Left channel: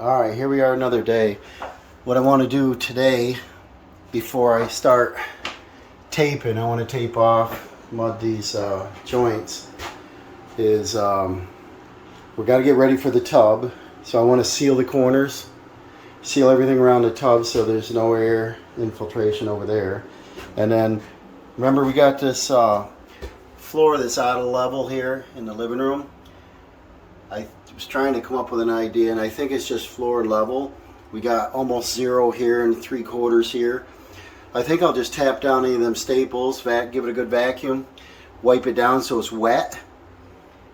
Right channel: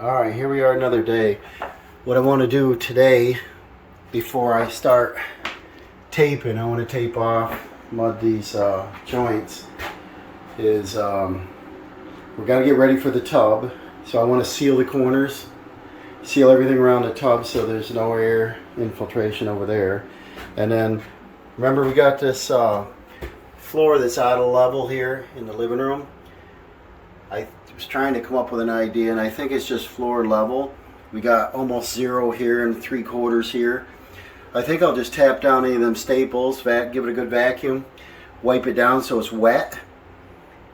Alright, here we are another day. What I want to do today, before I start taping, I want to tape off mud these joints, is we're got to get ready for the tub. So I want to seal the corners, seal everything around the tub so there's no air infiltration over there. And then, remember we got this floor that's out of level here in the living room. I was trying to come up with an idea, and I think it's just floor level. We got almost 0 here and 3/4 here. I think I'll just tap down any of them staples, give it a good vacuum, wipe it down so it's wet,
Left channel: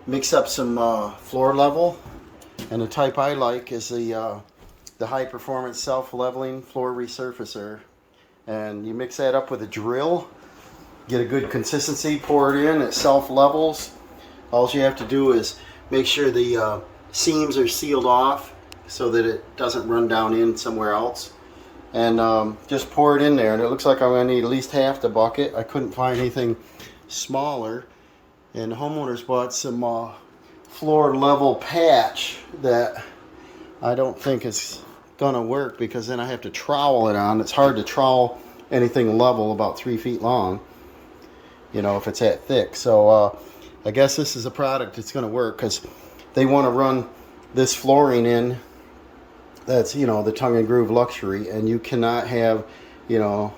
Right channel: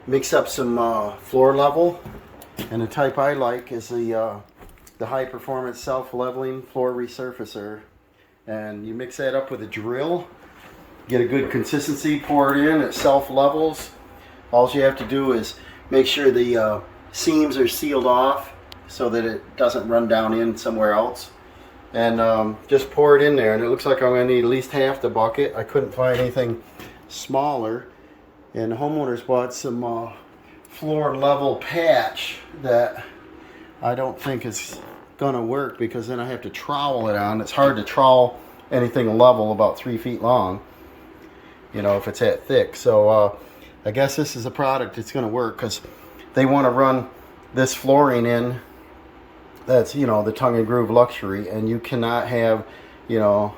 mix up some floor level, and the type I like is the high performance self-leveling floor resurfacer. And you mix that up with a drill, get a good consistency, pour it in, it self-levels. All you have to do is make sure the seams are sealed off so that it doesn't run down in somewhere else. And just pour it in there. And it looks like I'm going to need at least half the bucket. I couldn't find anything smaller. And the homeowners bought some floor level patch that I don't think is going to work, because then I have to trowel it on. It's hard to trowel anything level about 3 feet long, you know, if it's that thick. So I guess this is a product that's going to work, because they want to run this flooring in that's, you know, the tongue and groove luxury, and you cannot have, you know,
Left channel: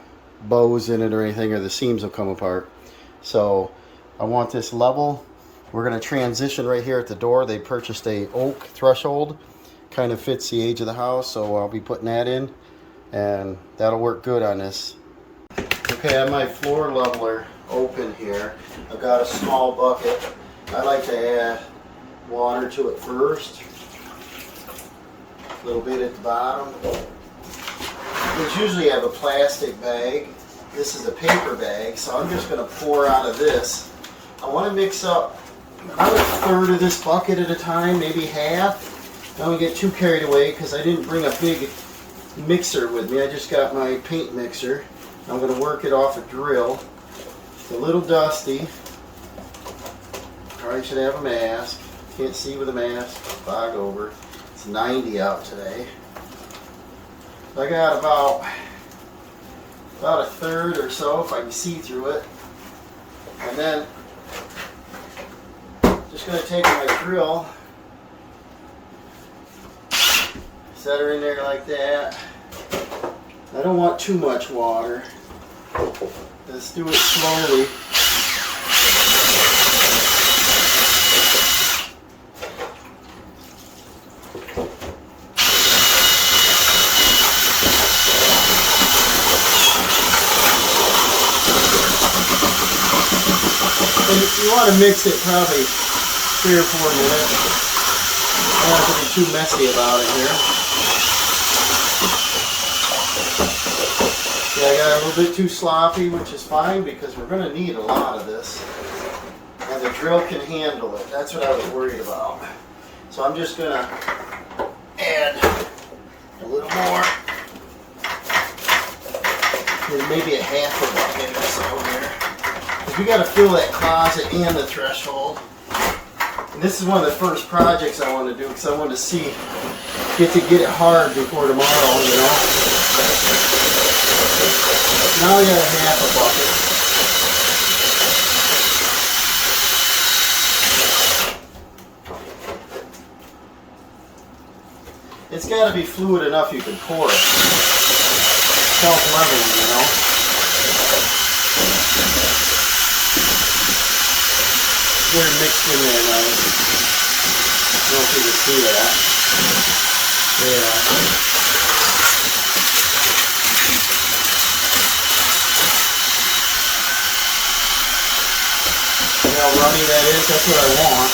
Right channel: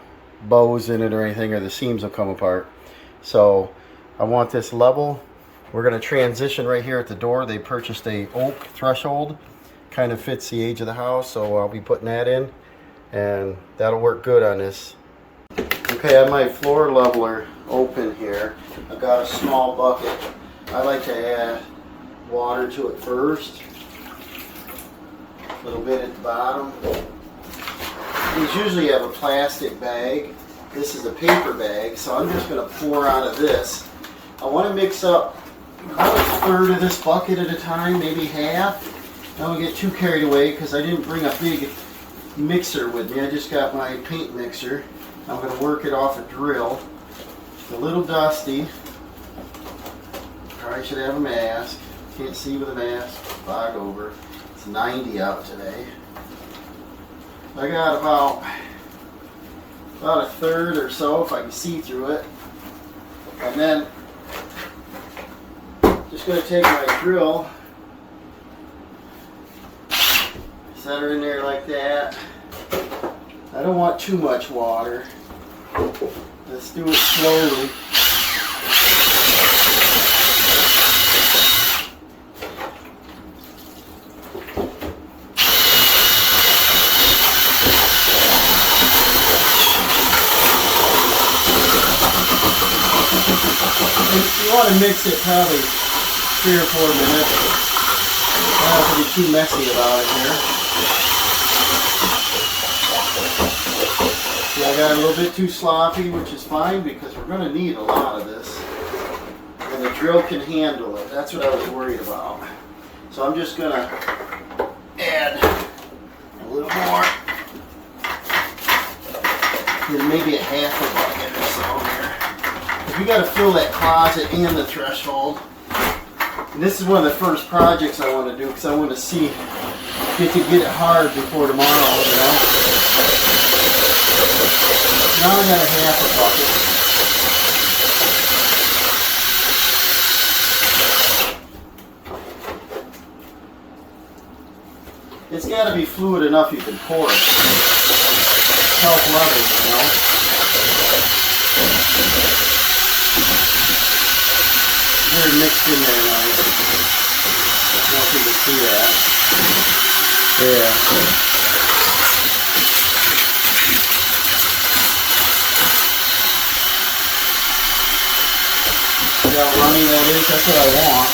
bows in it or anything, or the seams will come apart. So I want this level. We're going to transition right here at the door. They purchased a oak threshold, kind of fits the age of the house, so I'll be putting that in, and that'll work good on this. Okay, I have my floor leveler open here. I've got a small bucket. I like to add water to it first. A little bit at the bottom. We usually have a plastic bag. This is a paper bag, so I'm just going to pour out of this. I want to mix up about 1/3 of this bucket at a time, maybe half. I don't get too carried away because I didn't bring a big mixer with me. I just got my paint mixer. I'm going to work it off a drill. It's a little dusty. Probably should have a mask. Can't see with a mask. Fog over. It's 90 out today. I got about 1/3 or so, if I can see through it. And then just going to take my drill, set her in there like that. I don't want too much water. Let's do it slowly. And you want to mix it probably 3 or 4 minutes. I don't have to be too messy about it here. See, I got a little bit too sloppy, which is fine because we're going to need a lot of this. And the drill can handle it. That's what I was worried about. So I'm just going to add a little more. Maybe a half a bucket or so here. Because we got to fill that closet and the threshold. And this is one of the first projects I want to do, because I want to see, get it hard before tomorrow, you know. Now we got a half a bucket. It's got to be fluid enough you can pour it. Self-leveling, you know. Very mixed in there, guys. I don't know if you can see that. Yeah. See how runny that is? That's what I want.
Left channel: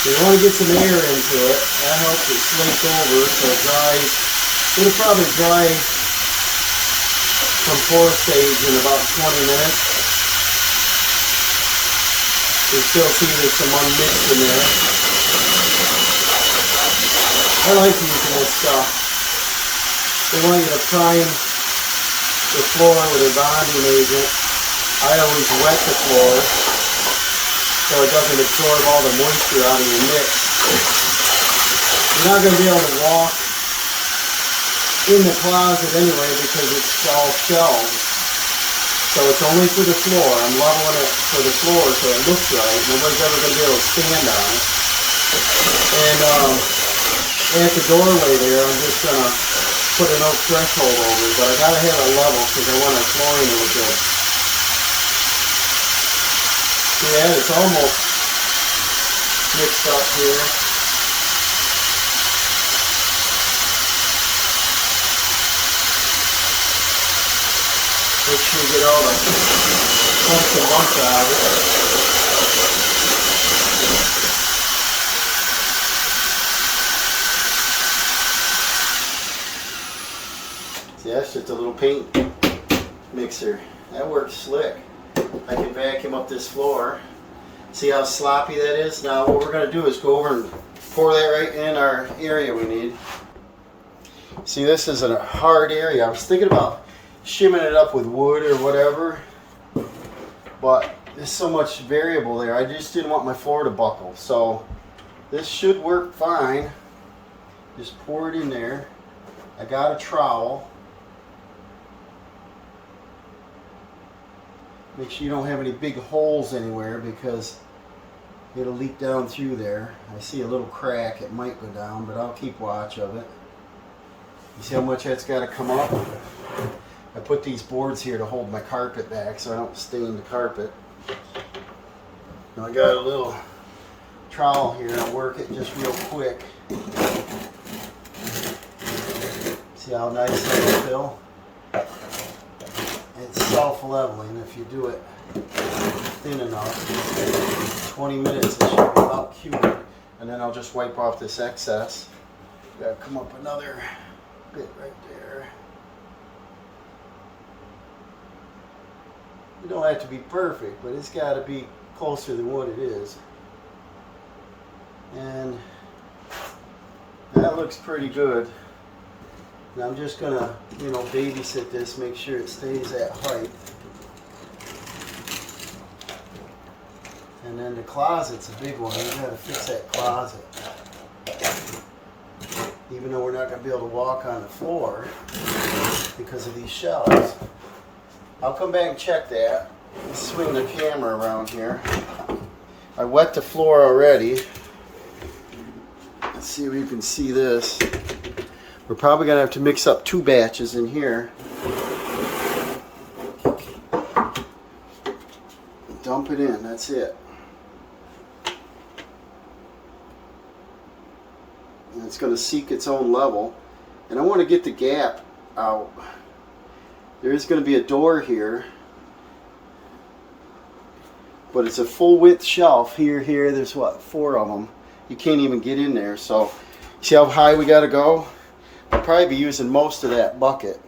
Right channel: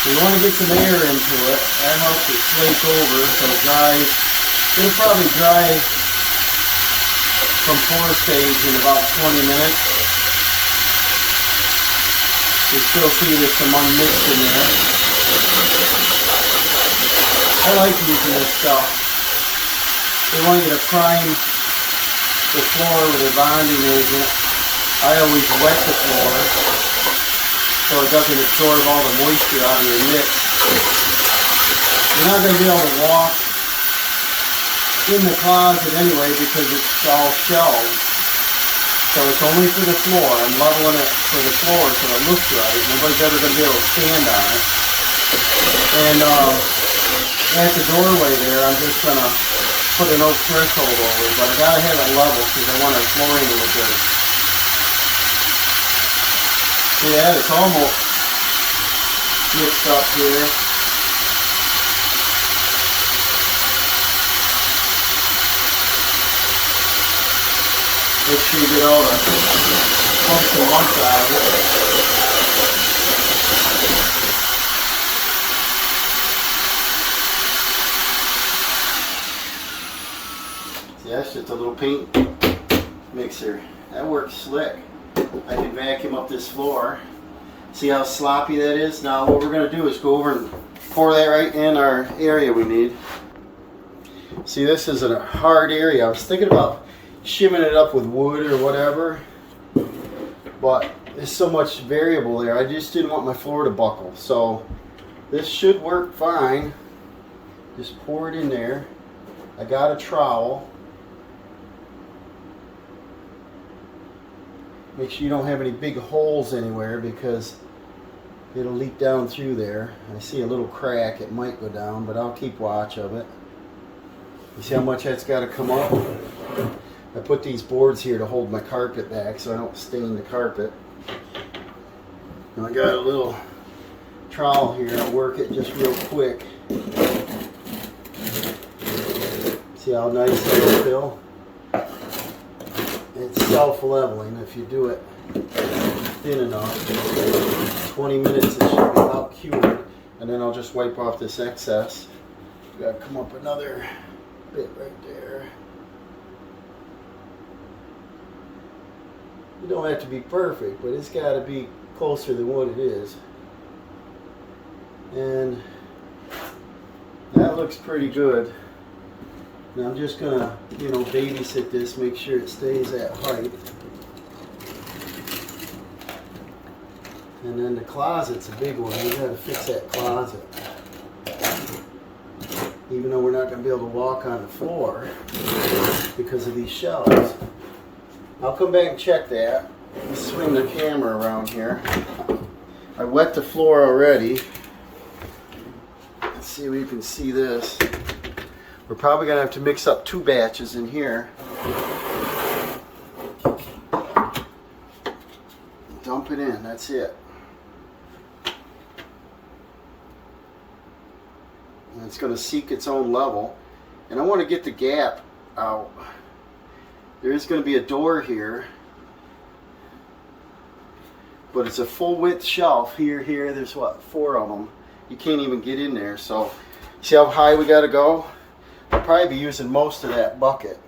We want to get some air into it. That helps it slake over so it dries. It'll probably dry from pour stage in about 20 minutes. You still see there's some unmixed in there. I like using this stuff. They want you to prime the floor with a bonding agent. I always wet the floor so it doesn't absorb all the moisture out of your mix. You're not going to be able to walk in the closet anyway because it's all shelves. So it's only for the floor. I'm leveling it for the floor so it looks right. Nobody's ever going to be able to stand on it. And at the doorway there, I'm just going to put an oak threshold over it. But I got to have it level because I want our flooring to look good. See that? It's almost mixed up here. Make sure you get all the bumps and lumps out of it. See, that's just a little paint mixer. That works slick. I can vacuum up this floor. See how sloppy that is? Now what we're going to do is go over and pour that right in our area we need. See, this is a hard area. I was thinking about shimming it up with wood or whatever, but there's so much variable there. I just didn't want my floor to buckle, so this should work fine. Just pour it in there. I got a trowel. Make sure you don't have any big holes anywhere because it'll leak down through there. I see a little crack. It might go down, but I'll keep watch of it. You see how much that's got to come up? I put these boards here to hold my carpet back so I don't stain the carpet. And I got a little trowel here. I'll work it just real quick. See how nice that is, Phil? It's self-leveling if you do it thin enough. 20 minutes it should be about cured. And then I'll just wipe off this excess. Gotta come up another bit right there. You don't have to be perfect, but it's got to be closer than what it is. And that looks pretty good. And I'm just going to, babysit this, make sure it stays that height. And then the closet's a big one. We got to fix that closet. Even though we're not going to be able to walk on the floor because of these shelves. I'll come back and check that. Let's swing the camera around here. I wet the floor already. Let's see if you can see this. We're probably going to have to mix up 2 batches in here. Dump it in, that's it. And it's going to seek its own level. And I want to get the gap out. There is going to be a door here, but it's a full width shelf. Here, there's what, 4 of them. You can't even get in there. So see how high we got to go? I'll probably be using most of that bucket.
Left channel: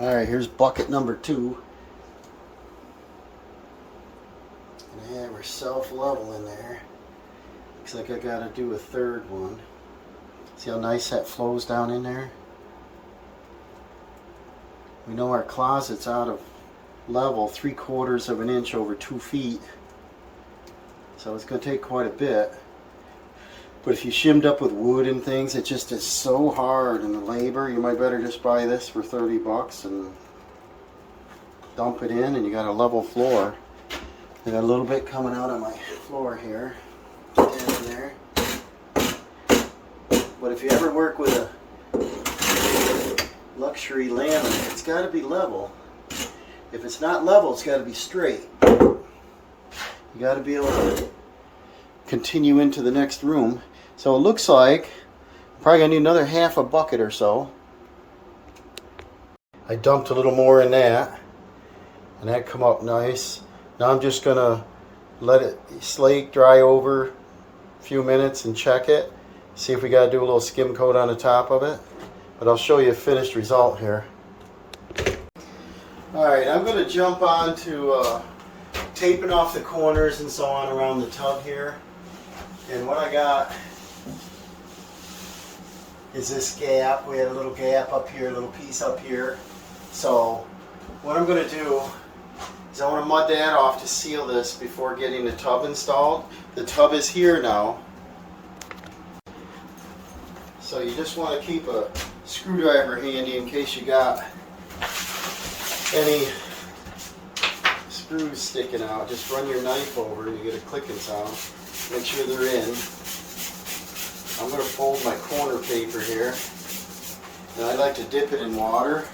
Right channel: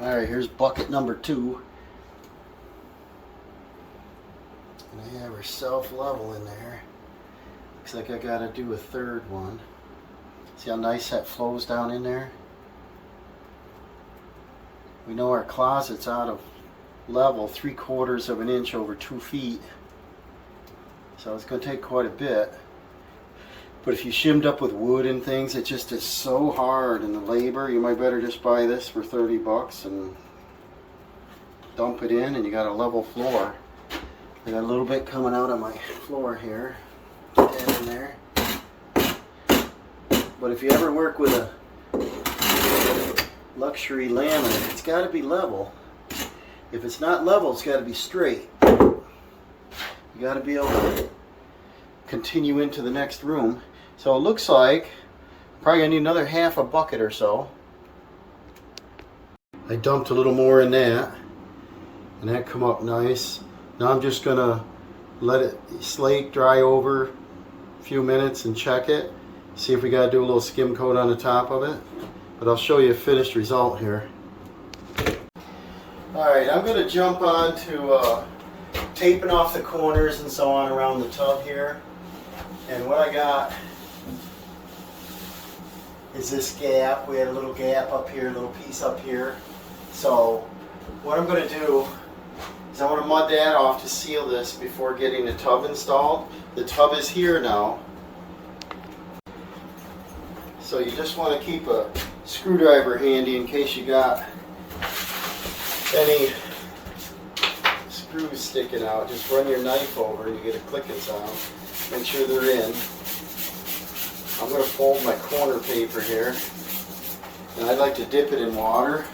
All right, here's bucket number 2. And I have her self-level in there. Looks like I got to do a 3rd one. See how nice that flows down in there? We know our closet's out of level, 3/4 of an inch over 2 feet. So it's going to take quite a bit. But if you shimmed up with wood and things, it just is so hard in the labor. You might better just buy this for 30 bucks and dump it in and you got a level floor. I got a little bit coming out of my floor here. Put that in there. But if you ever work with a luxury laminate, it's got to be level. If it's not level, it's got to be straight. You got to be able to continue into the next room. So it looks like I'm probably gonna need another half a bucket or so. I dumped a little more in that, and that come up nice. Now I'm just gonna let it slake, dry over a few minutes and check it. See if we gotta do a little skim coat on the top of it. But I'll show you a finished result here. Alright, I'm gonna jump on to taping off the corners and so on around the tub here. And what I got is this gap. We had a little gap up here, a little piece up here. So what I'm going to do is I want to mud that off to seal this before getting the tub installed. The tub is here now. So you just want to keep a screwdriver handy in case you got any screws sticking out. Just run your knife over and you get a clicking sound. Make sure they're in. I'm going to fold my corner paper here. And I like to dip it in water.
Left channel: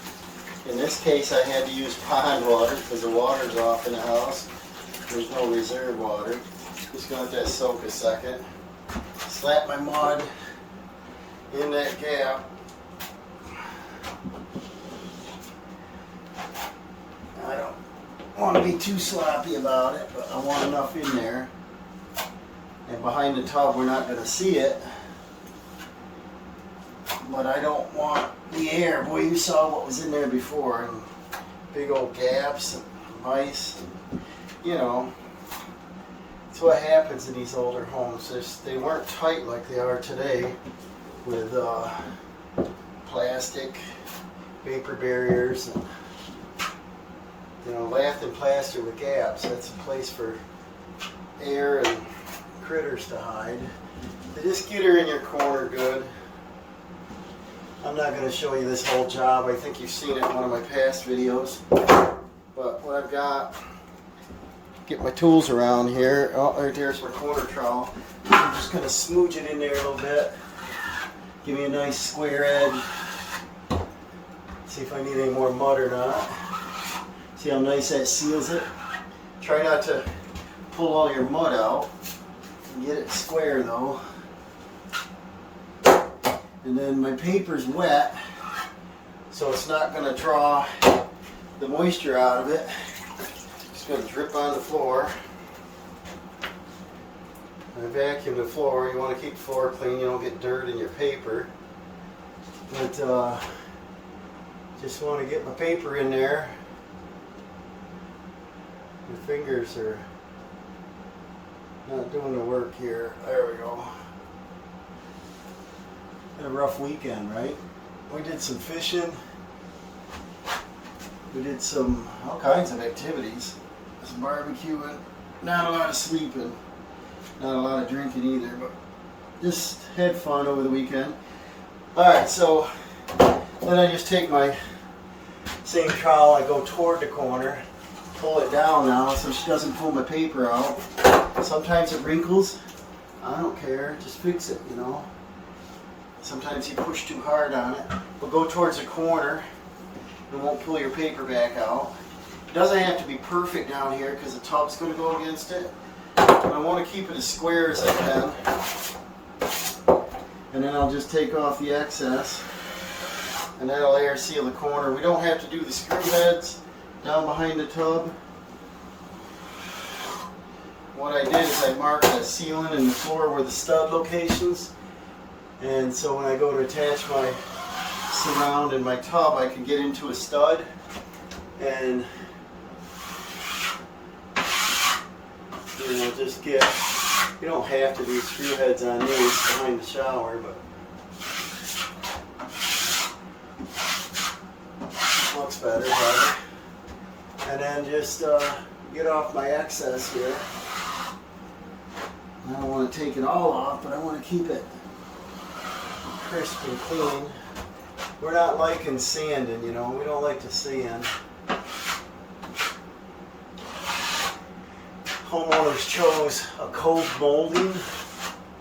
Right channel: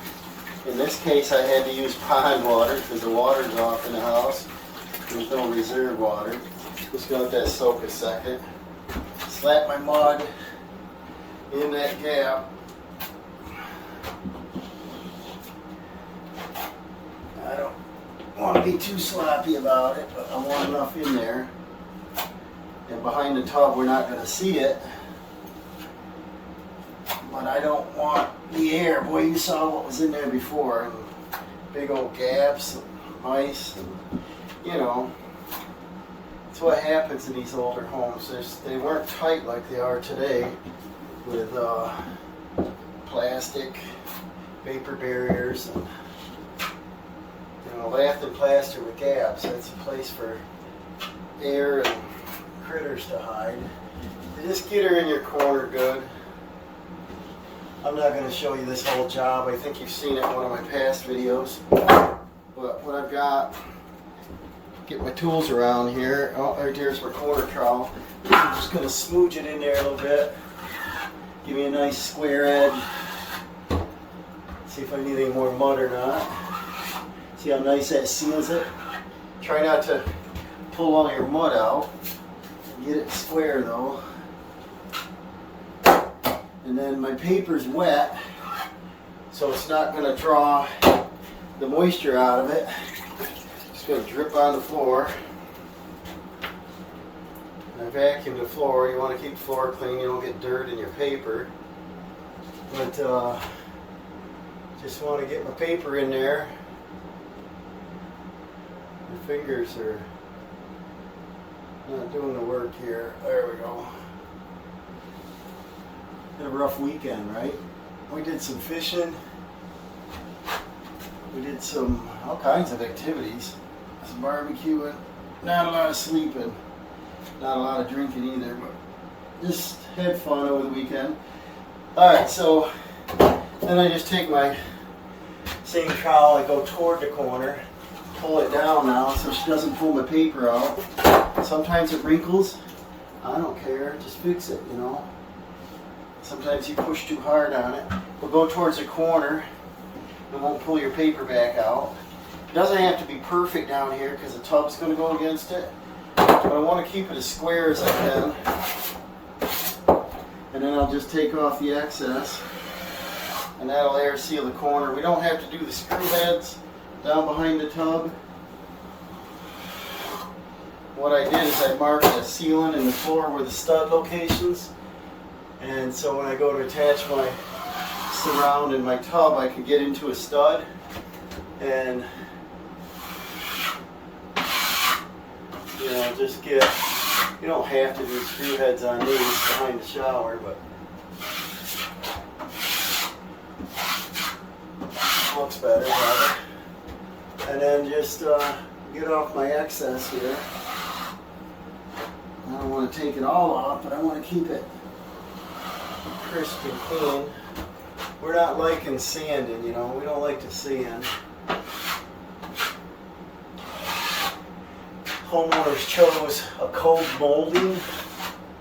In this case I had to use pond water because the water's off in the house. There's no reserve water. Just going to let that soak a second. Slap my mud in that gap. I don't want to be too sloppy about it, but I want enough in there. And behind the tub we're not going to see it. But I don't want the air. Boy, you saw what was in there before. And big old gaps and mice. And, you know, that's what happens in these older homes. They weren't tight like they are today with plastic, paper barriers, and lath and plaster with gaps. That's a place for air and critters to hide. Just get her in your corner good. I'm not going to show you this whole job. I think you've seen it in one of my past videos. But what I've got, get my tools around here. Oh, there's my corner trowel. I'm just going to smooch it in there a little bit. Give me a nice square edge. See if I need any more mud or not. See how nice that seals it? Try not to pull all your mud out. Get it square though. And then my paper's wet, so it's not going to draw the moisture out of it. It's going to drip on the floor. I vacuum the floor. You want to keep the floor clean. You don't get dirt in your paper. But just want to get my paper in there. My fingers are not doing the work here. There we go. Had a rough weekend, right? We did some fishing. We did all kinds of activities. Some barbecuing. Not a lot of sleeping. Not a lot of drinking either, but just had fun over the weekend. Alright, so then I just take my same trowel, I go toward the corner, pull it down now so she doesn't pull my paper out. Sometimes it wrinkles. I don't care, just fix it, you know. Sometimes you push too hard on it. But go towards the corner. It won't pull your paper back out. It doesn't have to be perfect down here because the tub's going to go against it. But I want to keep it as square as I can. And then I'll just take off the excess. And that'll air seal the corner. We don't have to do the screw heads down behind the tub. What I did is I marked the sealant and the floor were the stud locations. And so when I go to attach my surround in my tub, I can get into a stud and just get, you don't have to do screw heads on these behind the shower, but it looks better. And then just get off my excess here. I don't want to take it all off, but I want to keep it crisp and clean. We're not liking sanding, you know. We don't like to sand. Homeowners chose a cold molding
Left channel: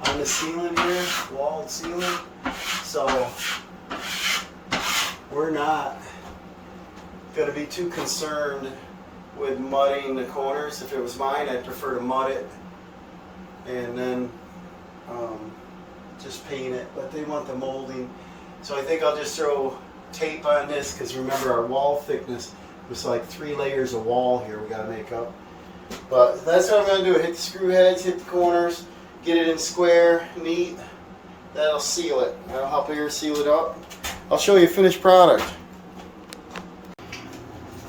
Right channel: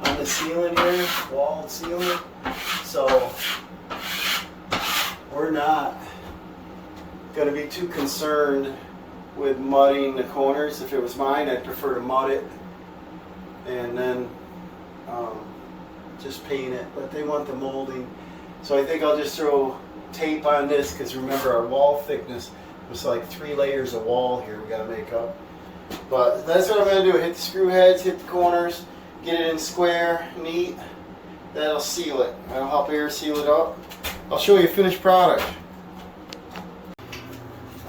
on the ceiling here, walled ceiling. So we're not going to be too concerned with mudding the corners. If it was mine, I'd prefer to mud it and then just paint it, but they want the molding. So I think I'll just throw tape on this because remember our wall thickness was like 3 layers of wall here we got to make up. But that's what I'm going to do. Hit the screw heads, hit the corners, get it in square, neat. That'll seal it. That'll help air seal it up. I'll show you finished product.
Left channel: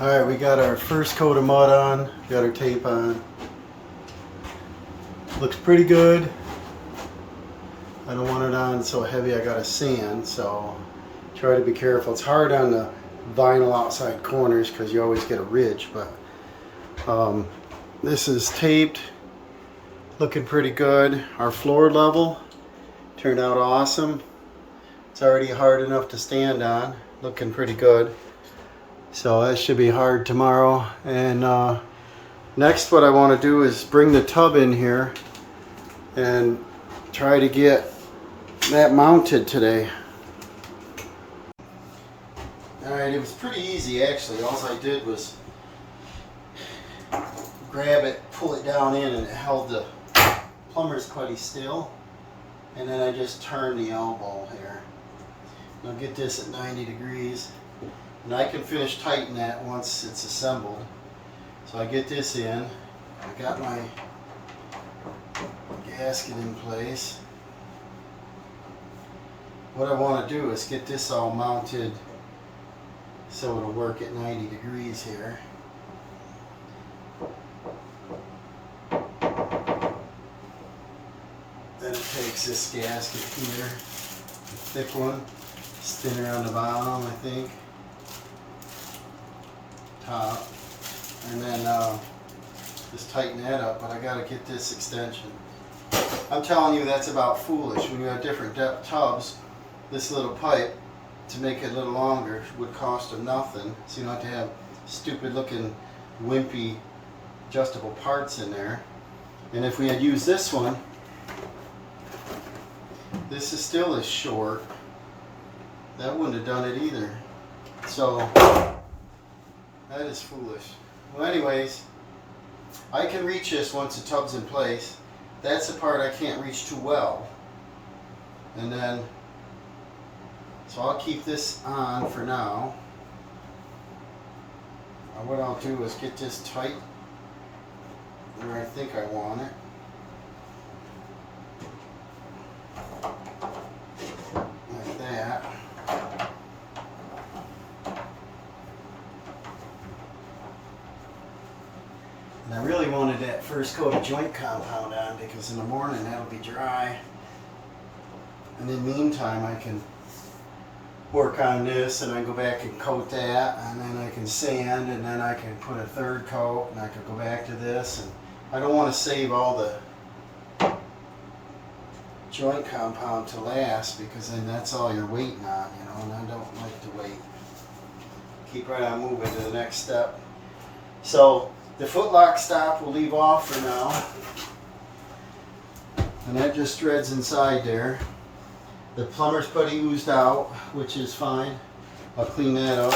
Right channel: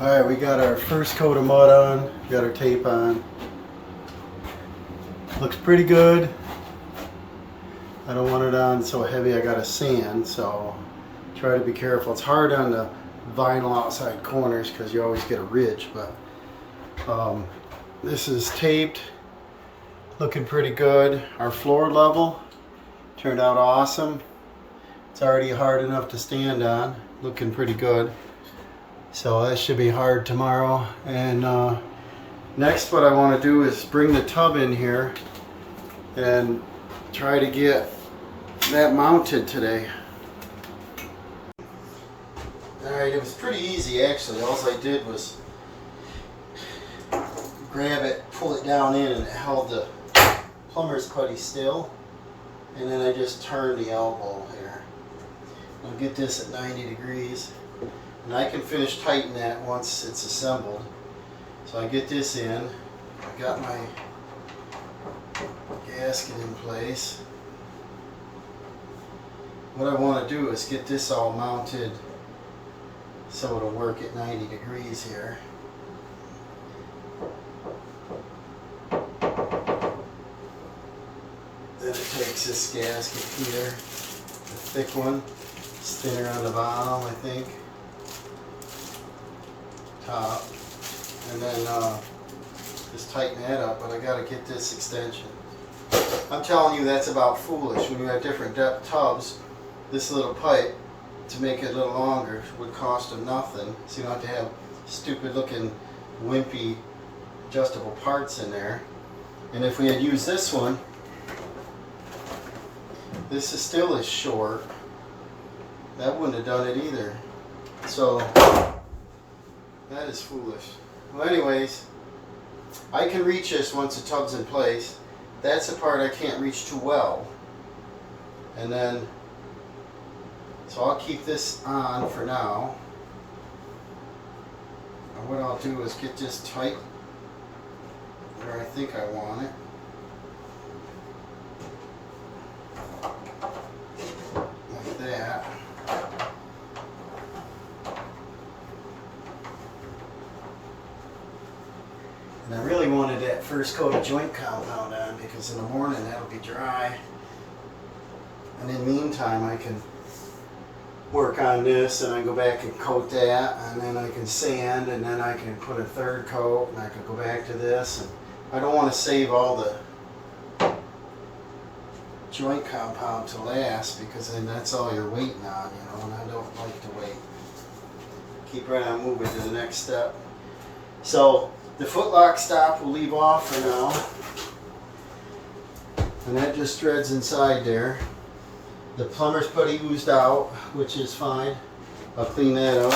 Alright, we got our first coat of mud on, got our tape on. Looks pretty good. I don't want it on so heavy I gotta sand, so try to be careful. It's hard on the vinyl outside corners because you always get a ridge, but this is taped, looking pretty good. Our floor level turned out awesome. It's already hard enough to stand on, looking pretty good. So that should be hard tomorrow. And next what I want to do is bring the tub in here and try to get that mounted today. Alright, it was pretty easy actually. All I did was grab it, pull it down in, and it held the plumber's putty still. And then I just turn the elbow here. I'll get this at 90 degrees. And I can finish tightening that once it's assembled. So I get this in. I got my gasket in place. What I want to do is get this all mounted so it'll work at 90 degrees here. Then it takes this gasket here, the thick one, it's thinner on the bottom, I think, top, and then just tighten that up, but I got to get this extension. I'm telling you, that's about foolish. When you have different depth tubs, this little pipe, to make it a little longer, would cost them nothing, so you don't have to have stupid looking wimpy adjustable parts in there. And if we had used this one, this is still as short. That wouldn't have done it either. So that is foolish. Well, anyways, I can reach this once the tub's in place. That's the part I can't reach too well. And then, so I'll keep this on for now. And what I'll do is get this tight where I think I want it. Like that. And I really wanted that first coat of joint compound on because in the morning that'll be dry. And in the meantime I can work on this and I go back and coat that, and then I can sand, and then I can put a third coat, and I can go back to this. And I don't want to save all the joint compound to last, because then that's all you're waiting on, you know, and I don't like to wait. Keep right on moving to the next step. So the footlock stop we'll leave off for now, and that just threads inside there. The plumber's putty oozed out, which is fine. I'll clean that up.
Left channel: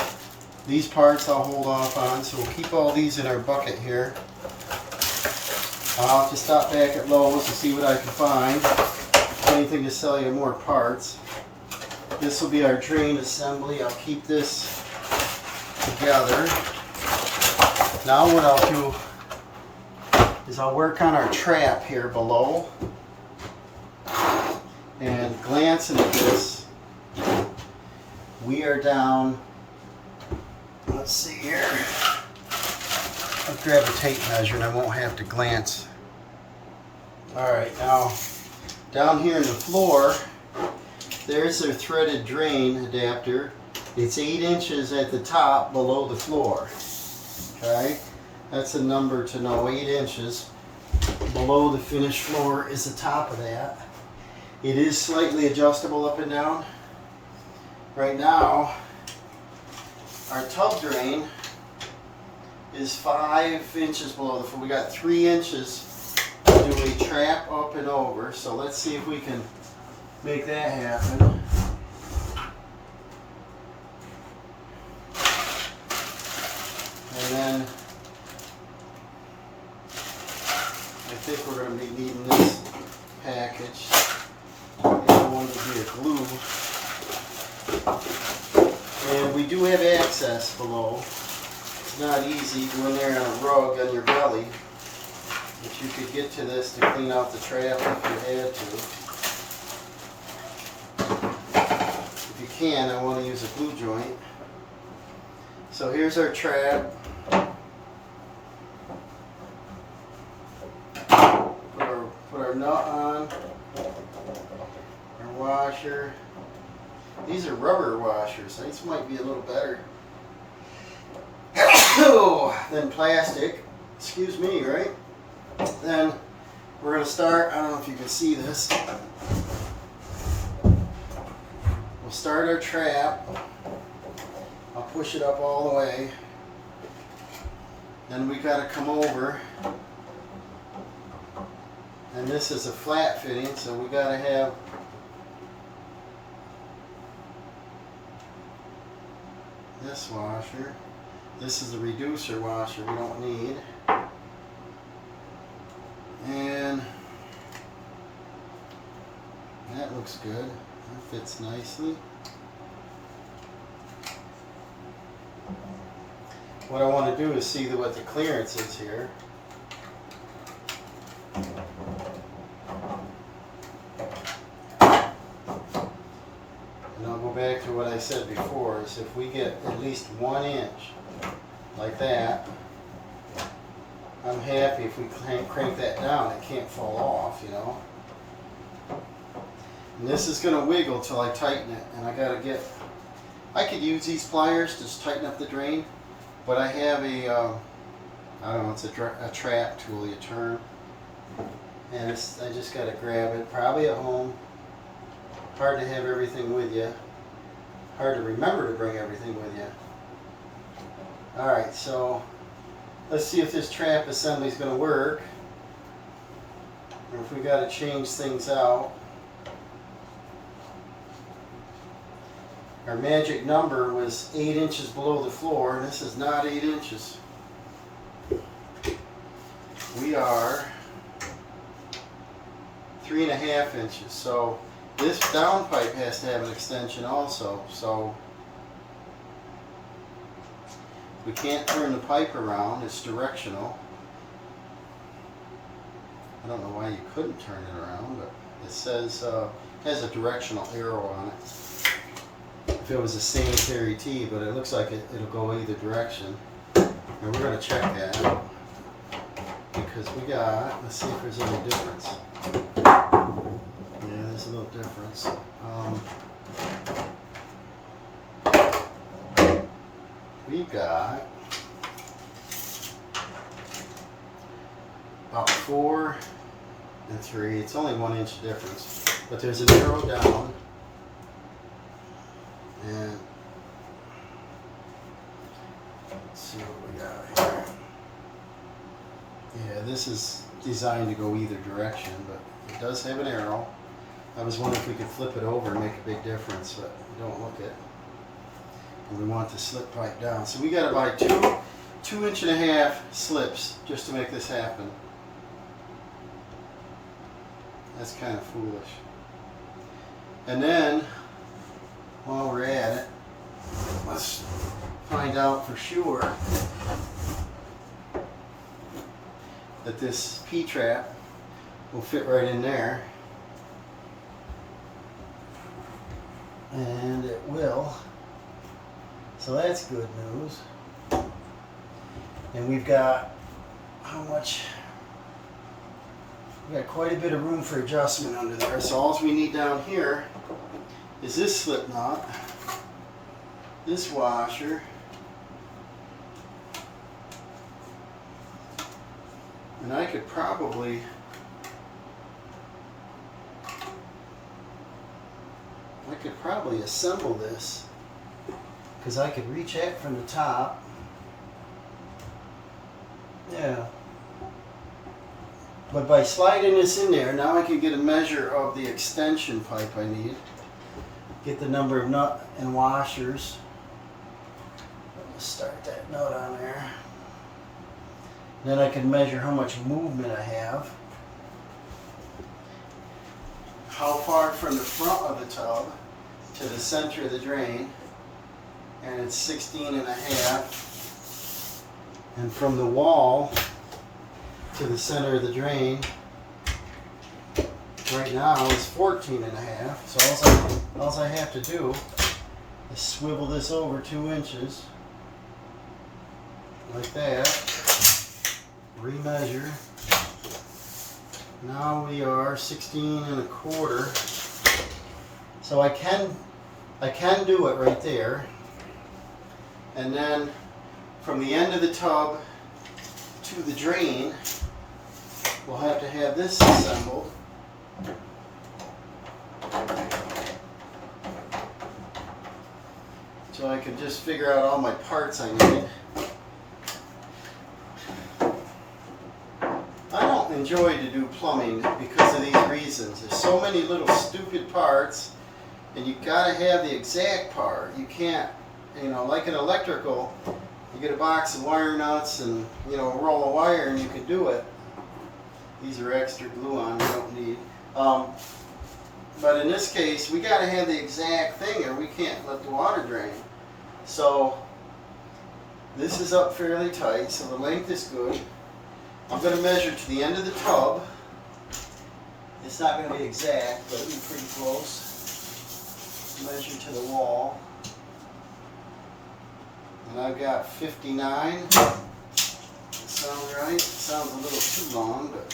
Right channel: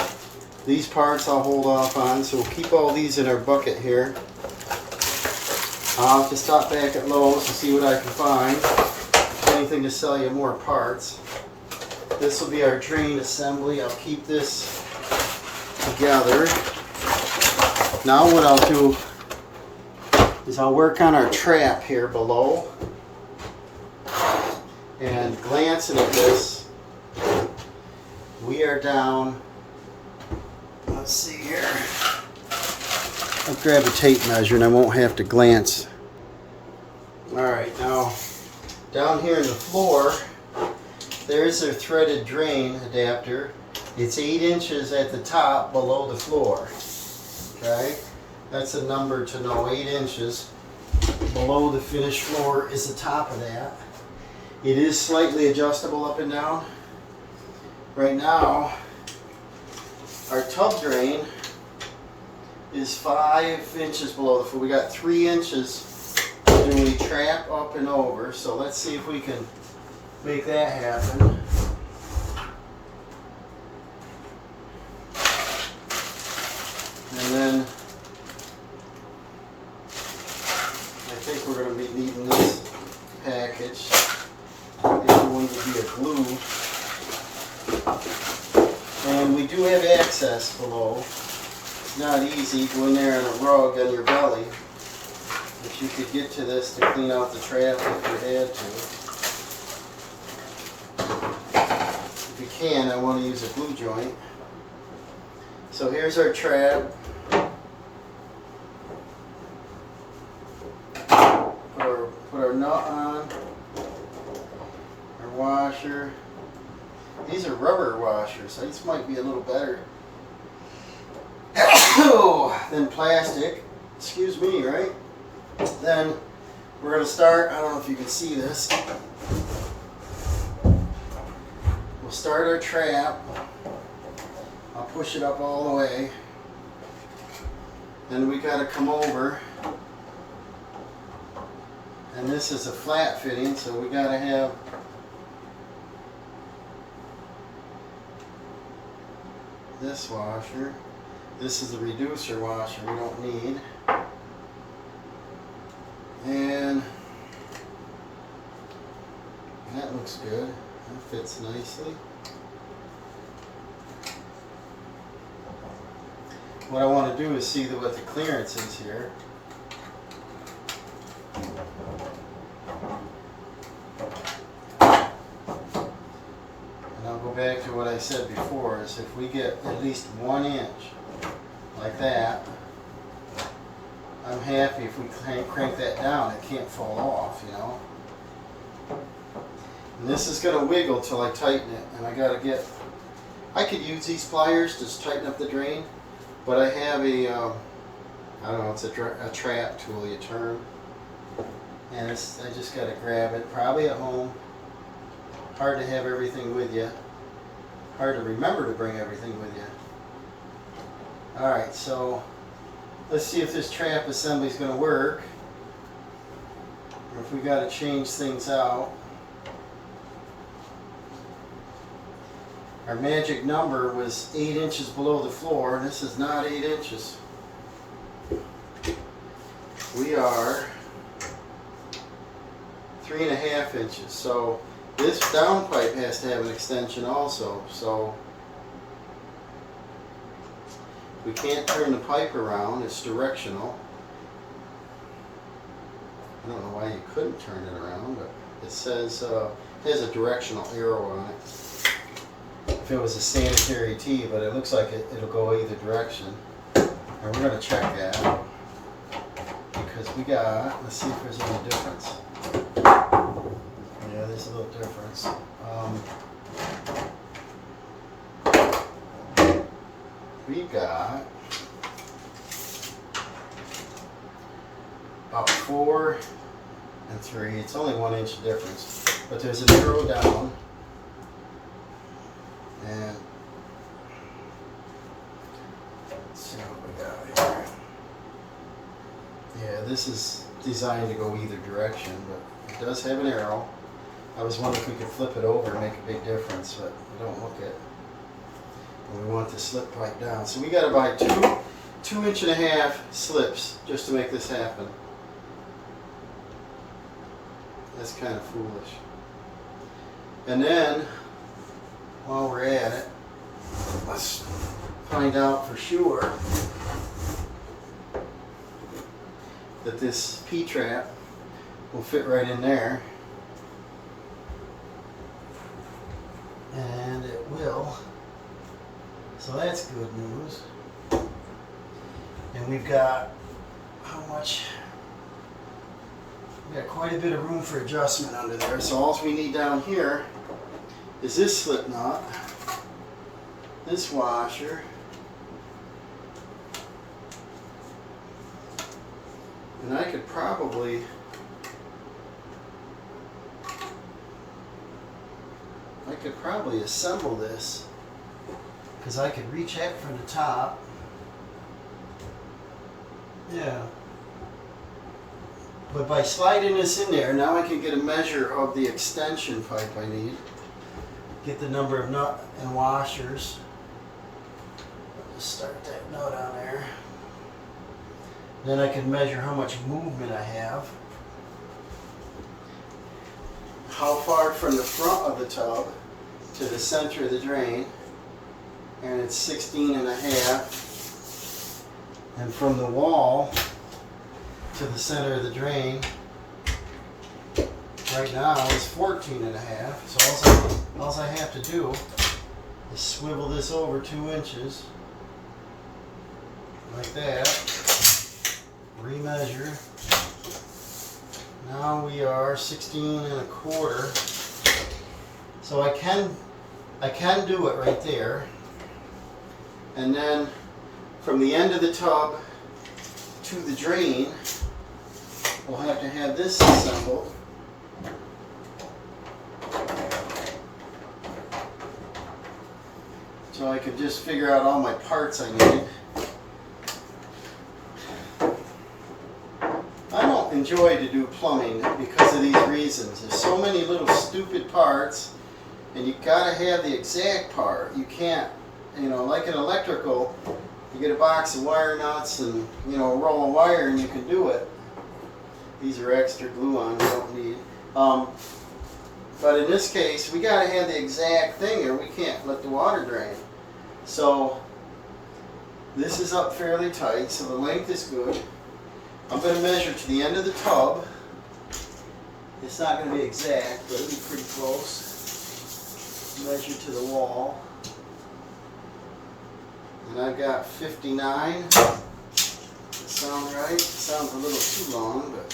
These parts I'll hold off on, so we'll keep all these in our bucket here. I'll have to stop back at Lowe's and see what I can find. Anything to sell you more parts. This will be our drain assembly. I'll keep this together. Now what I'll do is I'll work on our trap here below. And glancing at this, we are down, let's see here, I'll grab a tape measure and I won't have to glance. Alright, now down here in the floor, there's a threaded drain adapter. It's 8 inches at the top below the floor. Okay, that's a number to know, 8 inches. Below the finished floor is the top of that. It is slightly adjustable up and down. Right now, our tub drain is 5 inches below the floor. We got 3 inches to do a trap up and over. So let's see if we can make that happen. And then I think we're going to be needing this package. The other one would be a glue. And we do have access below. It's not easy. Go in there on a rug on your belly. But you could get to this to clean out the trap if you had to. If you can, I want to use a glue joint. So here's our trap. Put our nut on. Washer. These are rubber washers, so this might be a little better than plastic. Excuse me, right? Then we're going to start, I don't know if you can see this. We'll we'll start our trap. I'll push it up all the way. Then we got to come over. And this is a flat fitting, so we got to have this washer. This is the reducer washer we don't need. And that looks good. That fits nicely. What I want to do is see what the clearance is here. And I'll go back to what I said before, is if we get at least 1 inch like that, I'm happy. If we crank that down, it can't fall off, you know. And this is going to wiggle till I tighten it, and I could use these pliers to just tighten up the drain, but I have a, I don't know, it's a trap tool you turn, and I just got to grab it, probably at home. Hard to have everything with you. Hard to remember to bring everything with you. Alright, so let's see if this trap assembly is going to work, or if we got to change things out. Our magic number was 8 inches below the floor, and this is not 8 inches. We are 3.5 inches. So this downpipe has to have an extension also. So we can't turn the pipe around, it's directional. I don't know why you couldn't turn it around, but it says, has a directional arrow on it. If it was a sanitary tee, but it looks like it'll go either direction. And we're going to check that out. Because we got, let's see if there's any difference. Yeah, there's a little difference. We got about 4 and 3. It's only 1 inch difference, but there's an arrow down, and let's see what we got here. Yeah, this is designed to go either direction, but it does have an arrow. I was wondering if we could flip it over and make a big difference, but don't look it. And we want the slip pipe down. So we got to buy 2.5 inch slips just to make this happen. That's kind of foolish. And then, while we're at it, let's find out for sure that this P-trap will fit right in there. And it will. So that's good news. And we've got how much? We got quite a bit of room for adjustment under there. So all we need down here is this slip knot, this washer, and I could probably assemble this, because I could reach it from the top. Yeah. But by sliding this in there, now I can get a measure of the extension pipe I need. Get the number of nut and washers. Just start that nut on there. Then I can measure how much movement I have. How far from the front of the tub to the center of the drain. And it's 16.5. And from the wall to the center of the drain right now is 14.5. So all I have to do is swivel this over 2 inches like that, remeasure. Now we are 16.25. So I can do it right there. And then from the end of the tub to the drain, we'll have to have this assembled. so I could just figure out all my parts I need. I don't enjoy to do plumbing because of these reasons. There's so many little stupid parts, and you gotta have the exact part. You can't, you know, like an electrical, you get a box of wire nuts and, you know, roll a wire and you can do it. These are extra glue-on you don't need. But in this case, we gotta have the exact thing or we can't let the water drain. So this is up fairly tight, so the length is good. I'm going to measure to the end of the tub. It's not going to be exact, but it'll be pretty close. Measure to the wall. And I've got 59. Sounds right? Sounds a little too long, but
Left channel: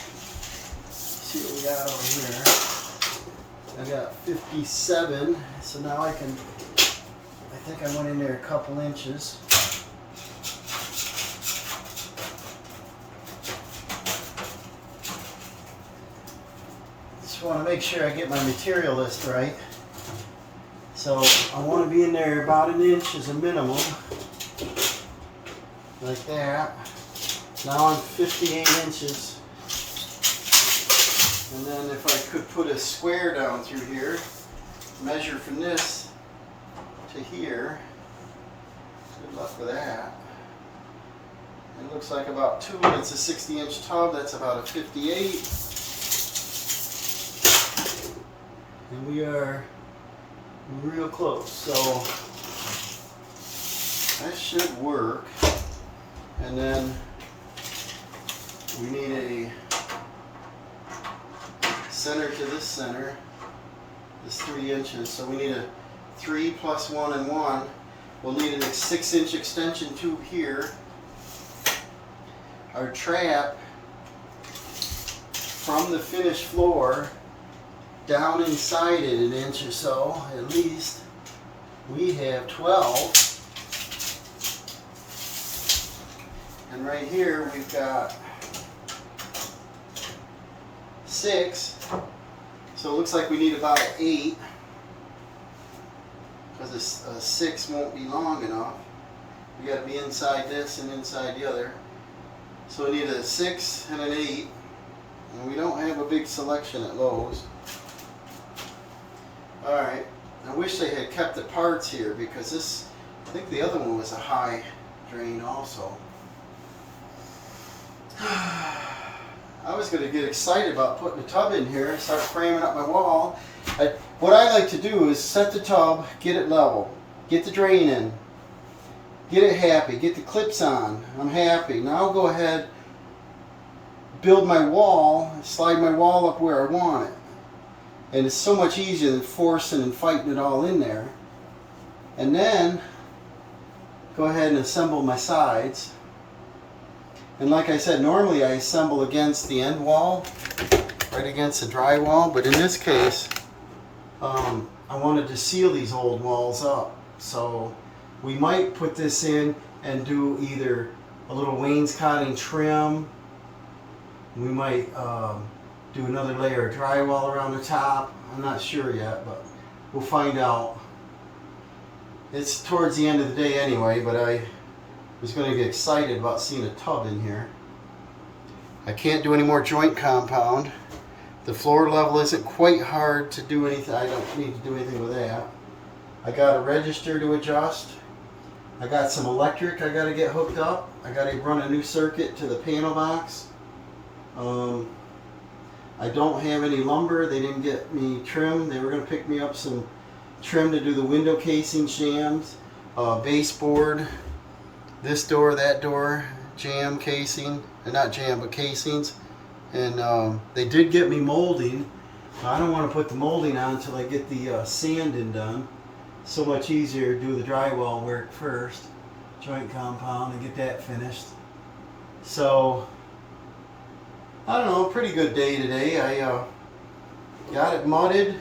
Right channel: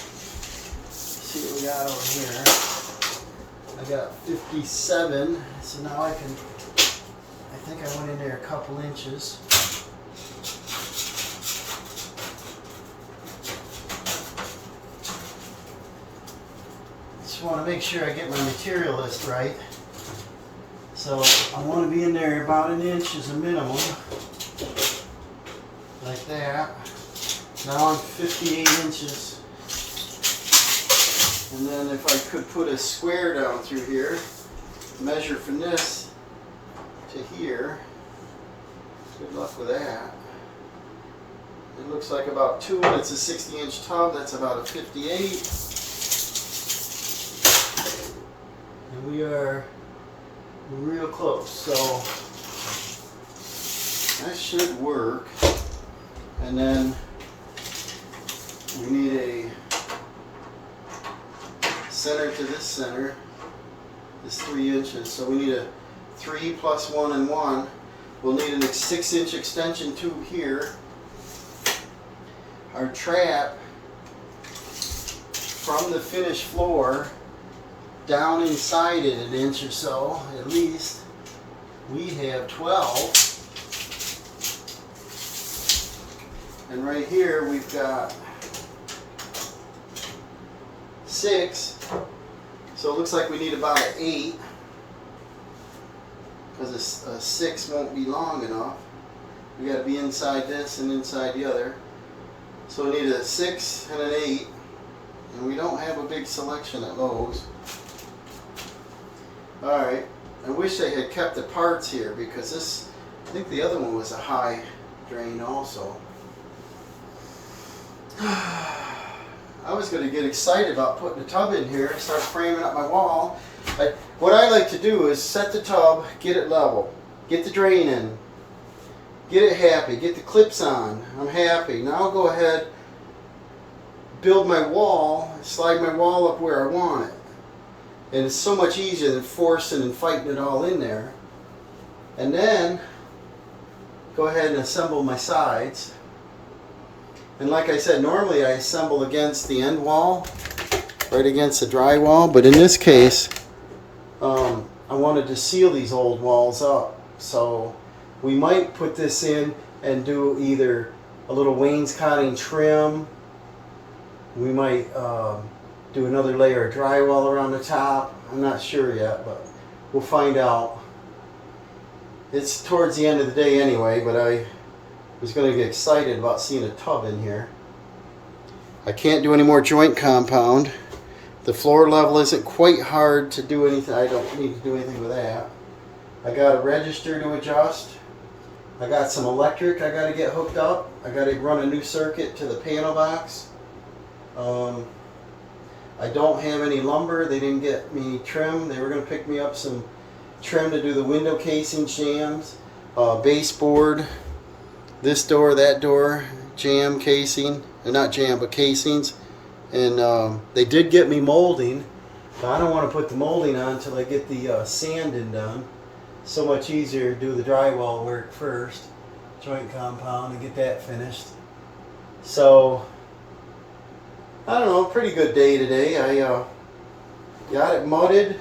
let's see what we got over here. I got 57, so now I think I went in there a couple inches. Just want to make sure I get my material list right. So I want to be in there about an inch as a minimum. Like that. Now I'm 58 inches. And then if I could put a square down through here, measure from this to here. Good luck with that. It looks like about 2, and it's a 60-inch tub. That's about a 58. And we are real close, so that should work. And then we need a center to this center. It's 3 inches, so we need a 3 plus 1 and 1. We'll need a 6-inch extension tube here. Our trap from the finished floor down inside it an inch or so, at least, we have 12. And right here we've got 6. So it looks like we need about an 8, because a 6 won't be long enough. We got to be inside this and inside the other. So we need a 6 and an 8, and we don't have a big selection at Lowe's. Alright, I wish they had kept the parts here, because this, I think the other one was a high drain also. I was going to get excited about putting the tub in here and start framing up my wall. What I like to do is set the tub, get it level, get the drain in, get it happy, get the clips on. I'm happy. Now I'll go ahead, build my wall, slide my wall up where I want it. And it's so much easier than forcing and fighting it all in there. And then go ahead and assemble my sides. And like I said, normally I assemble against the end wall, right against the drywall. But in this case, I wanted to seal these old walls up. So we might put this in and do either a little wainscoting trim. We might do another layer of drywall around the top. I'm not sure yet, but we'll find out. It's towards the end of the day anyway, but I was going to get excited about seeing a tub in here. I can't do any more joint compound. The floor level isn't quite hard to do anything. I don't need to do anything with that. I got a register to adjust. I got some electric I got to get hooked up. I got to run a new circuit to the panel box. I don't have any lumber. They didn't get me trim. They were going to pick me up some trim to do the window casing shams, baseboard, this door, that door, jam casing, not jam, but casings. And they did get me molding, but I don't want to put the molding on until I get the sanding done. So much easier to do the drywall work first, joint compound, and get that finished. So I don't know, pretty good day today. I got it mudded.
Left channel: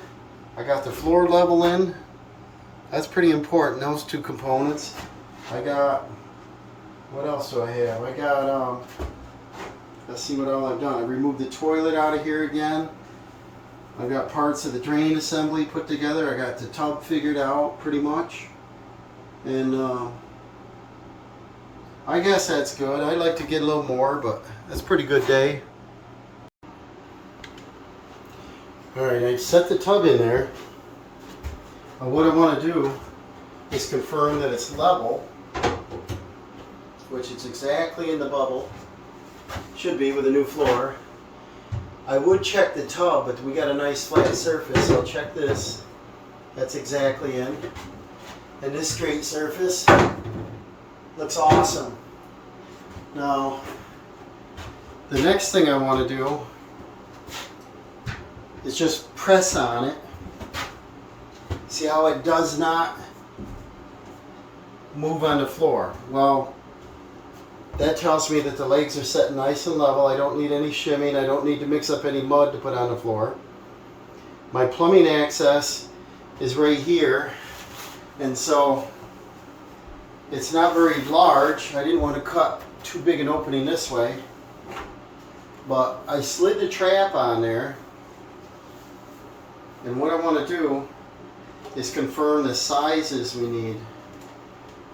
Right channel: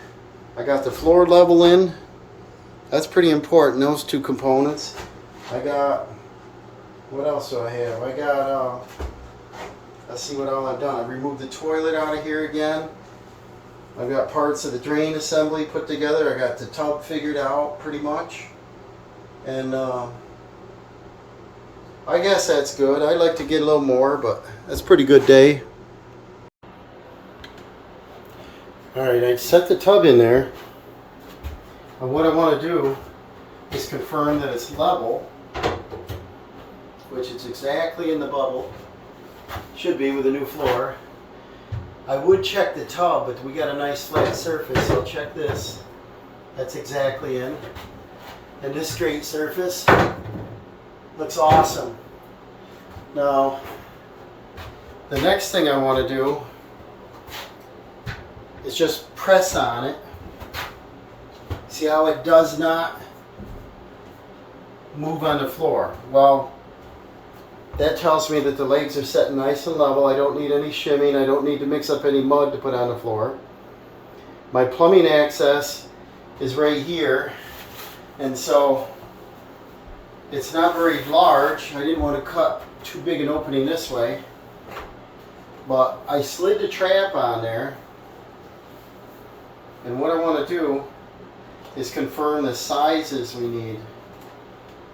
I got the floor level in. That's pretty important, those two components. I got, what else do I have? I got, let's see what all I've done. I removed the toilet out of here again. I've got parts of the drain assembly put together. I got the tub figured out pretty much. And I guess that's good. I'd like to get a little more, but that's a pretty good day. Alright, I set the tub in there. But what I want to do is confirm that it's level, which is exactly in the bubble. Should be with a new floor. I would check the tub, but we got a nice flat surface, so I'll check this. That's exactly in. And this straight surface looks awesome. Now, the next thing I want to do is just press on it. See how it does not move on the floor? Well, that tells me that the legs are set nice and level. I don't need any shimming. I don't need to mix up any mud to put on the floor. My plumbing access is right here, and so it's not very large. I didn't want to cut too big an opening this way, but I slid the trap on there, and what I want to do is confirm the sizes we need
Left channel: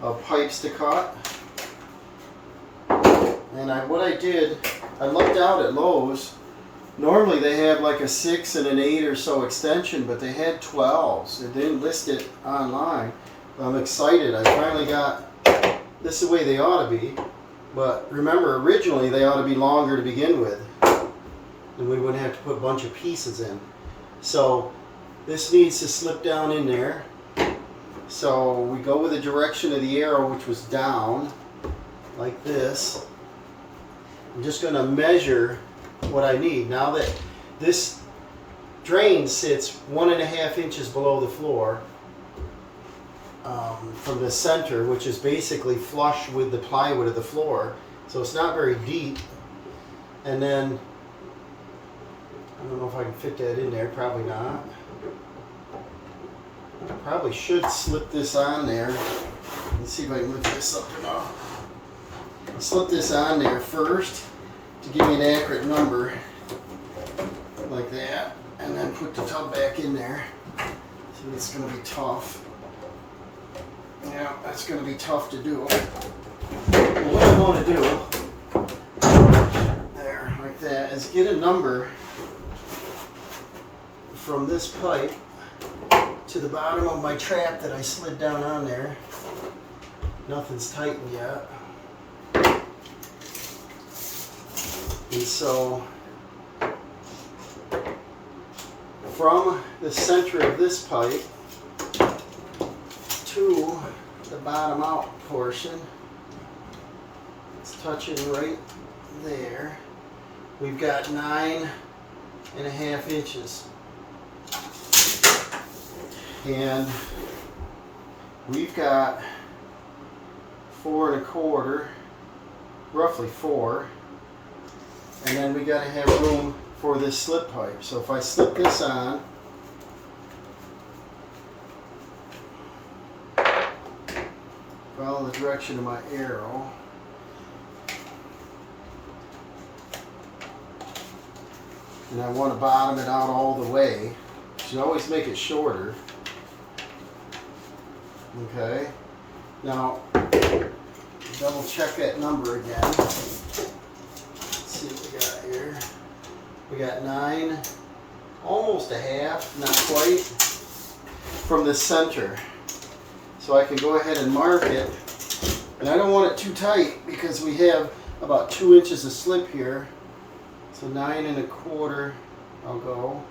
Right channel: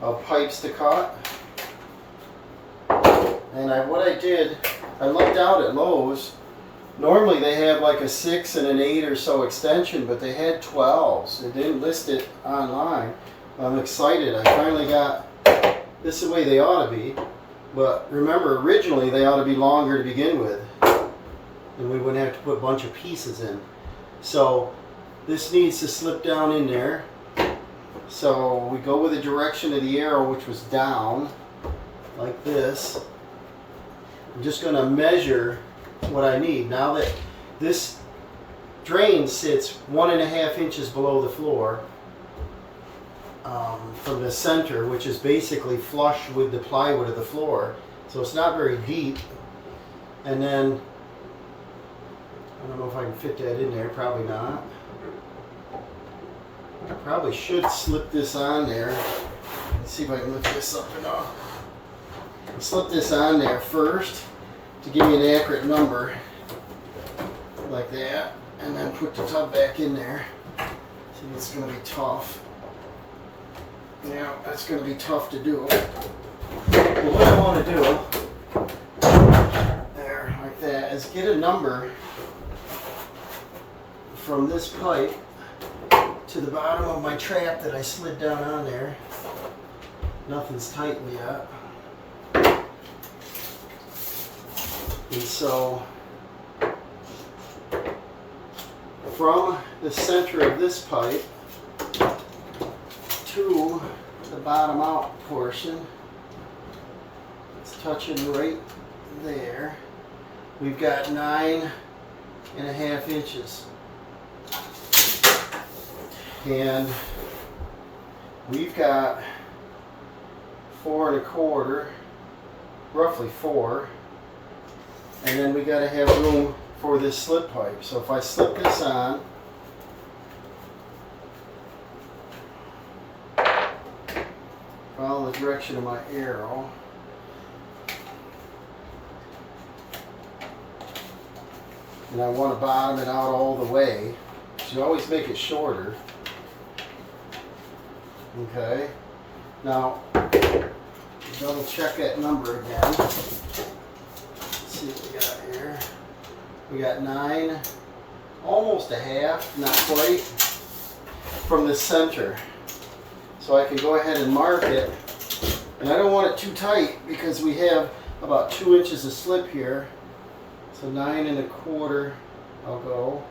of pipes to cut. And what I did, I looked out at Lowe's. Normally they have like a 6 and an 8 or so extension, but they had 12s. They didn't list it online. I'm excited. I finally got this the way they ought to be. But remember, originally they ought to be longer to begin with. Then we wouldn't have to put a bunch of pieces in. So this needs to slip down in there. So we go with the direction of the arrow, which was down, like this. I'm just going to measure what I need. Now that this drain sits 1.5 inches below the floor from the center, which is basically flush with the plywood of the floor, so it's not very deep. And then I don't know if I can fit that in there, probably not. I probably should slip this on there. Let's see if I can lift this up enough. Slip this on there first to give me an accurate number, like that, and then put the tub back in there. See, it's going to be tough. Yeah, that's going to be tough to do. But what I want to do, there, like that, is get a number from this pipe to the bottom of my trap that I slid down on there. Nothing's tightened yet. And so, from the center of this pipe to the bottom out portion, it's touching right there. We've got 9.5 inches. And we've got 4 1/4, roughly 4. And then we got to have room for this slip pipe. So if I slip this on, follow the direction of my arrow, and I want to bottom it out all the way. So you always make it shorter. Okay. Now, double check that number again. See what we got here. We got 9, almost a half, not quite, from the center. So I can go ahead and mark it. And I don't want it too tight because we have about 2 inches of slip here. So 9 1/4, I'll go.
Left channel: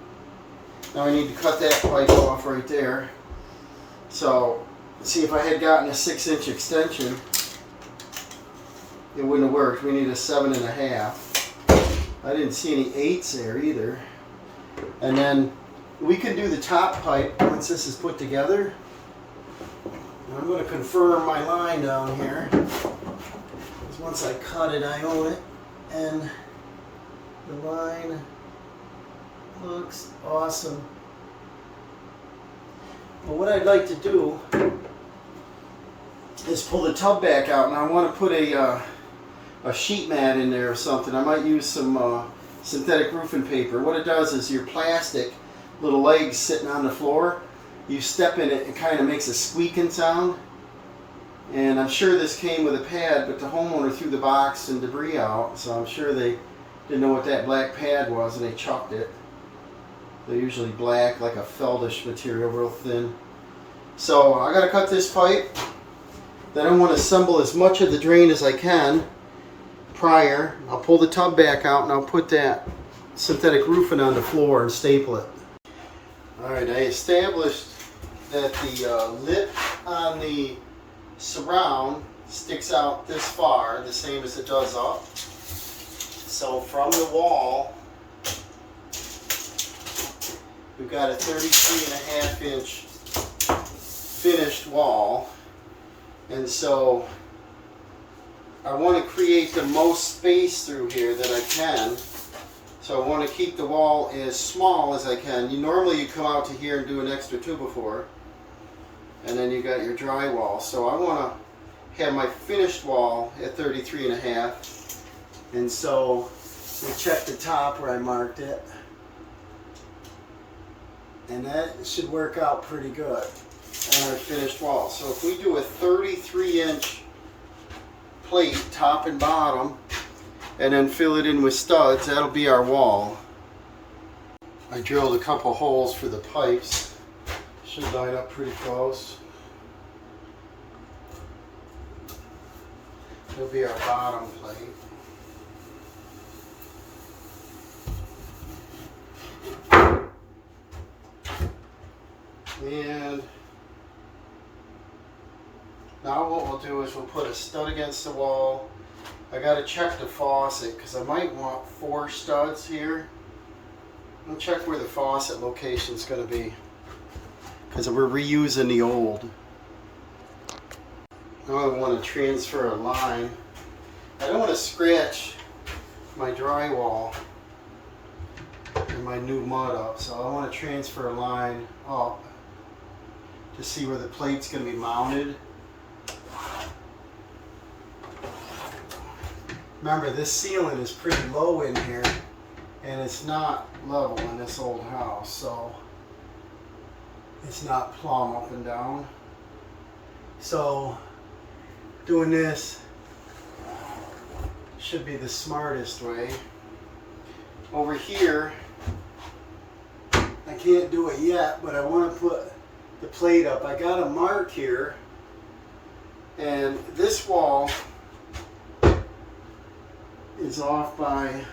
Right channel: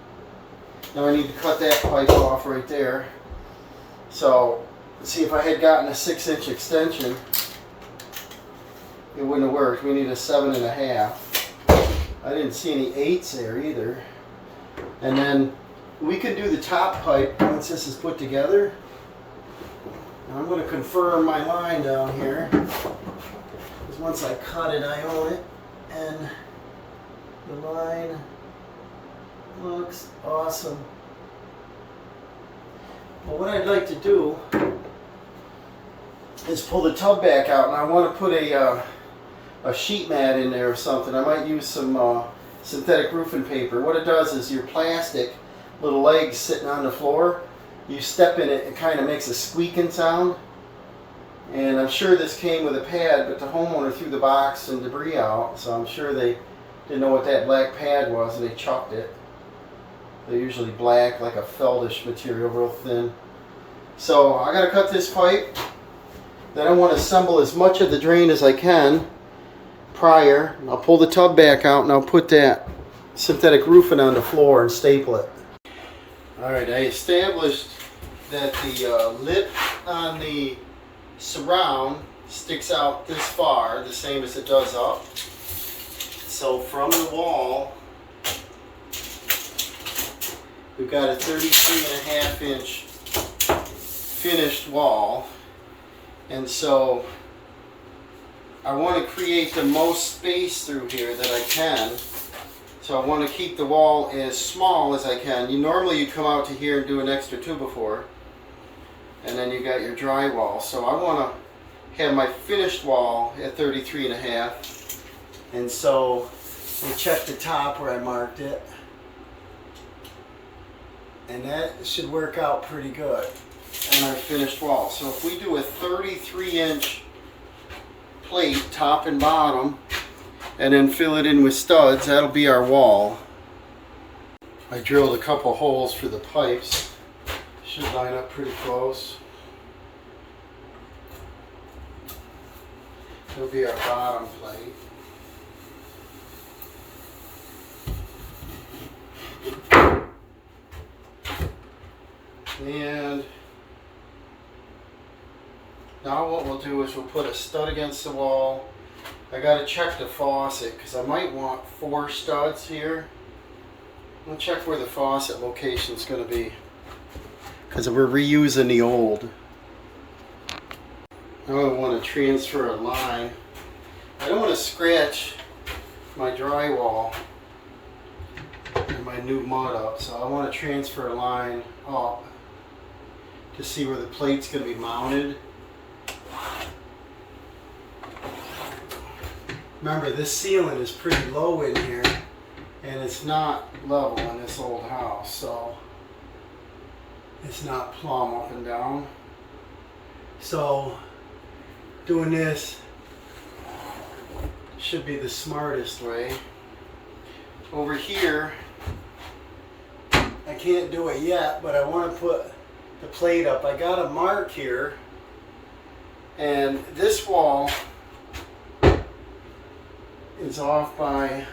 Now I need to cut that pipe off right there. So, see, if I had gotten a 6-inch extension, it wouldn't have worked. We need a 7 1/2. I didn't see any 8s there either. And then we can do the top pipe once this is put together. And I'm going to confirm my line down here, because once I cut it, I own it. And the line looks awesome. Well, what I'd like to do is pull the tub back out, and I want to put a sheet mat in there or something. I might use some synthetic roofing paper. What it does is your plastic little legs sitting on the floor, you step in it, it kind of makes a squeaking sound. And I'm sure this came with a pad, but the homeowner threw the box and debris out, so I'm sure they didn't know what that black pad was and they chucked it. They're usually black, like a feldish material, real thin. So I gotta cut this pipe. Then I want to assemble as much of the drain as I can prior. I'll pull the tub back out and I'll put that synthetic roofing on the floor and staple it. Alright, I established that the lip on the surround sticks out this far, the same as it does up. So from the wall, we've got a 33.5 inch finished wall. And so I want to create the most space through here that I can. So I want to keep the wall as small as I can. Normally you come out to here and do an extra 2x4. And then you got your drywall. So I want to have my finished wall at 33.5. And so I check the top where I marked it. And that should work out pretty good on our finished wall. So if we do a 33-inch plate, top and bottom, and then fill it in with studs, that'll be our wall. I drilled a couple holes for the pipes. Should line up pretty close. It'll be our bottom plate. And now what we'll do is we'll put a stud against the wall. I gotta check the faucet because I might want 4 studs here. I'll check where the faucet location is going to be because we're reusing the old. Now I want to transfer a line. I don't want to scratch my drywall and my new mud up, so I want to transfer a line up to see where the plate's going to be mounted. Remember, this ceiling is pretty low in here and it's not level in this old house, so it's not plumb up and down. So doing this should be the smartest way. Over here, I can't do it yet, but I want to put the plate up. I got a mark here, and this wall is off by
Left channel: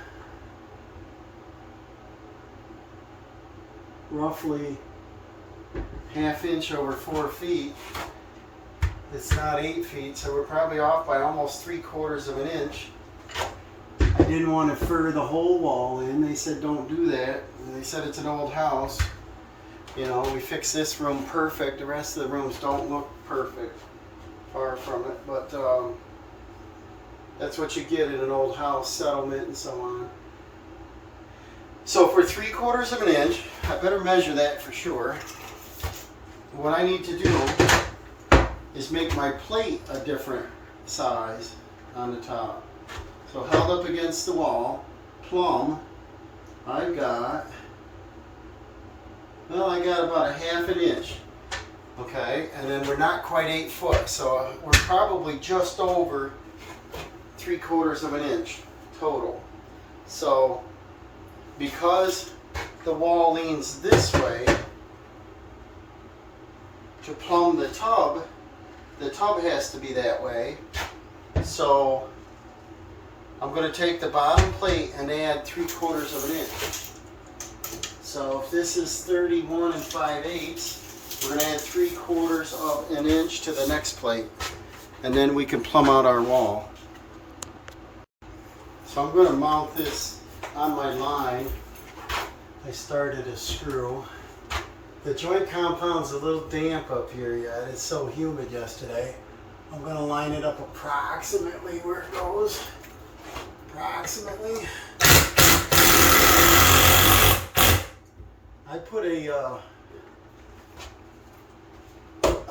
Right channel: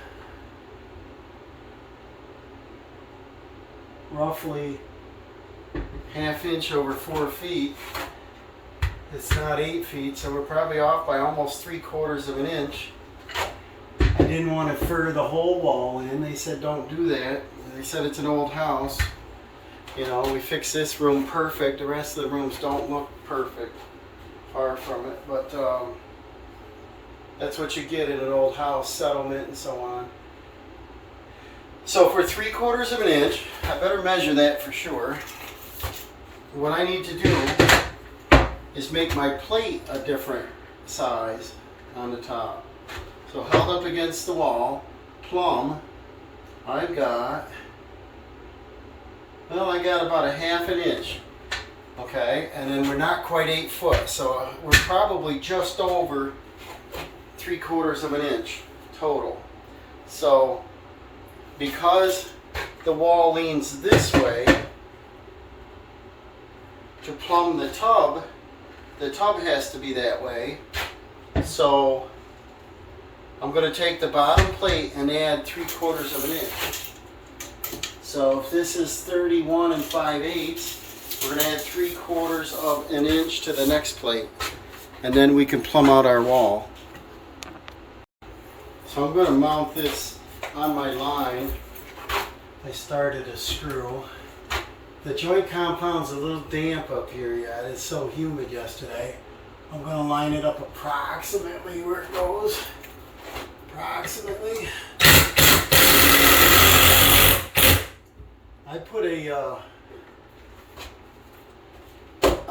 roughly ½ inch over 4 feet. It's not 8 feet, so we're probably off by almost 3/4 of an inch. I didn't want to fur the whole wall in. They said don't do that. They said it's an old house. You know, we fixed this room perfect. The rest of the rooms don't look perfect. Far from it, but that's what you get at an old house, settlement and so on. So for 3/4 of an inch, I better measure that for sure. What I need to do is make my plate a different size on the top. So held up against the wall, plumb, I've got, well, I got about ½ an inch. Okay, and then we're not quite 8 foot, so we're probably just over 3/4 of an inch total. So because the wall leans this way to plumb the tub has to be that way. So I'm going to take the bottom plate and add 3/4 of an inch. So if this is 31 5/8, we're going to add 3/4 of an inch to the next plate, and then we can plumb out our wall. So I'm going to mount this on my line. I started a screw. The joint compound's a little damp up here yet. It's so humid yesterday. I'm going to line it up approximately where it goes. Approximately. I put a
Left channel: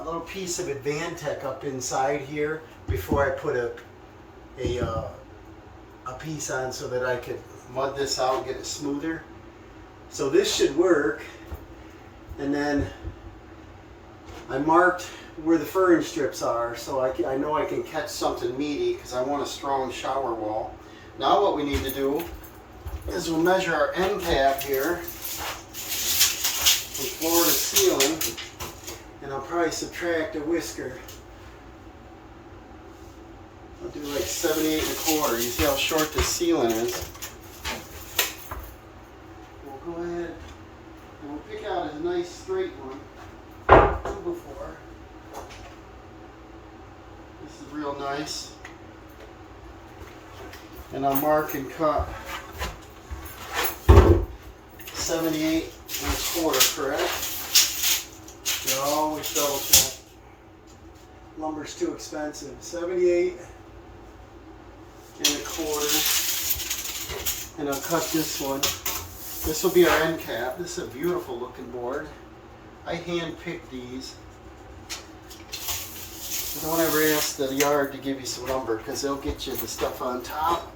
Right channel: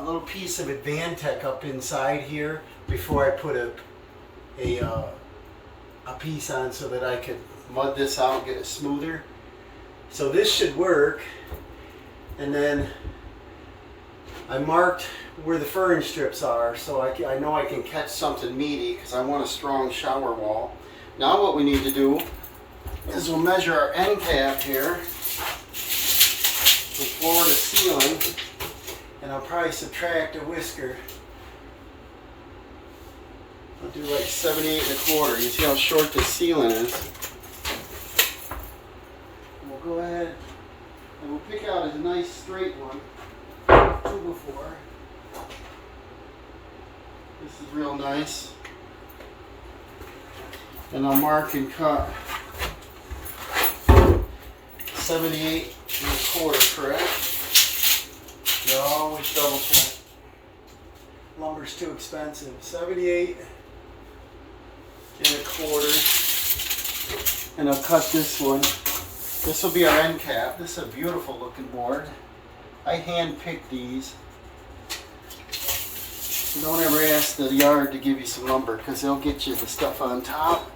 little piece of Advantech up inside here before I put a piece on so that I could mud this out and get it smoother. So this should work. And then I marked where the furring strips are, so I know I can catch something meaty because I want a strong shower wall. Now what we need to do is we'll measure our end cap here from floor to ceiling, and I'll probably subtract a whisker. I'll do like 78 1/4. You see how short this ceiling is. We'll go ahead and we'll pick out a nice straight one. 2x4. This is real nice. And I'll mark and cut 78 1/4, correct? You always double check. Lumber's too expensive. 78 1/4. And I'll cut this one. This will be our end cap. This is a beautiful looking board. I hand picked these. Don't ever ask the yard to give you some lumber because they'll get you the stuff on top.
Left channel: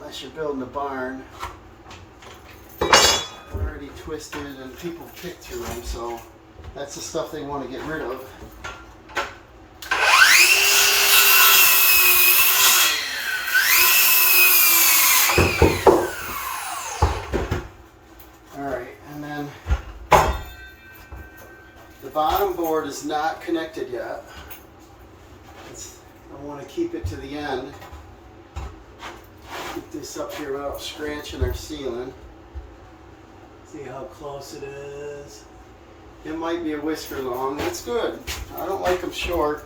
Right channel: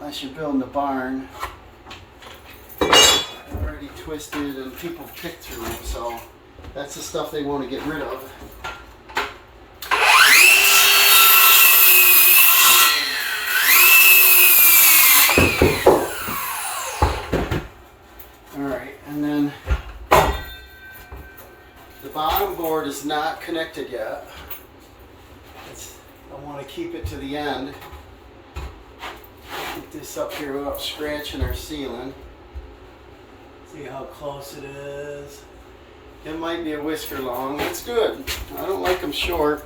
Unless you're building a barn. They're already twisted and people pick through them, so that's the stuff they want to get rid of. Alright, and then the bottom board is not connected yet. I want to keep it to the end. Get this up here without scratching our ceiling. See how close it is. It might be a whisker long. That's good. I don't like them short.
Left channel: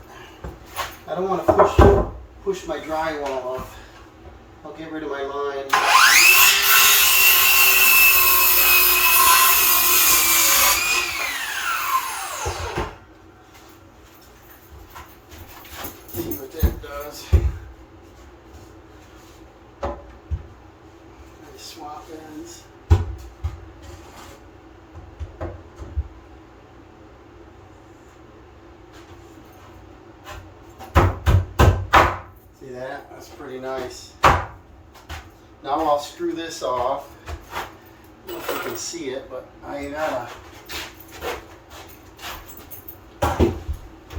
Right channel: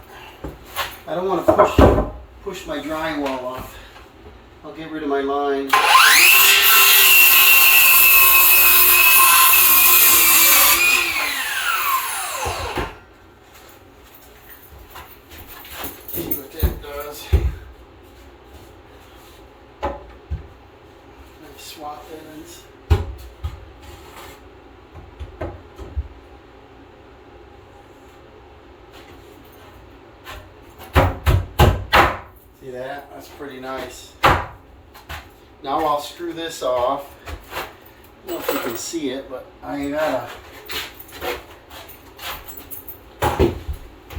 I don't want to push my drywall off. I'll get rid of my line. See what that does. Swap ends. See that? That's pretty nice. Now I'll screw this off. I don't know if you can see it, but I gotta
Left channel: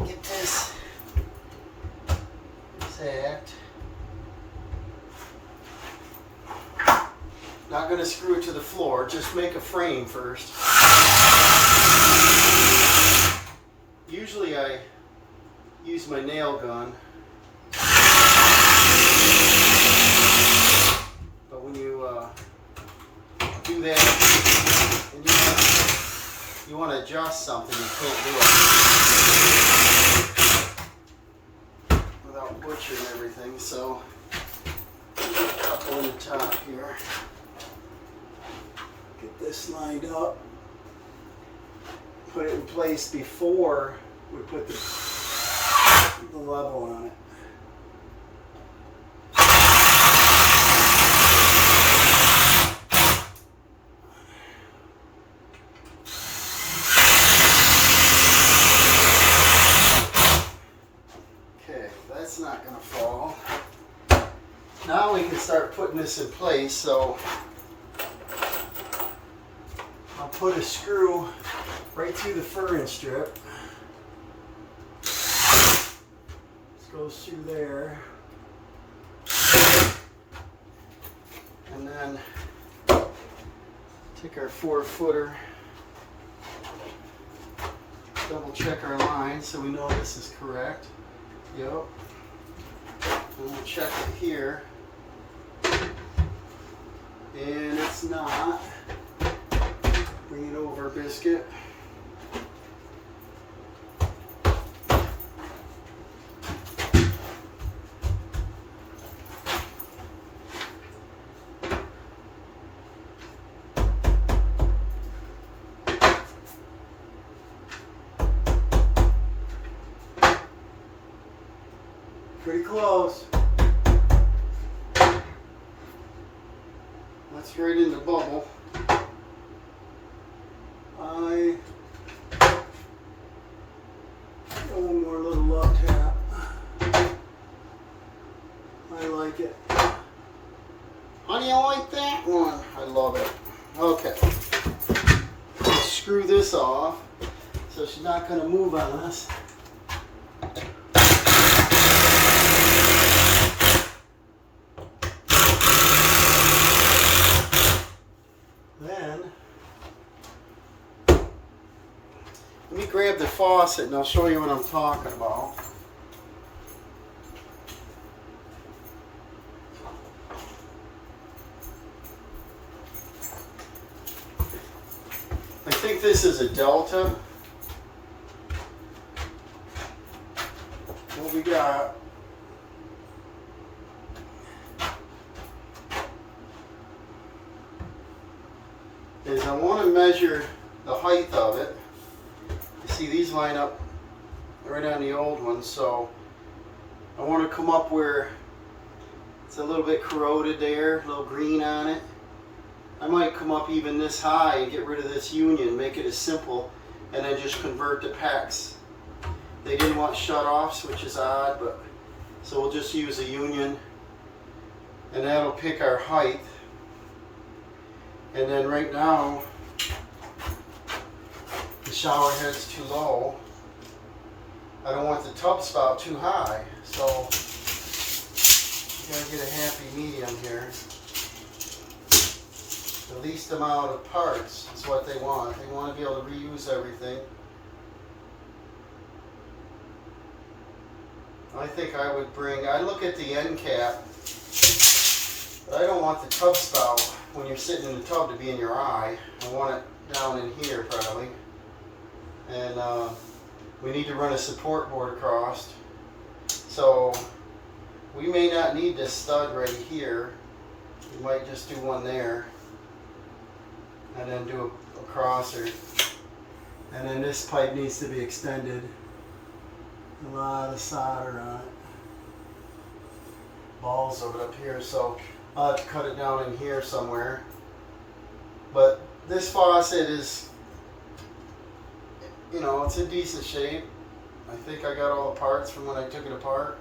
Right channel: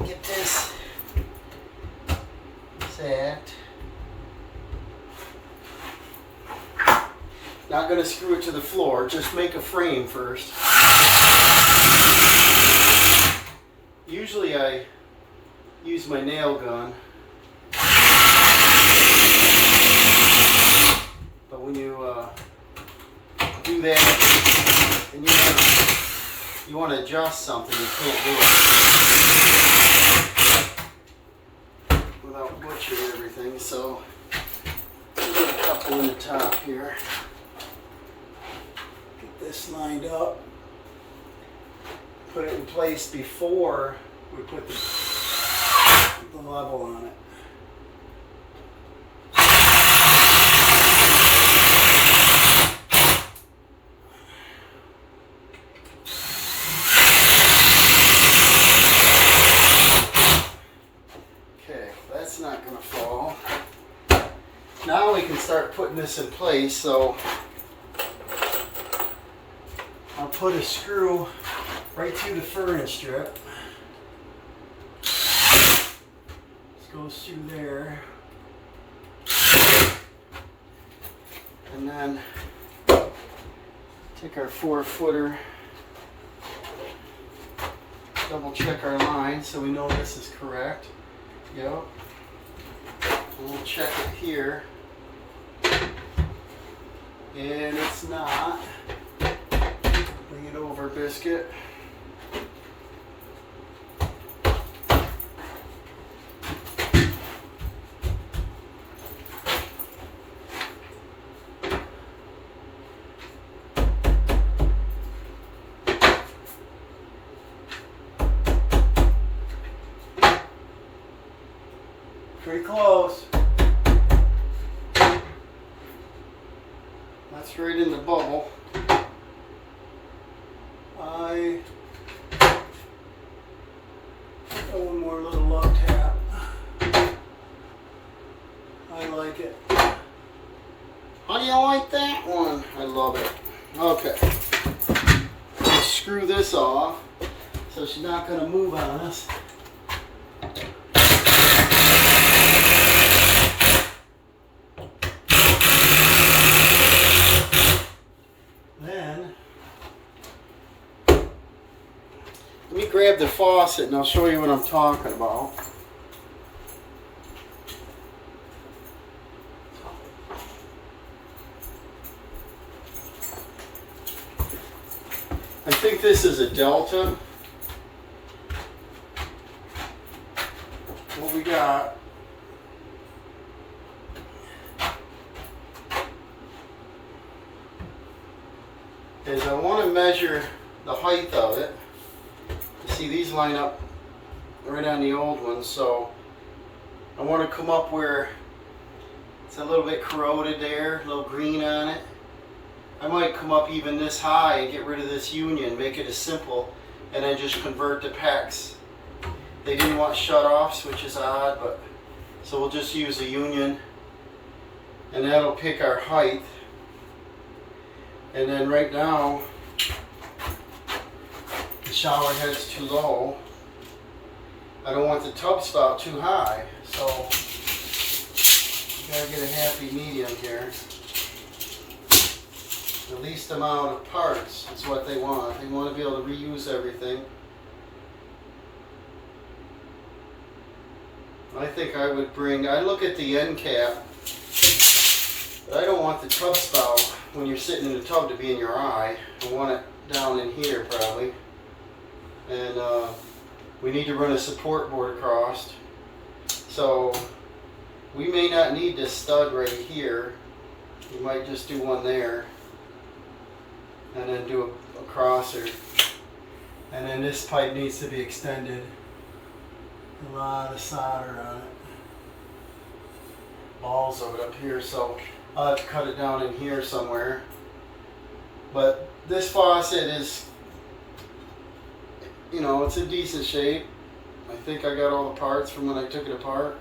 get this exact. Not going to screw it to the floor, just make a frame first. Usually I use my nail gun, but when you do that and you want to adjust something, you can't do it without butchering everything, so I'll get a couple in the top here. Get this lined up, put it in place before we put the level on it. Okay, that's not going to fall. Now we can start putting this in place, so I'll put a screw right through the furring strip. This goes through there. And then take our 4-footer, double check our line so we know this is correct. Yep. And we'll check it here. And it's not. Bring it over, biscuit. Pretty close. That's right in the bubble. One more little lug tap. I like it. How do you like that one? I love it. Okay. Let's screw this off. So so she's not going to move on us. Then, let me grab the faucet and I'll show you what I'm talking about. I think this is a Delta. What we got is I want to measure the height of it. You see these line up right on the old one, so I want to come up where it's a little bit corroded there, a little green on it. I might come up even this high and get rid of this union, make it as simple, and then just convert the packs. They didn't want shut-offs, which is odd, but so we'll just use a union, and that'll pick our height. And then right now, the shower head's too low. I don't want the tub spout too high, so you gotta get a happy medium here. The least amount of parts is what they want. They want to be able to reuse everything. I think I would bring, I look at the end cap, but I don't want the tub spout when you're sitting in the tub to be in your eye. I want it down in here probably. And we need to run a support board across. So we may not need this stud right here. We might just do one there. And then do a crosser. And then this pipe needs to be extended. A lot of solder on it. Balls of it up here, so I'll have to cut it down in here somewhere. But this faucet is, you know, it's in decent shape. I think I got all the parts from when I took it apart.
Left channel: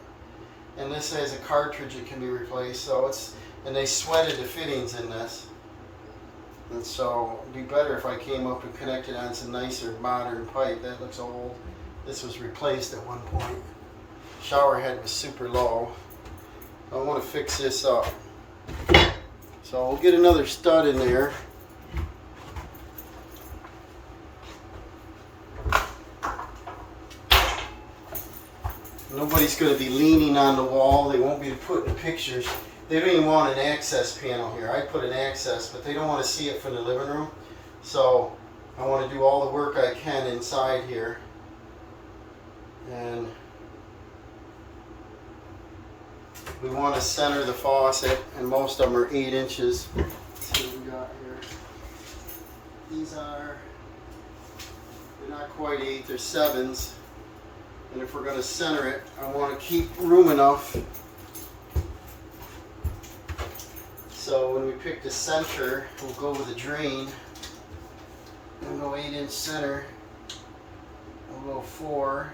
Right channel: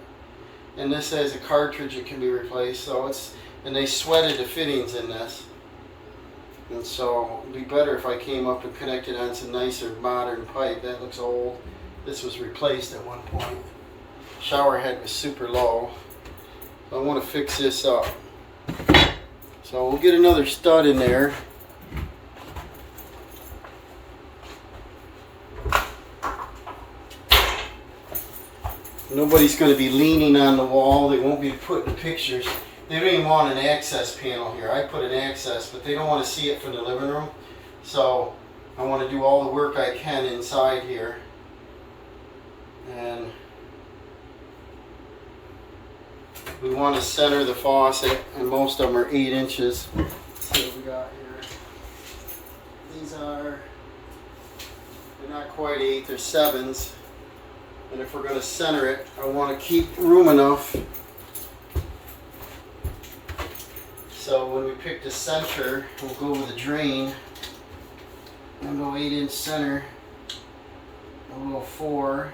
And this has a cartridge that can be replaced, so it's, and they sweated the fittings in this. And so it'd be better if I came up and connected on some nicer modern pipe. That looks old. This was replaced at one point. Shower head was super low. I want to fix this up. So we'll get another stud in there. Nobody's going to be leaning on the wall. They won't be putting pictures. They don't even want an access panel here. I put an access, but they don't want to see it from the living room. So I want to do all the work I can inside here. And we want to center the faucet, and most of them are 8 inches. Let's see what we got here. These are, they're not quite 8, they're 7s. And if we're going to center it, I want to keep room enough. So when we pick the center, we'll go with a drain. We'll go 8-inch center. We'll go 4.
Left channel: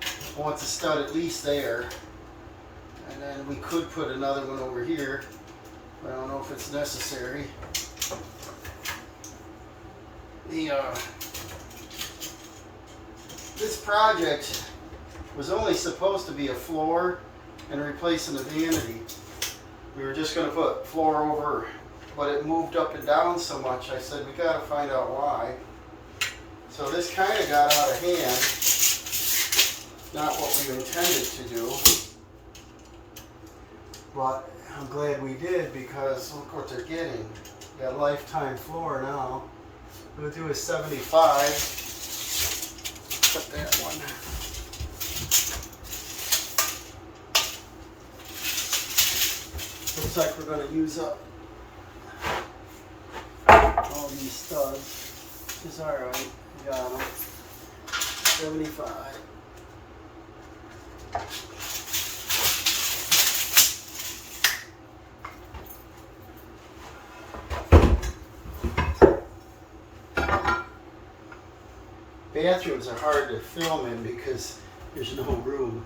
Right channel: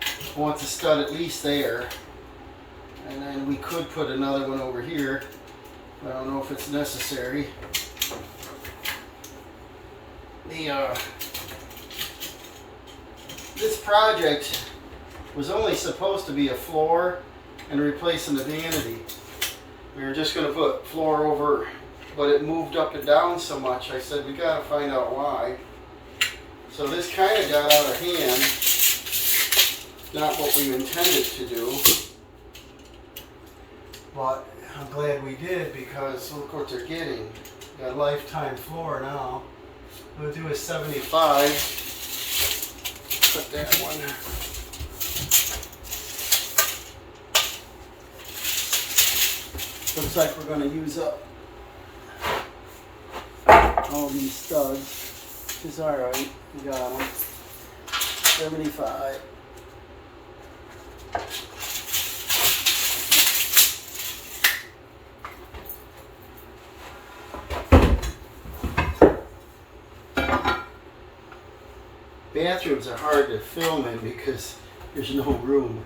I want the stud at least there. And then we could put another one over here. I don't know if it's necessary. This project was only supposed to be a floor and replacing the vanity. We were just going to put floor over, but it moved up and down so much. I said, we got to find out why. So this kind of got out of hand. Not what we intended to do. But I'm glad we did, because look what they're getting. Got a lifetime floor now. We'll do a 75. Put that one. Looks like we're going to use up all these studs, which is alright. We got them. 75. Bathrooms are hard to film in because there's no room.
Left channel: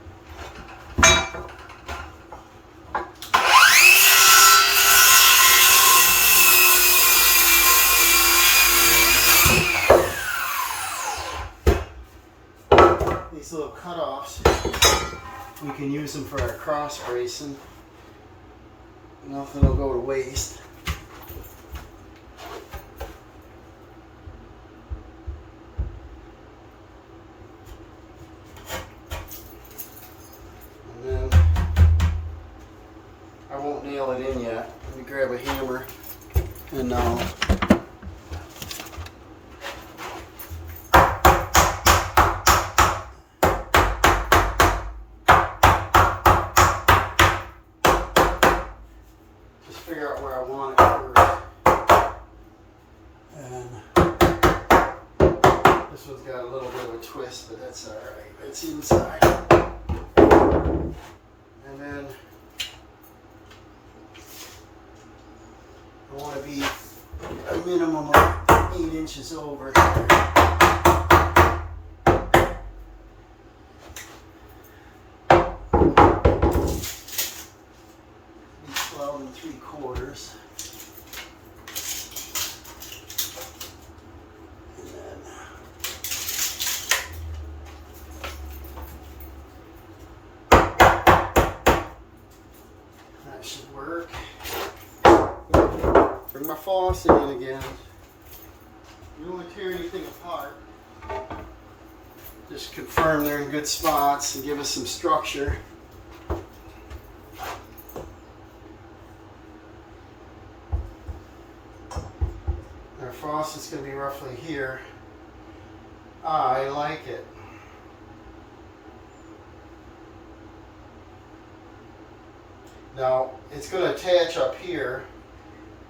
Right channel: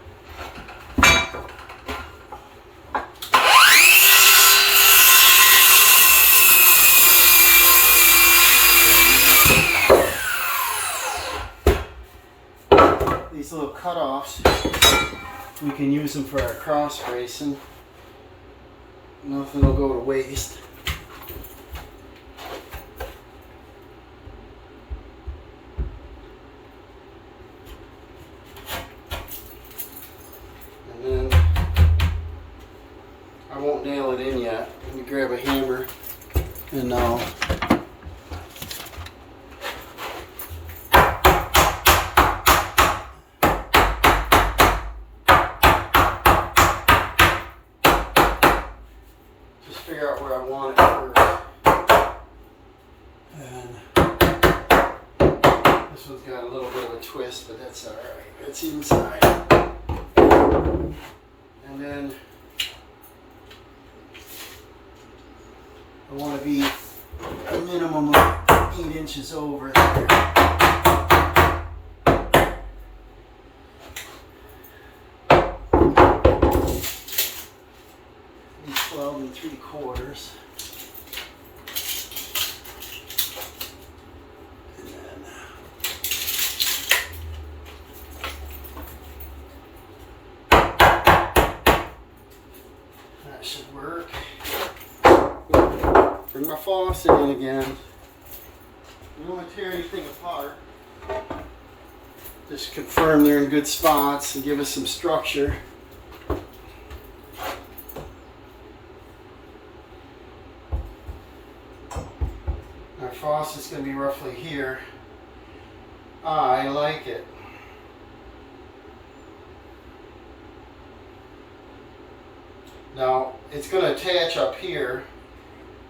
these little cutoffs, we can use them for our cross bracing. Nothing will go to waste. And then I won't nail it in yet. Let me grab a hammer and now figure out where I want it first. And this one's got a little bit of a twist, but that's alright. It's inside. And then I want to be a minimum of 8 inches over there. 12 3/4. And then that should work. Bring my faucet in again. We don't want to tear anything apart. Just confirm they're in good spots and give us some structure. Our faucet's going to be roughly here. I like it. Now, it's going to attach up here.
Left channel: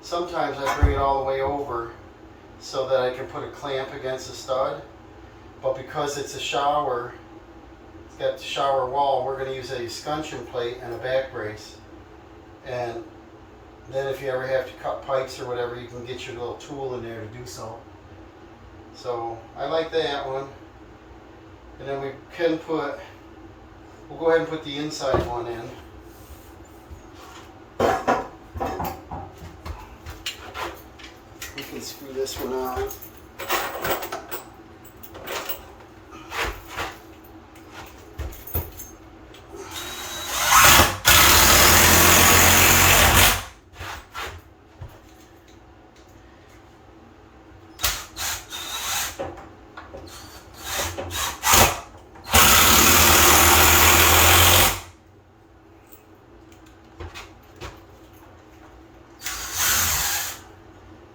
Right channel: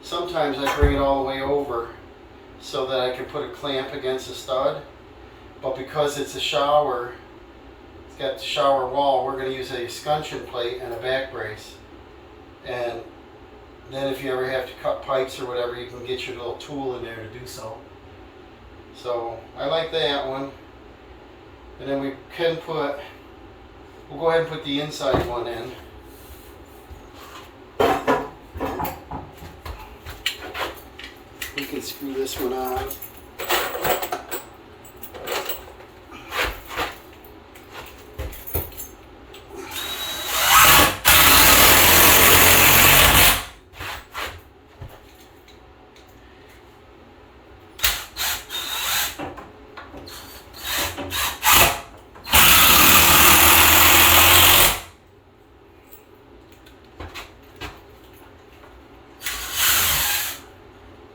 Sometimes I bring it all the way over so that I can put a clamp against the stud. But because it's a shower, it's got the shower wall, we're going to use a scuncheon plate and a back brace. And then if you ever have to cut pipes or whatever, you can get your little tool in there to do so. So I like that one. And then we can put, we'll go ahead and put the inside one in. We can screw this one on.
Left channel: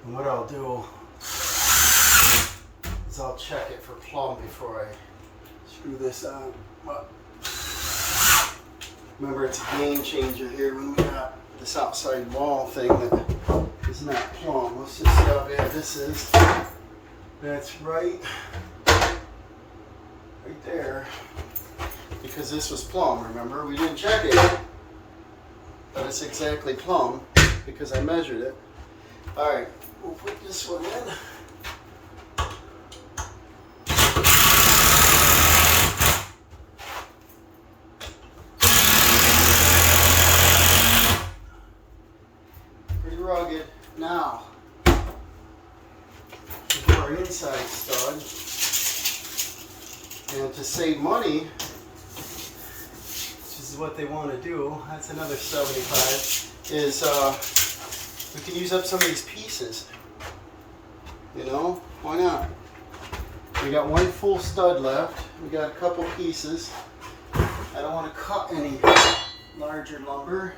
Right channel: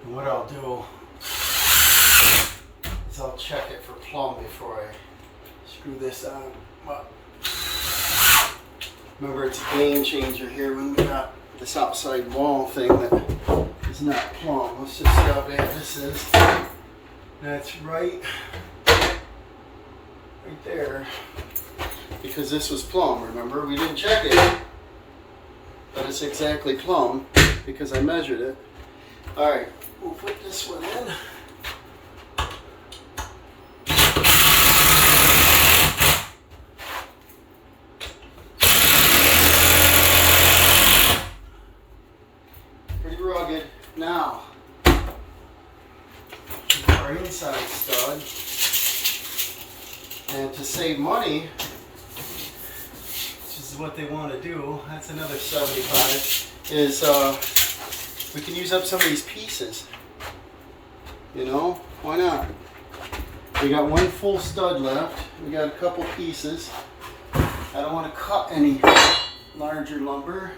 And what I'll do is I'll check it for plumb before I screw this on. Well, remember, it's a game changer here when we got this outside wall thing that is not plumb. Let's just see how bad this is. That's right there. Because this was plumb, remember? We didn't check it, but it's exactly plumb because I measured it. Alright, we'll put this one in. Pretty rugged. Now, we do our inside stud. And to save money, which is what they want to do, that's another 75, is we can use up some of these pieces. You know, why not? We got one full stud left. We got a couple pieces. I don't want to cut any larger lumber.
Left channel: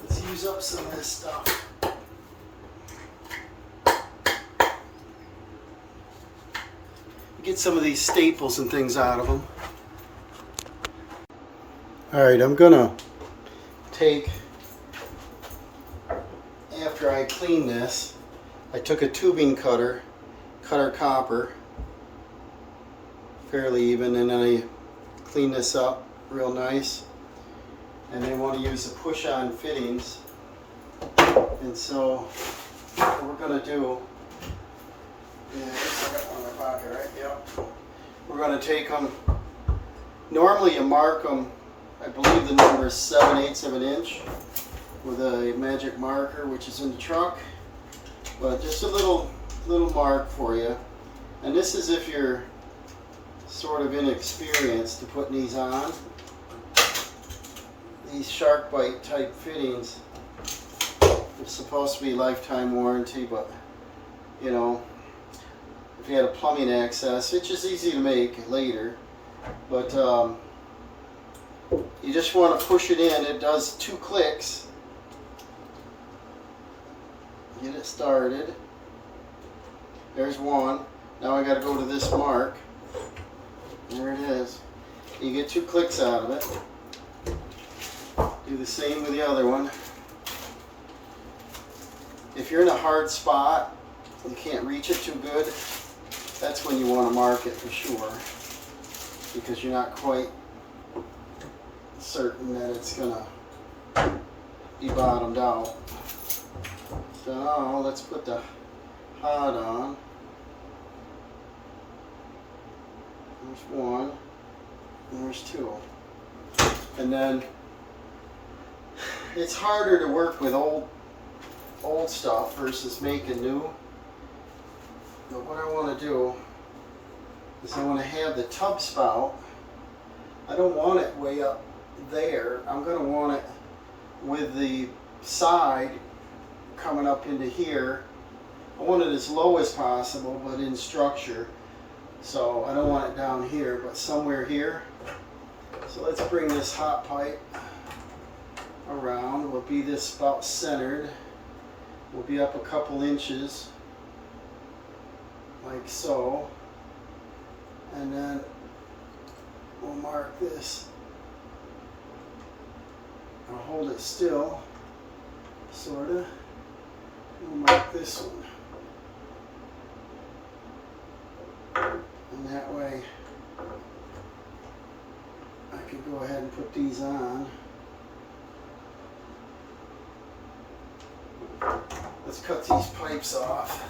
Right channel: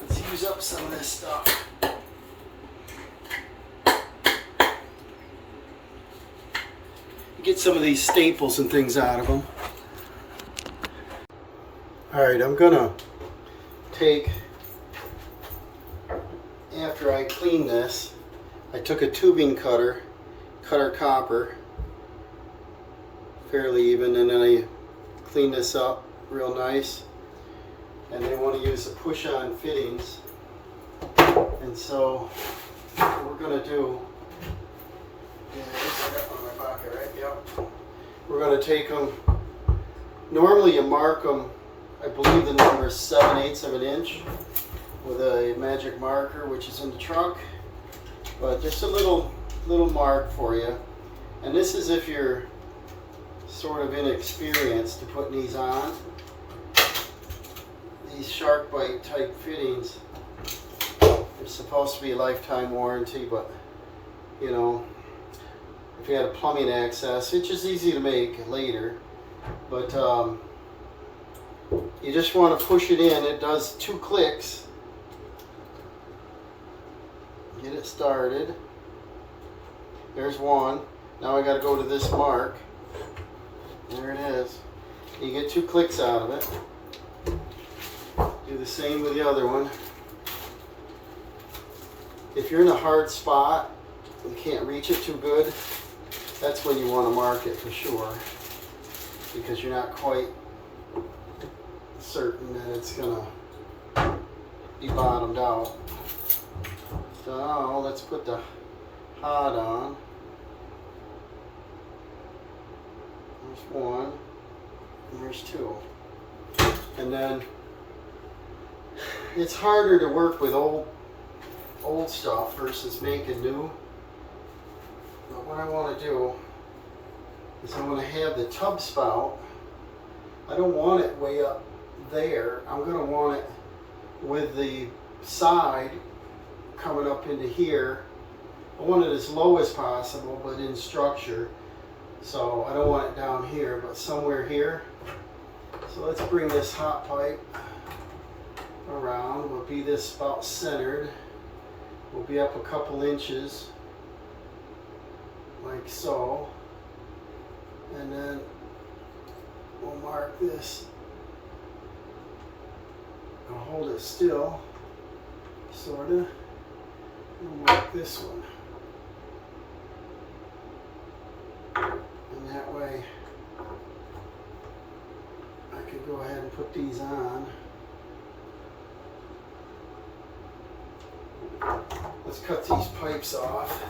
Let's use up some of this stuff. Get some of these staples and things out of them. Alright, I'm gonna take, after I clean this, I took a tubing cutter, cut our copper fairly even, and then I cleaned this up real nice. And they want to use the push-on fittings. And so what we're gonna do, yeah, this is on my pocket, right? Yep. We're going to take them. Normally you mark them, I believe the number is 7/8 of an inch with a magic marker, which is in the truck. But just a little mark for you. And this is if you're sort of inexperienced to putting these on. These shark bite type fittings, they're supposed to be lifetime warranty, but you know, if you had a plumbing access, it's just easy to make later. But you just want to push it in. It does 2 clicks. Get it started. There's one. Now I got to go to this mark. There it is. You get 2 clicks out of it. Do the same with the other one. If you're in a hard spot, you can't reach it too good, that's when you want to mark it for sure, because you're not quite certain that it's gonna be bottomed out. So now let's put the hod on. There's one, and there's 2. And then it's harder to work with old stuff versus making new. But what I want to do is I want to have the tub spout. I don't want it way up there. I'm going to want it with the side coming up into here. I want it as low as possible, but in structure. So I don't want it down here, but somewhere here. So let's bring this hot pipe around. We'll be this about centered. We'll be up a couple inches, like so. And then we'll mark this. I'll hold it still, sorta. We'll mark this one. And that way I can go ahead and put these on. Let's cut these pipes off.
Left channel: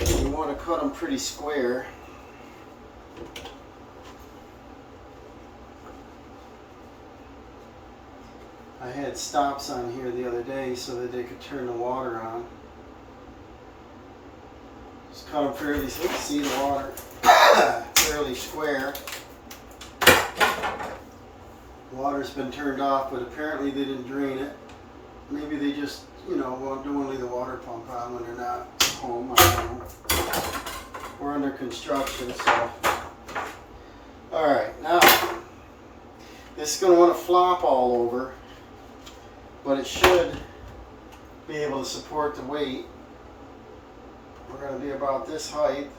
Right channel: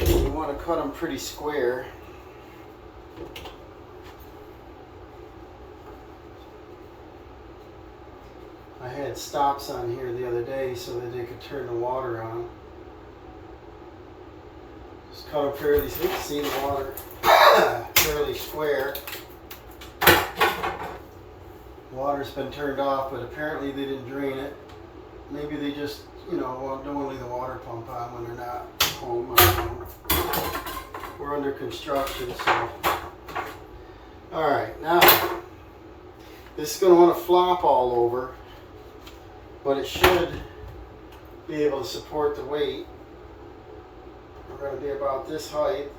You want to cut them pretty square. I had stops on here the other day so that they could turn the water on. Just cut them fairly, see the water, fairly square. Water's been turned off, but apparently they didn't drain it. Maybe they just, you know, don't leave the water pump on when they're not home. I don't know. We're under construction, so. Alright, now, this is going to want to flop all over, but it should be able to support the weight. We're going to be about this height.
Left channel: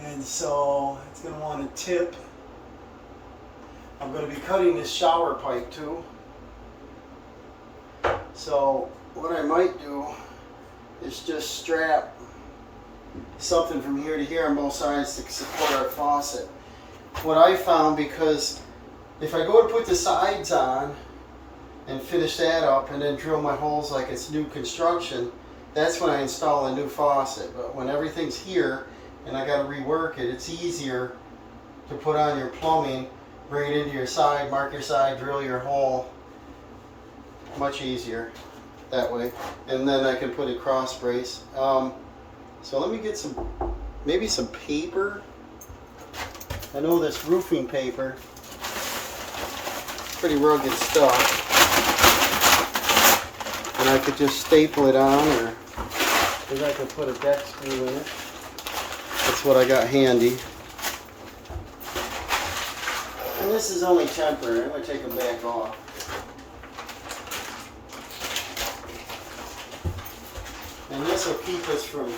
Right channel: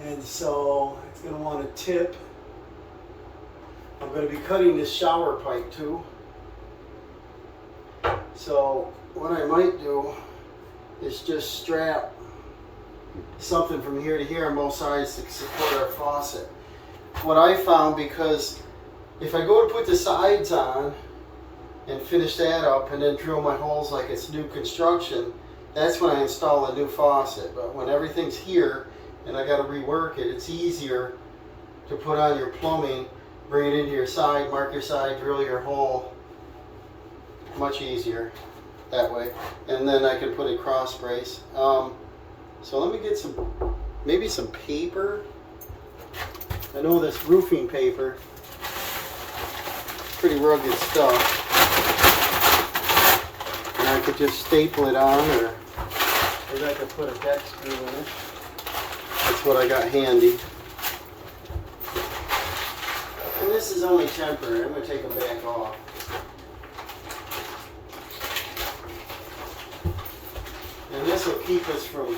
And so, it's going to want to tip. I'm going to be cutting this shower pipe too. So what I might do is just strap something from here to here on both sides to support our faucet. What I found, because if I go to put the sides on and finish that up and then drill my holes like it's new construction, that's when I install a new faucet. But when everything's here and I got to rework it, it's easier to put on your plumbing, bring it into your side, mark your side, drill your hole. Much easier that way. And then I can put a cross brace. So let me get maybe some paper. I know this roofing paper, pretty rugged stuff. And I could just staple it on, or maybe I could put a back screw in it. That's what I got handy. And this is only temporary. I'm going to take them back off. And this will keep us from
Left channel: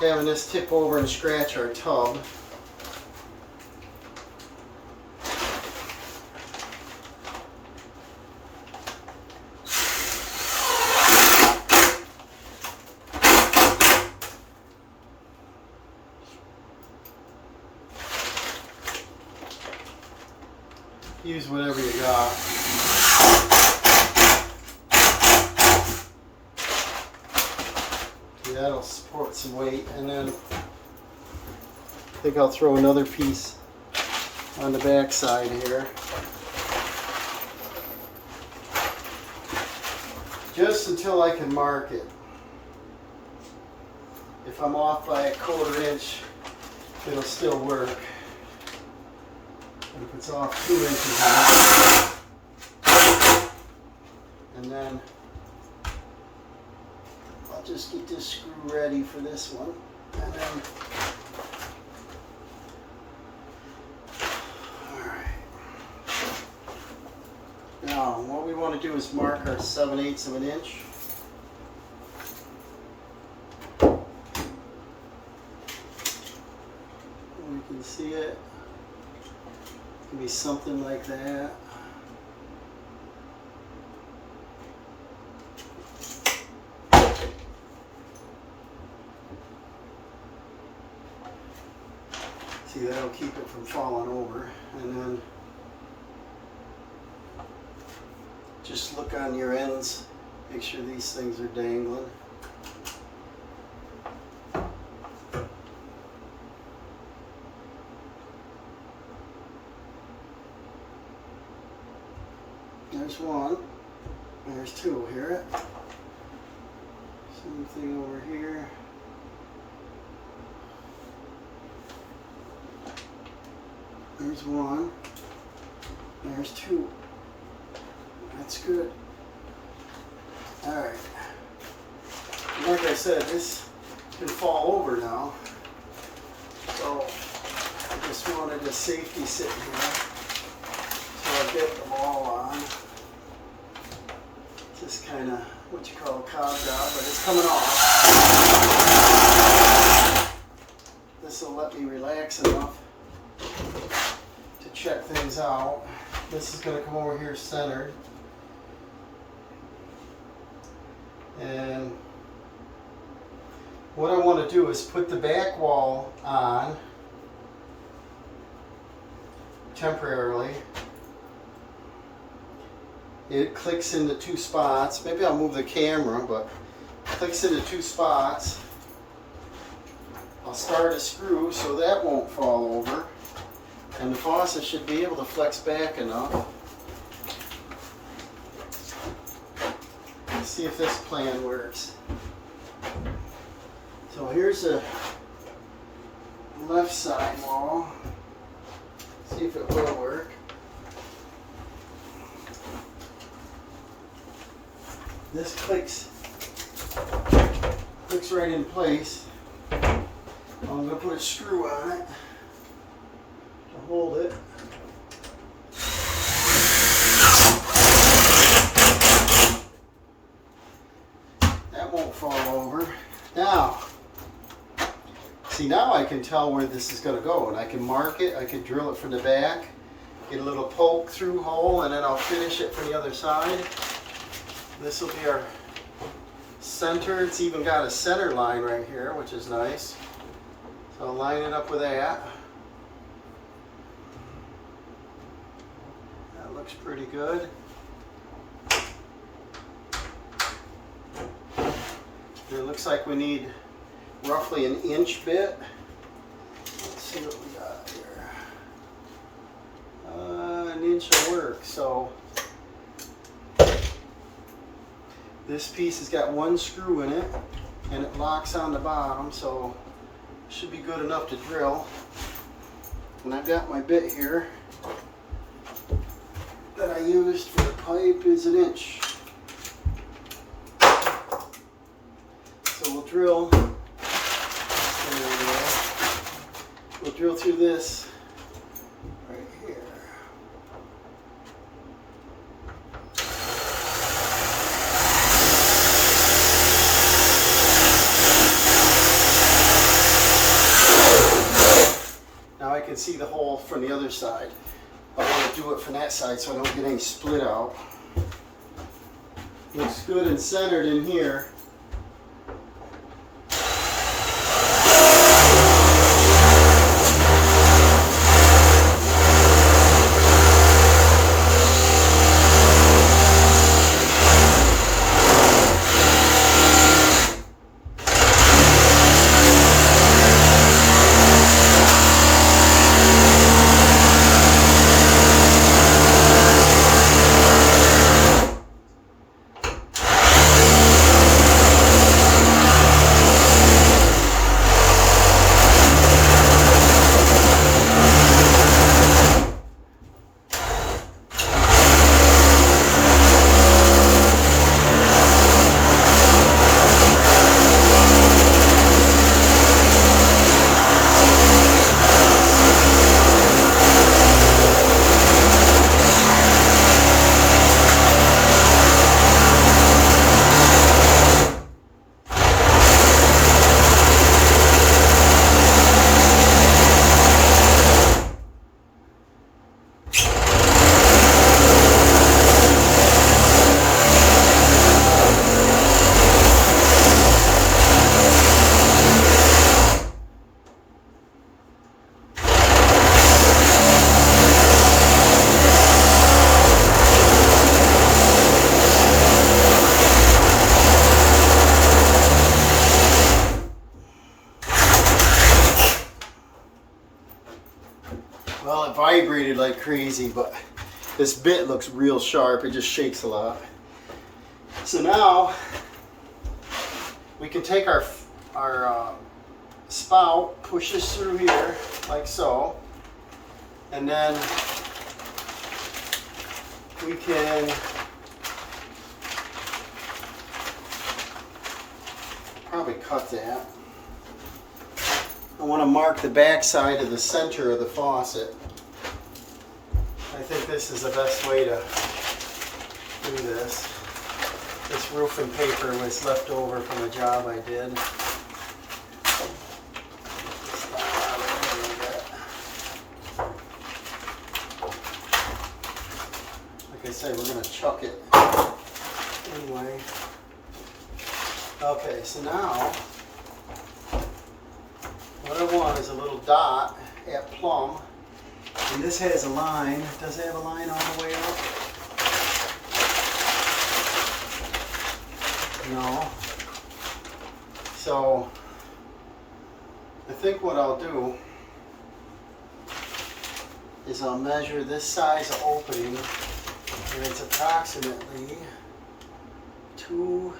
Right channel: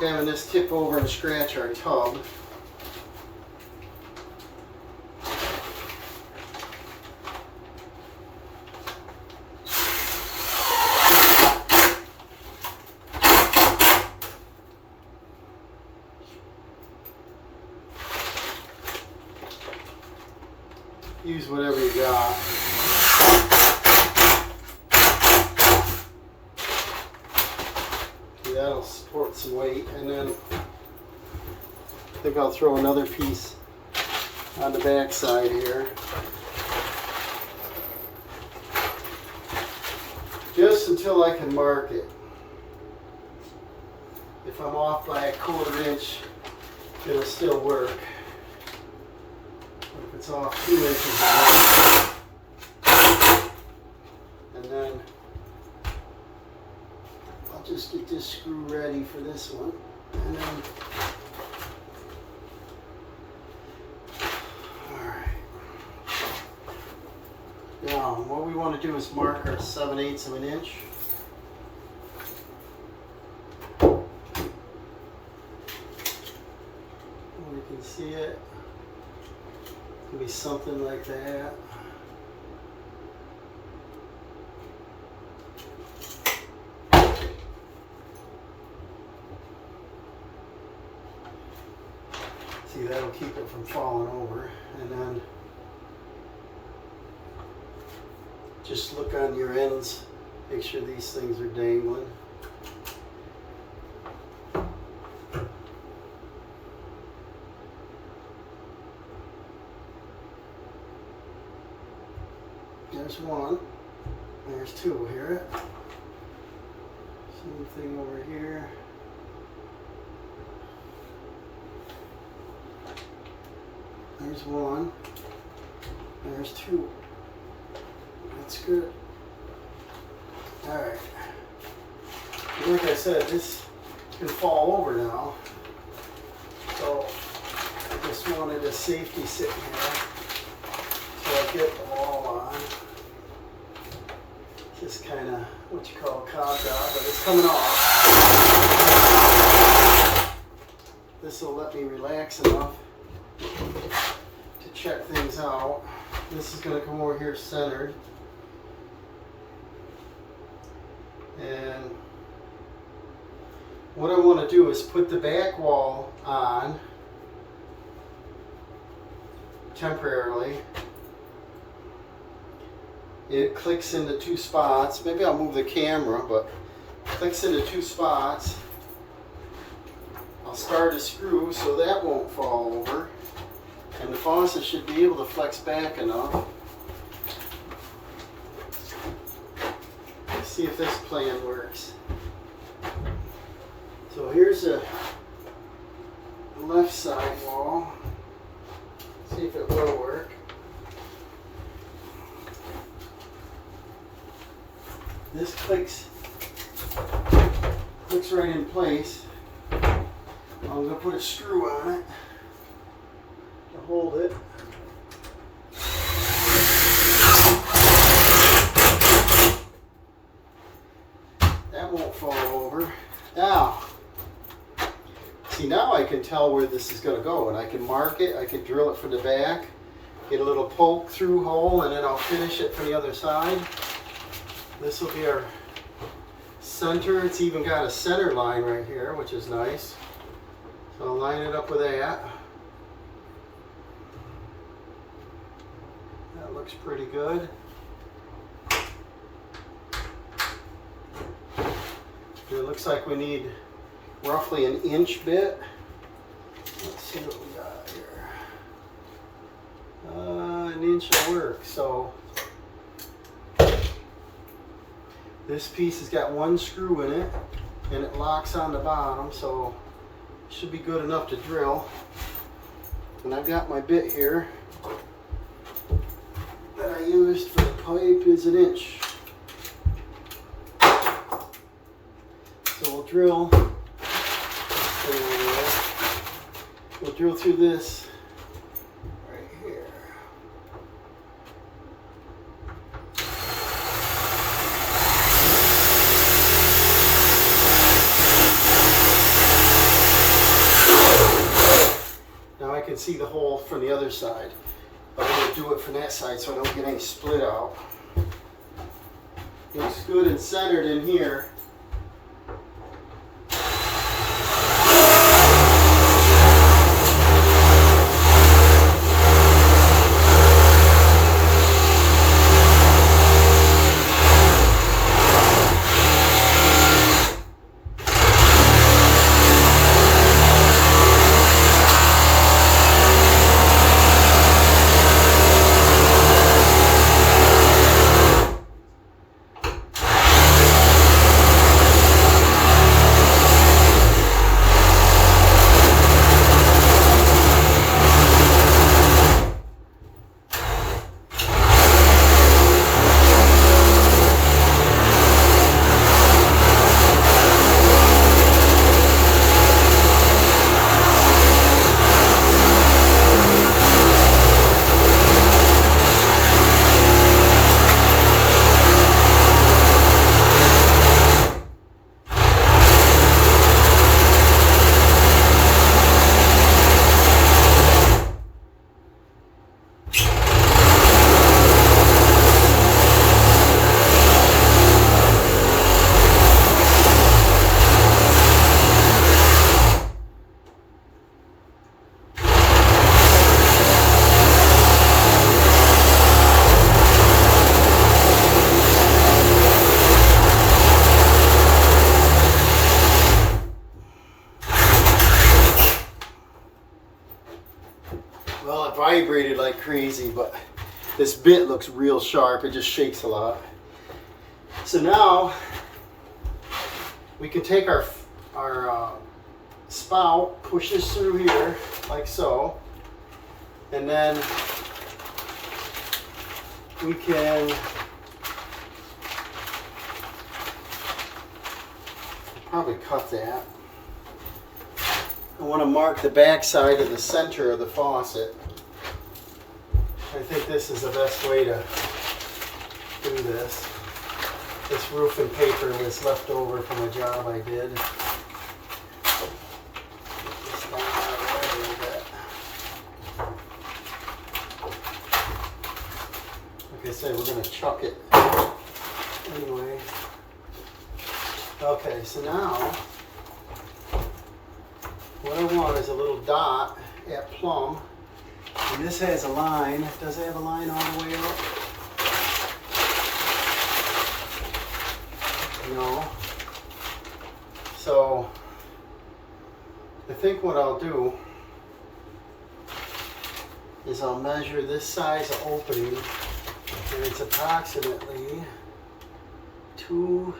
having this tip over and scratch our tub. Use whatever you got. That'll support some weight, and then I think I'll throw another piece on the back side here. Just until I can mark it. if I'm off by a 1/4 inch, it'll still work. But if it's off 2 inches, and then I'll just get this screw ready for this one, and then now, what we want to do is mark our 7/8 of an inch. We can see it. It can be something like that. See, that'll keep it from falling over. And then just look on your ends, make sure these things are dangling. There's one, there's two here. Same thing over here. There's one, there's two. That's good. All right. Like I said, this can fall over now. So I just wanted a safety sit here. So I get the wall on. Just kind of what you call a cob job, but it's coming off. This will let me relax enough to check things out. This is going to come over here centered. And what I want to do is put the back wall on temporarily. It clicks into 2 spots. Maybe I'll move the camera, but it clicks into 2 spots. I'll start a screw so that won't fall over. And the faucet should be able to flex back enough. Let's see if this plan works. So here's the left side wall. See if it will work. This clicks right in place. I'm going to put a screw on it to hold it. That won't fall over. Now, see, now I can tell where this is going to go, and I can mark it. I can drill it from the back, get a little poke through hole, and then I'll finish it from the other side. This will be our center. It's even got a center line right here, which is nice. So I'll line it up with that. That looks pretty good. It looks like we need roughly an inch bit. Let's see what we got here. An inch will work. So this piece has got 1 screw in it, and it locks on the bottom, so it should be good enough to drill. And I've got my bit here that I used for the pipe is 1 inch. So we'll drill. We'll drill through this right here. Now I can see the hole from the other side. I want to do it from that side so I don't get any split out. Looks good and centered in here. Well, it vibrated like crazy, but this bit looks real sharp. It just shakes a lot. So now we can take our spout, push this through here like so, and then we can probably cut that. I want to mark the back side of the center of the faucet. I think this is the best way to do this. This roofing paper was left over from a job I did. Like I said, we're going to chuck it anyway. Okay, so now what I want is a little dot at plumb, and this has a line. Does it have a line all the way up? No. So I think what I'll do is I'll measure this size of opening, and it's approximately 2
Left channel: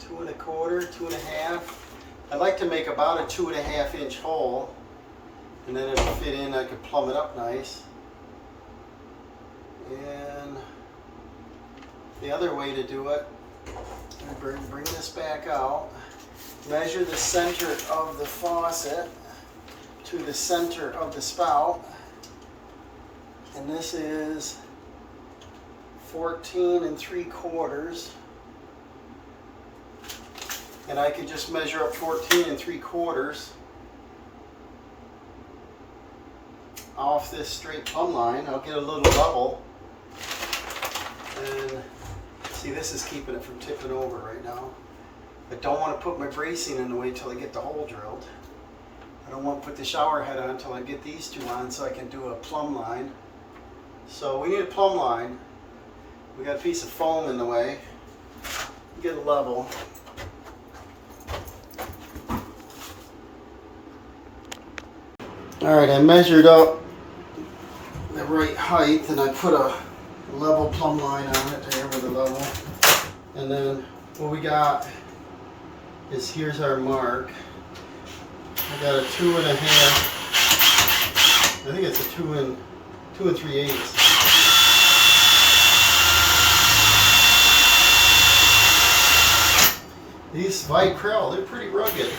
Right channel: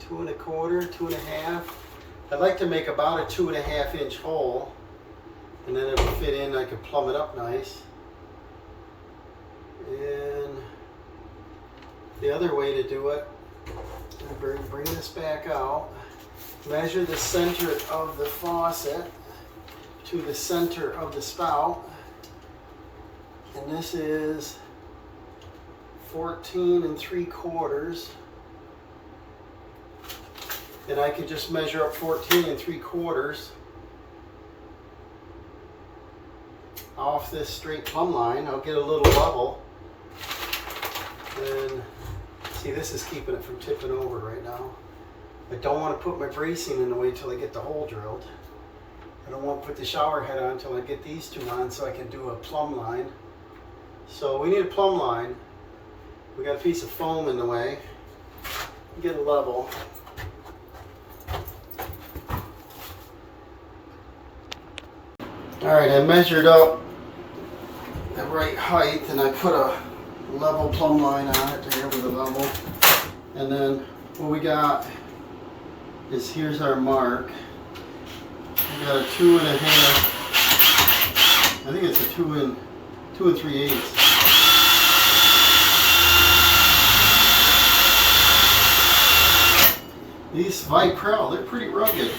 1/4, 2 1/2. I'd like to make about a 2 1/2 inch hole, and then it'll fit in. I could plumb it up nice. And the other way to do it, I bring this back out, measure the center of the faucet to the center of the spout, and this is 14 3/4. And I could just measure up 14 3/4 off this straight plumb line. I'll get a little level. And see, this is keeping it from tipping over right now. I don't want to put my bracing in the way until I get the hole drilled. I don't want to put the shower head on until I get these two on so I can do a plumb line. So we need a plumb line. We got a piece of foam in the way. Get a level. Alright, I measured up the right height and I put a level plumb line on it there with a level. And then what we got is, here's our mark. I got a 2 1/2. I think it's a 2 3/8. These Vicryl, they're pretty rugged.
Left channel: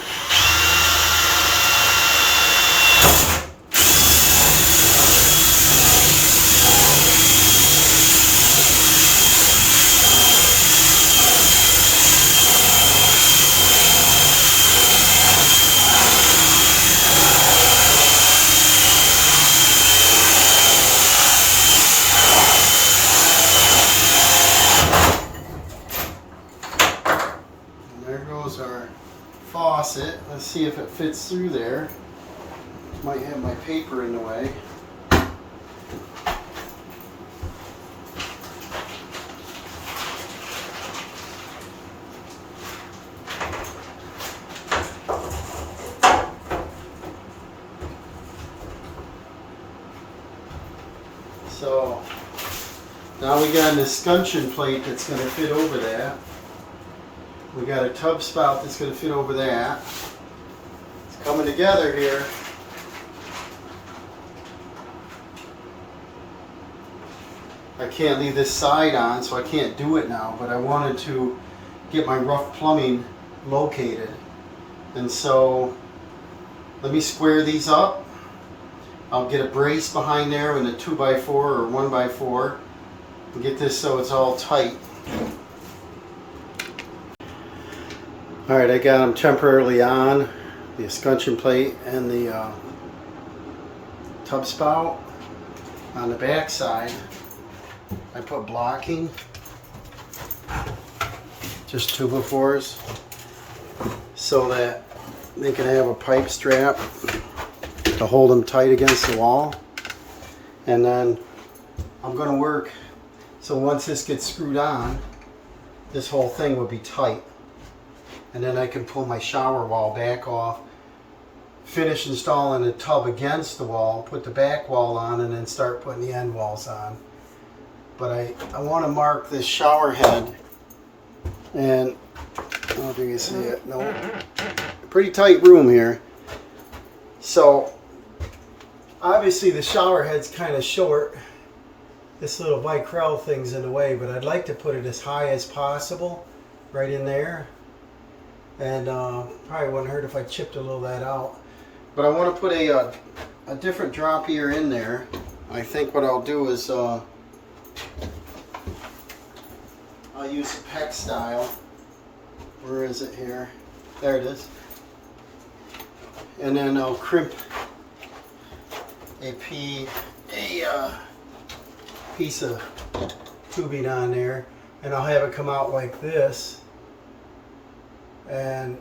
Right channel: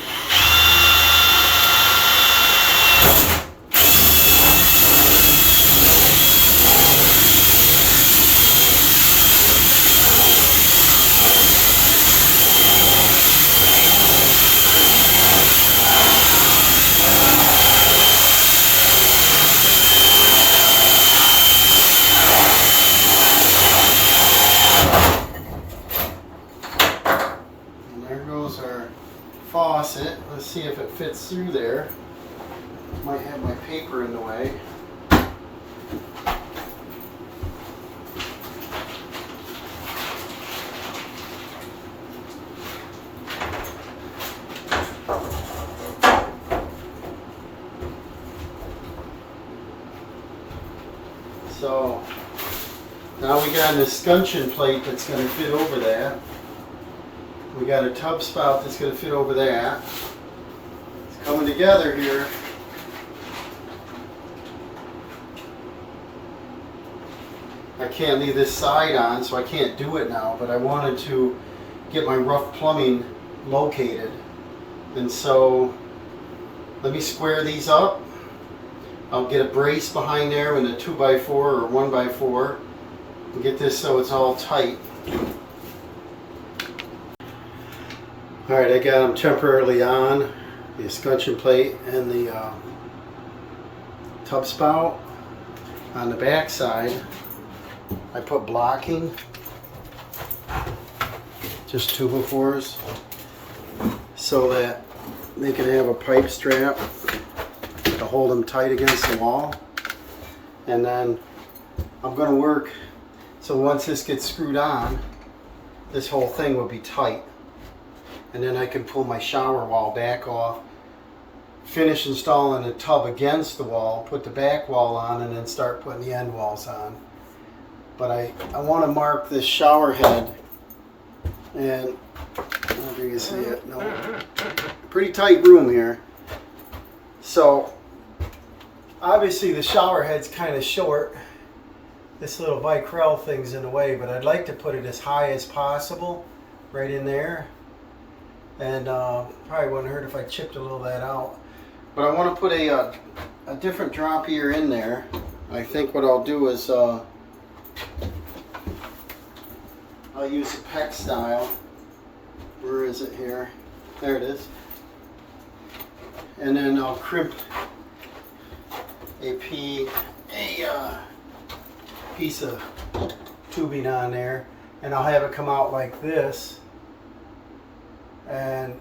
Our faucet. Let's see if it fits through there. Might have my paper in the way. So now we got an escutcheon plate that's going to fit over that. We got a tub spout that's going to fit over that. It's coming together here. I can't leave this side on, so I can't do it now, but I wanted to get my rough plumbing located. And so let me square these up. I'll get a brace behind there and a 2x4 or 1x4 and get this so it's all tight. Alright, I got them temporarily on, the escutcheon plate and the tub spout. On the back side, I put blocking, just 2x4s, so that they can have a pipe strap to hold them tight against the wall. And then I'm going to work, so once this gets screwed on, this whole thing will be tight. And then I can pull my shower wall back off, finish installing a tub against the wall, put the back wall on, and then start putting the end walls on. But I want to mark this shower head, and I don't know if you can see it. No, pretty tight room here. So obviously the shower head's kind of short. This little Vicryl thing's in the way, but I'd like to put it as high as possible, right in there. And probably wouldn't hurt if I chipped a little of that out. But I want to put a different drop here in there. I think what I'll do is I'll use a PEX style. Where is it here? There it is. And then I'll crimp a piece of tubing on there, and I'll have it come out like this. And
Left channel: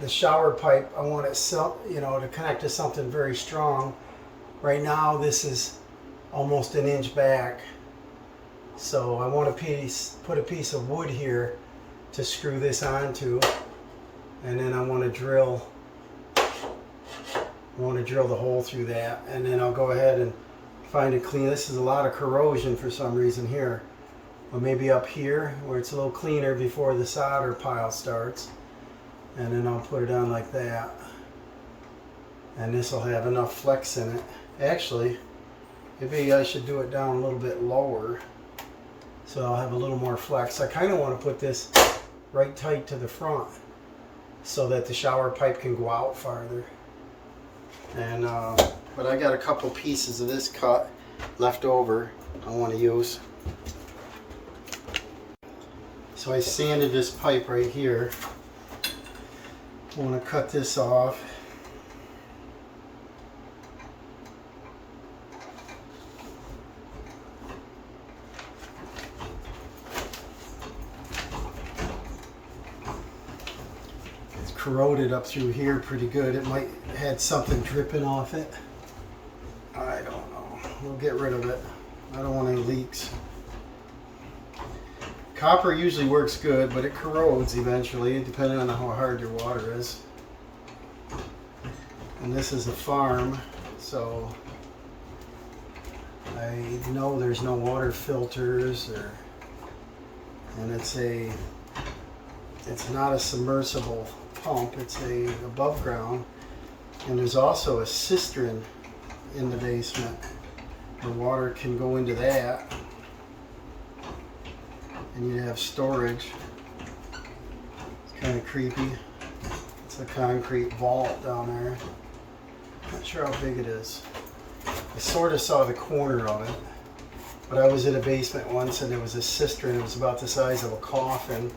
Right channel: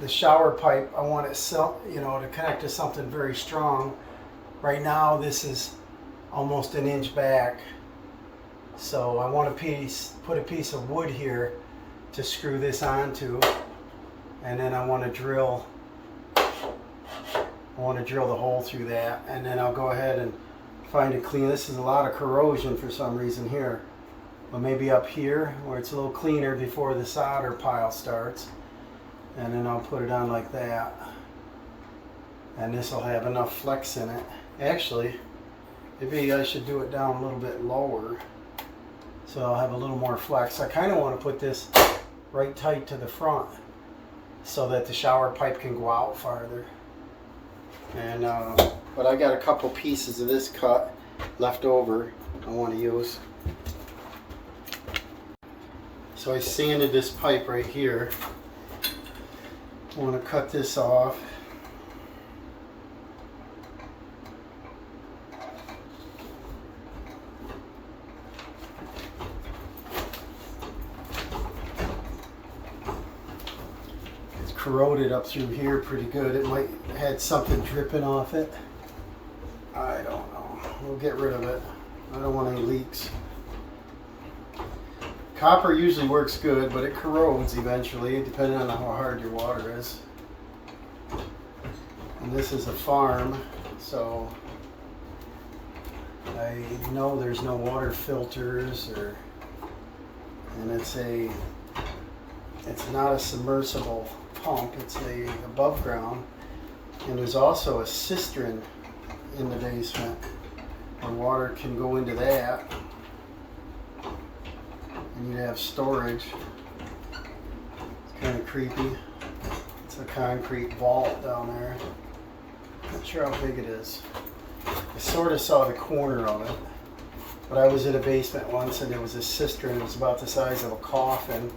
the shower pipe, I want it, to connect to something very strong. Right now, this is almost an inch back, so I want to put a piece of wood here to screw this onto, and then I want to drill the hole through that, and then I'll go ahead and find it clean. This is a lot of corrosion for some reason here, but maybe up here where it's a little cleaner before the solder pile starts. And then I'll put it on like that, and this will have enough flex in it. Actually, maybe I should do it down a little bit lower so I'll have a little more flex. I kind of want to put this right tight to the front so that the shower pipe can go out farther. And but I got a couple pieces of this cut left over I want to use. So I sanded this pipe right here. I want to cut this off. It's corroded up through here pretty good. It might have had something dripping off it. I don't know. We'll get rid of it. I don't want any leaks. Copper usually works good, but it corrodes eventually, depending on how hard your water is. And this is a farm, so I know there's no water filters, and it's not a submersible pump, it's a above ground. And there's also a cistern in the basement. The water can go into that, and you'd have storage. It's kind of creepy. It's a concrete vault down there. Not sure how big it is. I sort of saw the corner of it, but I was in a basement once and there was a cistern. It was about the size of a coffin,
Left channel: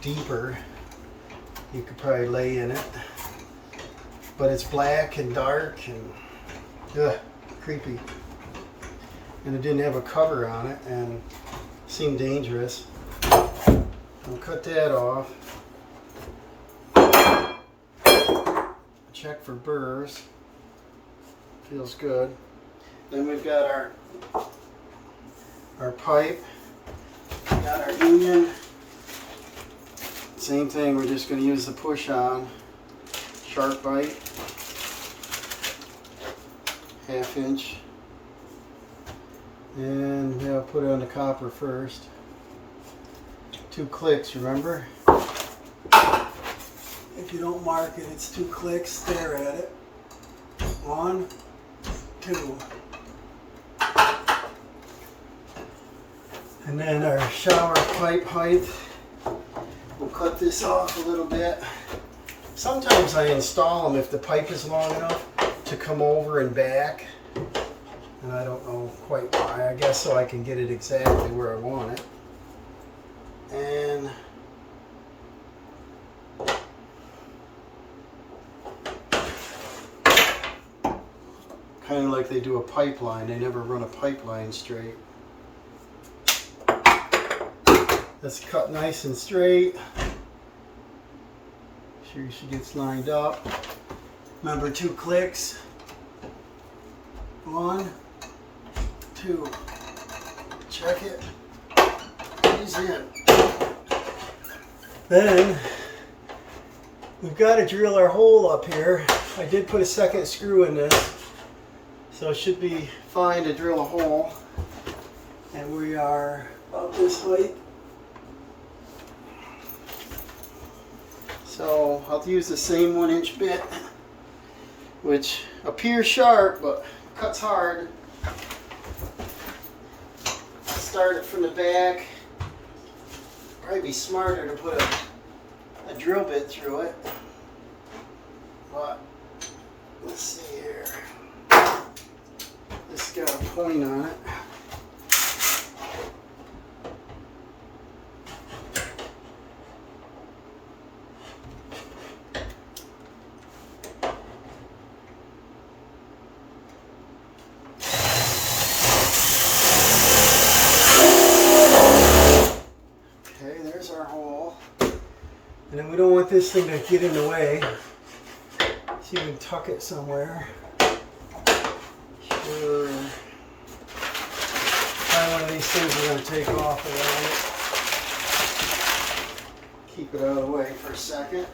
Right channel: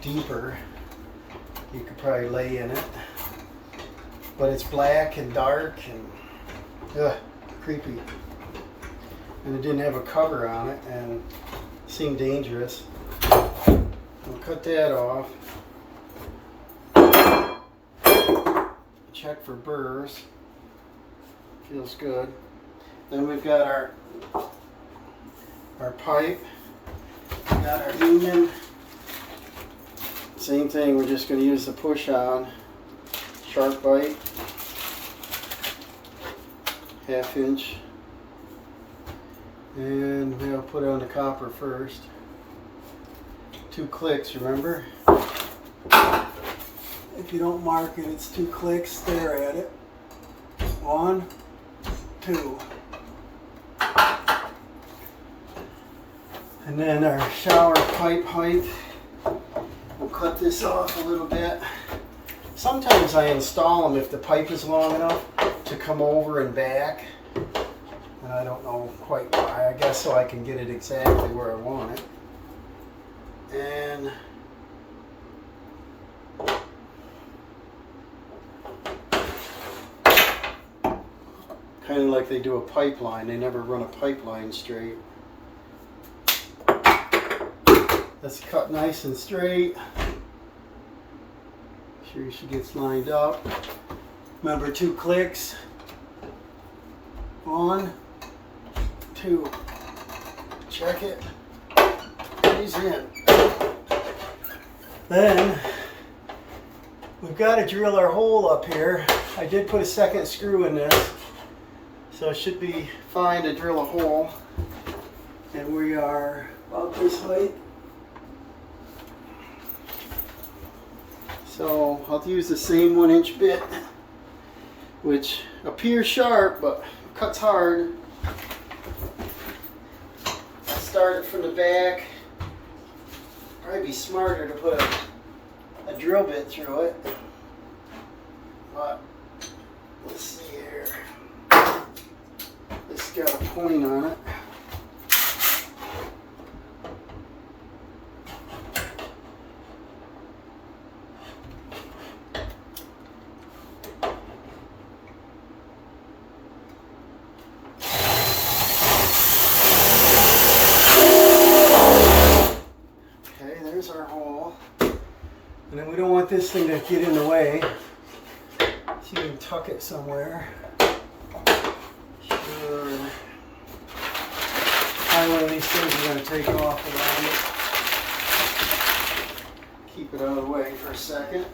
deeper. You could probably lay in it, but it's black and dark and creepy. And it didn't have a cover on it and seemed dangerous. We'll cut that off. Check for burrs. Feels good. Then we've got our pipe. We've got our union. Same thing, we're just going to use the push on shark bite. 1/2 inch. And we'll put it on the copper first. 2 clicks, remember? If you don't mark it, it's 2 clicks. Stare at it. 1, 2. And then our shower pipe height. We'll cut this off a little bit. Sometimes I install them if the pipe is long enough to come over and back. And I don't know quite why. I guess so I can get it exactly where I want it. And kind of like they do a pipeline. They never run a pipeline straight. Let's cut nice and straight. Sure she gets lined up. Remember, 2 clicks. 1, 2. Check it. He's in. Then we've got to drill our hole up here. I did put a second screw in this, so it should be fine to drill a hole. And we are about this height. So I'll use the same 1-inch bit, which appears sharp but cuts hard. Start it from the back. Probably be smarter to put a drill bit through it. But let's see here. This got a point on it. Okay, there's our hole. And then we don't want this thing to get in the way. So you can tuck it somewhere. Sure. Probably one of these things we're going to take off around it. Keep it out of the way for a second.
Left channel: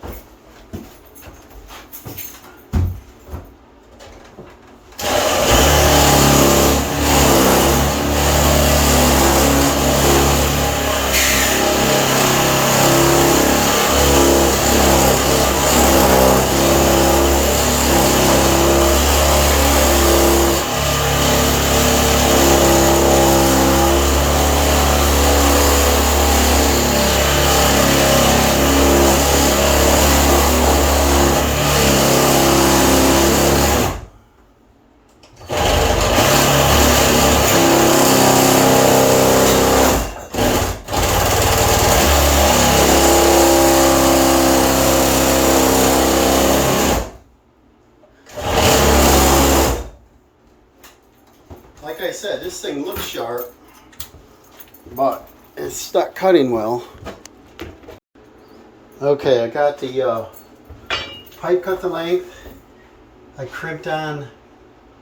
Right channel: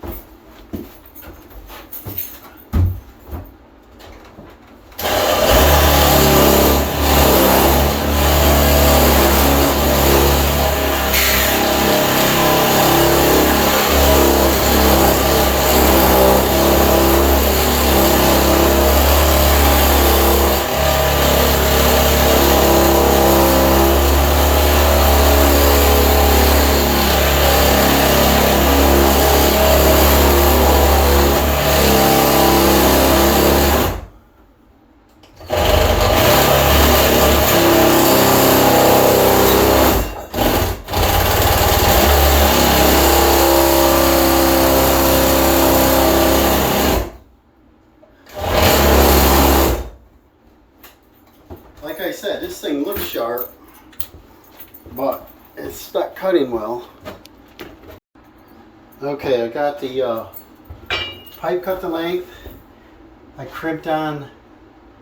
Like I said, this thing looks sharp, but it's not cutting well. Okay, I got the pipe cut the length. I crimped on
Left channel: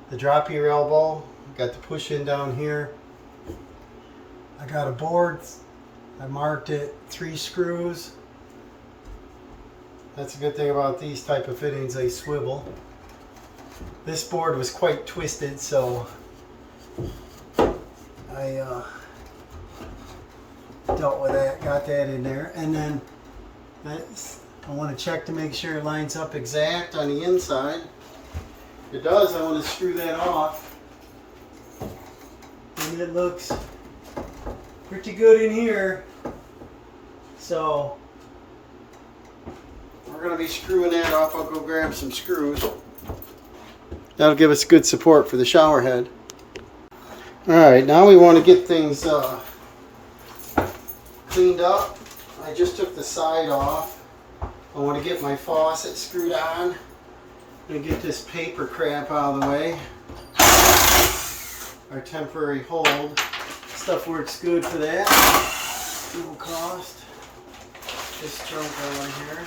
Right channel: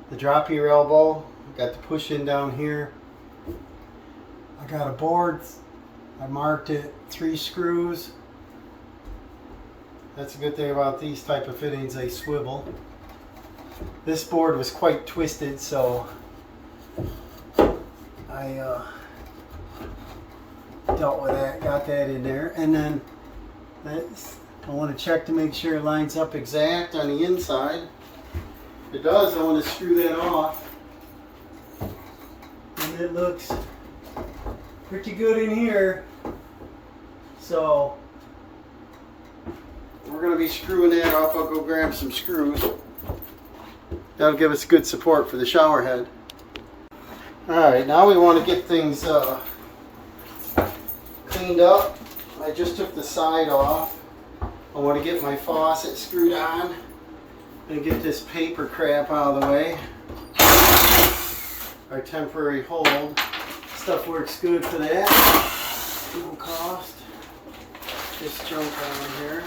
the drop ear elbow. Got the push in down here. I got a board. I marked it 3 screws. That's a good thing about these type of fittings, they swivel. This board was quite twisted, so I dealt with that, got that in there, and then I want to check to make sure it lines up exact on the inside. If it does, I want to screw that off, and it looks pretty good in here. So we're going to be screwing that off. I'll go grab some screws. That'll give us good support for the shower head. Alright, now we want to get things cleaned up. I just took the side off. I want to get my faucet screwed on and get this paper crap out of the way. Our temporary hold. Stuff works good for that. No cost. Just jump on here.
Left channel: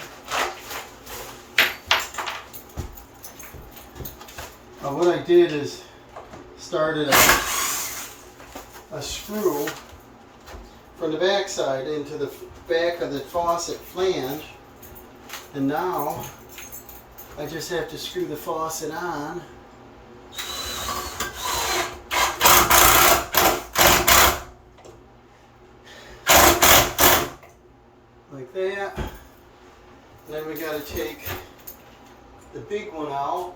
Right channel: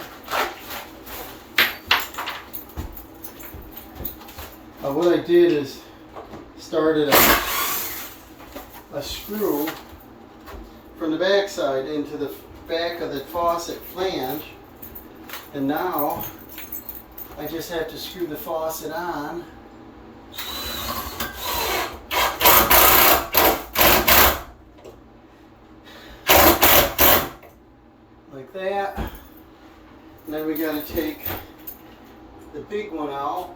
What I did is started a screw from the back side into the back of the faucet flange, and now I just have to screw the faucet on like that, and then we got to take the big one out.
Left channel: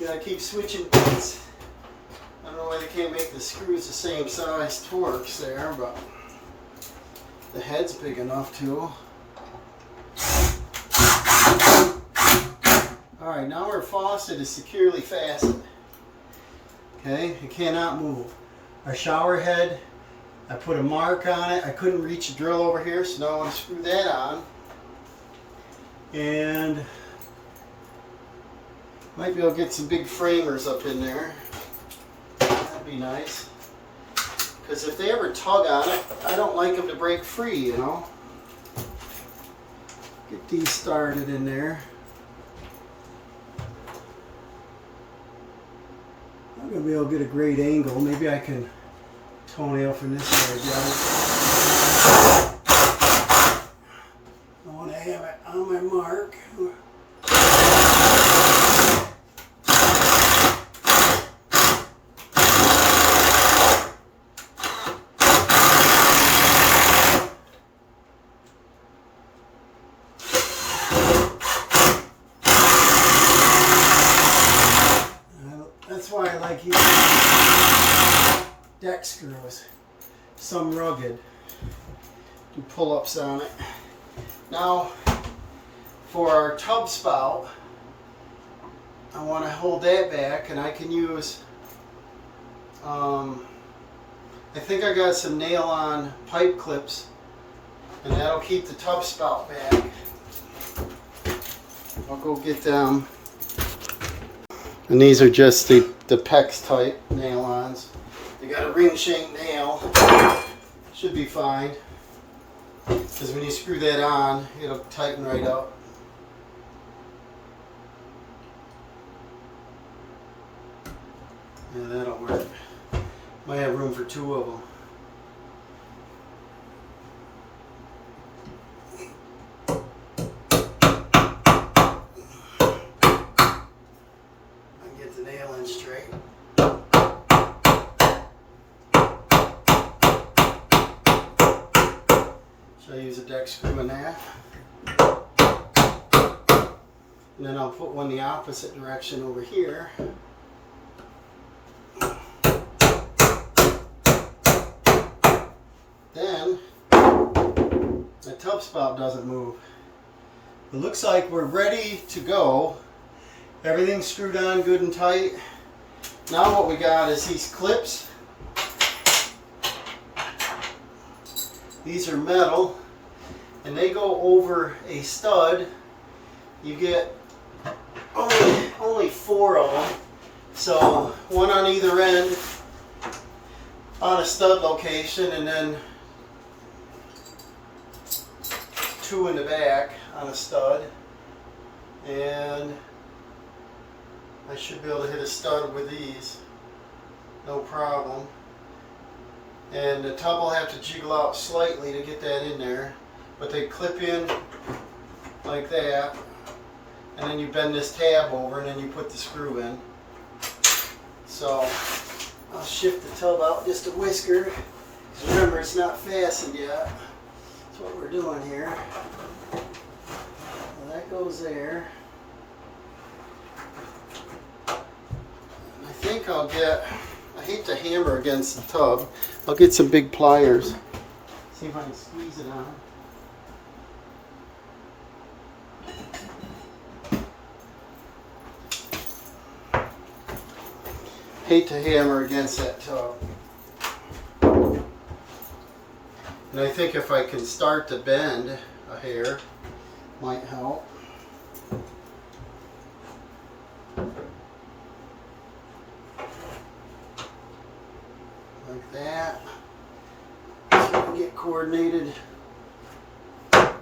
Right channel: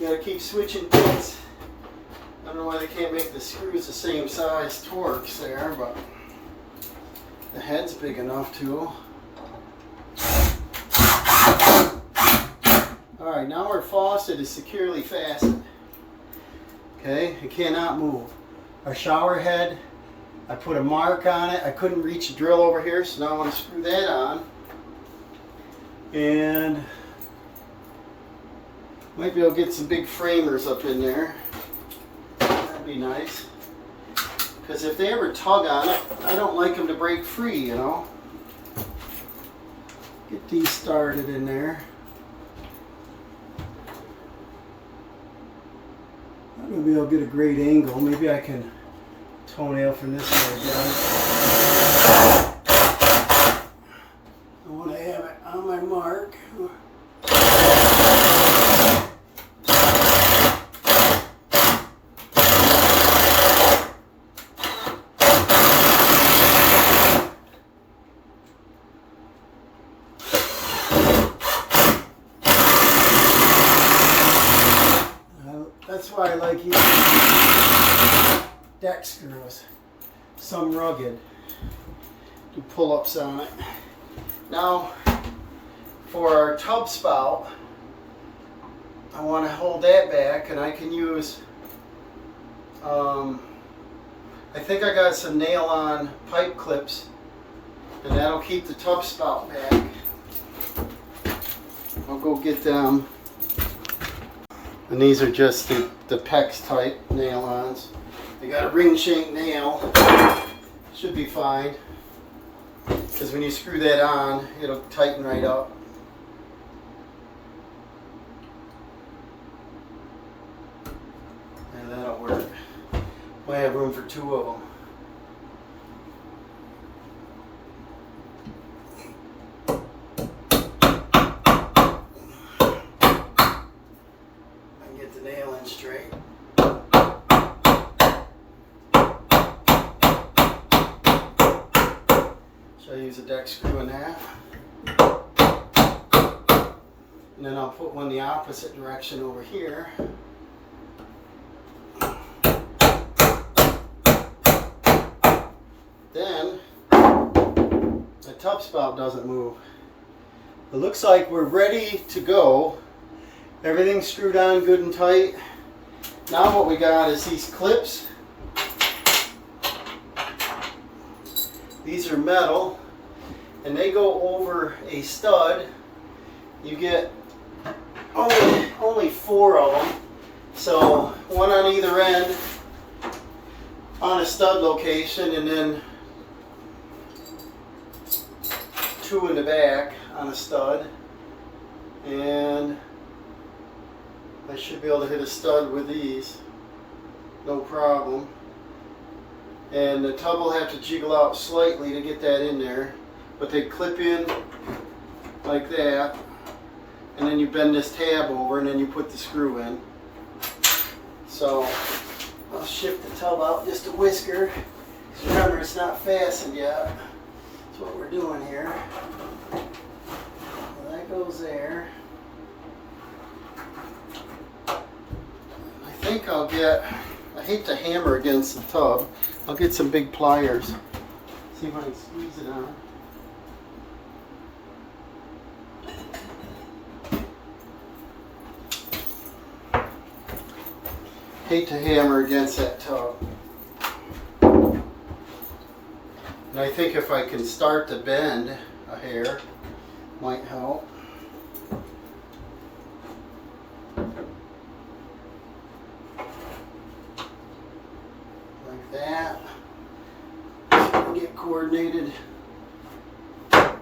Gotta keep switching bits. I don't know why they can't make the screws the same size Torx there, but the head's big enough too. Alright, now our faucet is securely fastened. Okay, it cannot move. Our shower head, I put a mark on it. I couldn't reach the drill over here, so now I want to screw that on. And might be able to get some big framers up in there. That'd be nice. Because if they ever tug on it, I don't like them to break free, you know. Get these started in there. I'm going to be able to get a great angle. Maybe I can toenail from this side down. I want to have it on my mark. That's why I like using deck screws. Some rugged. Do pull-ups on it. Now, for our tub spout, I want to hold that back, and I can use, I think I got some nail-on pipe clips, and that'll keep the tub spout back. I'll go get them. And these are just the PEX type nail-ons. They got a ring shank nail. Should be fine. Because when you screw that on, it'll tighten right up. And that'll work. Might have room for 2 of them. Straight. So I use a deck screw in there. And then I'll put one the opposite direction over here. Then my tub spout doesn't move. It looks like we're ready to go. Everything's screwed on good and tight. Now what we got is these clips. These are metal and they go over a stud. You get only 4 of them. So 1 on either end on a stud location, and then 2 in the back on a stud. And I should be able to hit a stud with these, no problem. And the tub will have to jiggle out slightly to get that in there, but they clip in like that, and then you bend this tab over and then you put the screw in. So I'll shift the tub out just a whisker. Remember, it's not fastened yet. That's what we're doing here. Well, that goes there. I think I'll get, I hate to hammer against the tub, I'll get some big pliers. See if I can squeeze it on. Hate to hammer against that tub. And I think if I can start to bend a hair, might help. Like that. So we can get coordinated. I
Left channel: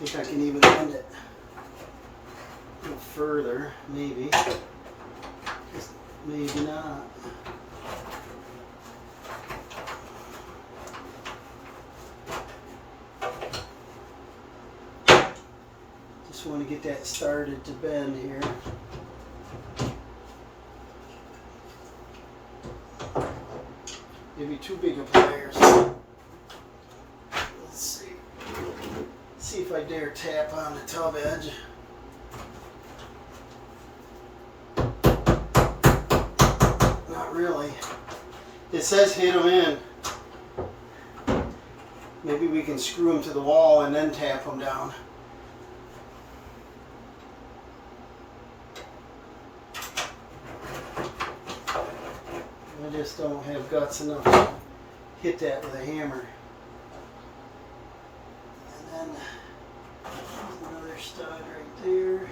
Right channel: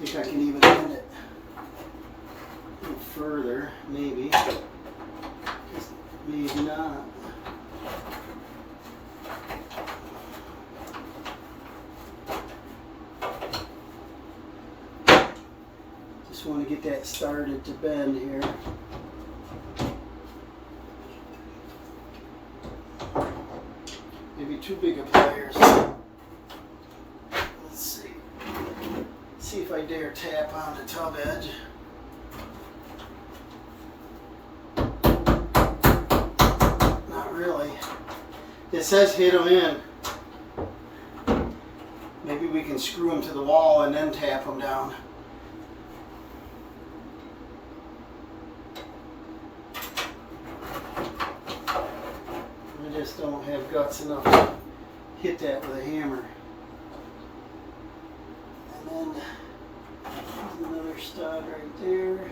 think I can even bend it a little further, maybe. Maybe not. Just want to get that started to bend here. Maybe too big of pliers. Let's see. See if I dare tap on the tub edge. Not really. It says hit them in. Maybe we can screw them to the wall and then tap them down. I just don't have guts enough to hit that with a hammer. And then another stud right there.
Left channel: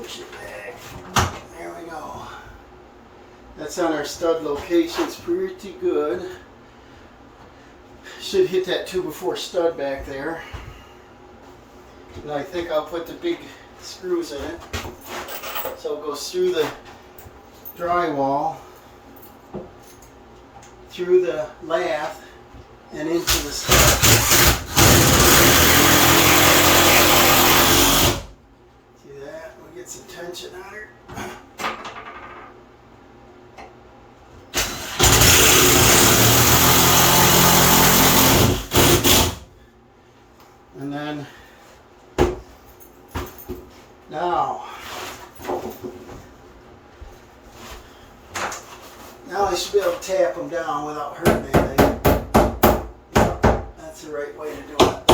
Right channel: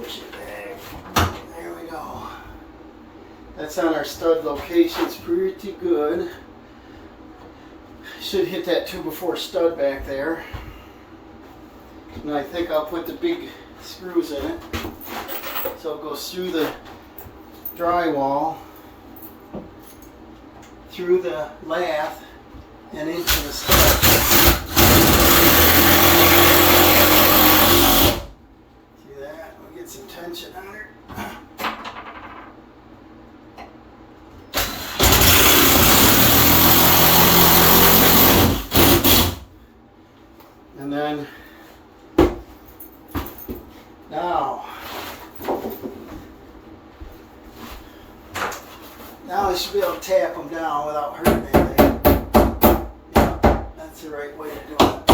Push it back. There we go. That's on our stud location. It's pretty good. Should hit that 2x4 stud back there. And I think I'll put the big screws in it. So it goes through the drywall, through the lath, and into the steps. See that? We get some tension on her. And then now I should be able to tap them down without hurting anything. Yep, that's the right way to do it.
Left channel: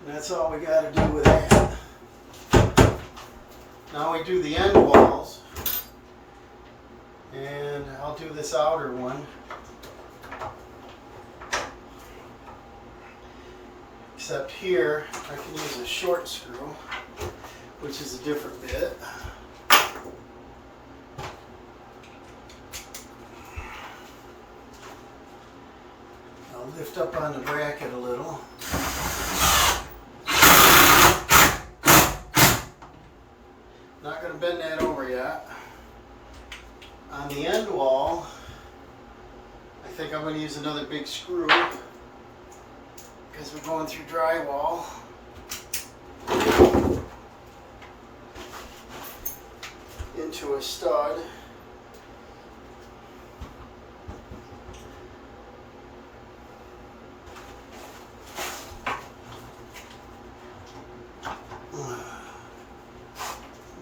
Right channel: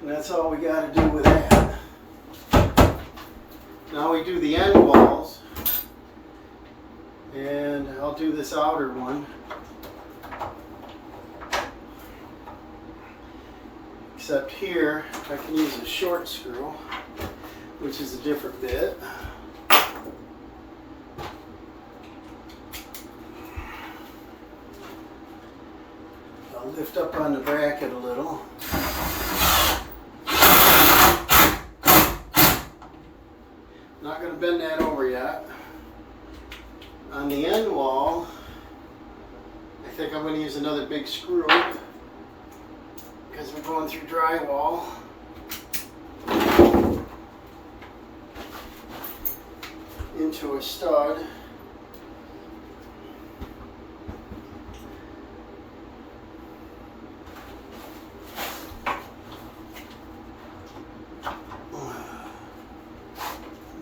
And that's all we got to do with that. Now we do the end walls, and I'll do this outer one. Except here, I can use a short screw, which is a different bit. I'll lift up on the bracket a little. Not going to bend that over yet. On the end wall, I think I'm going to use another big screw, because we're going through drywall. Into a stud.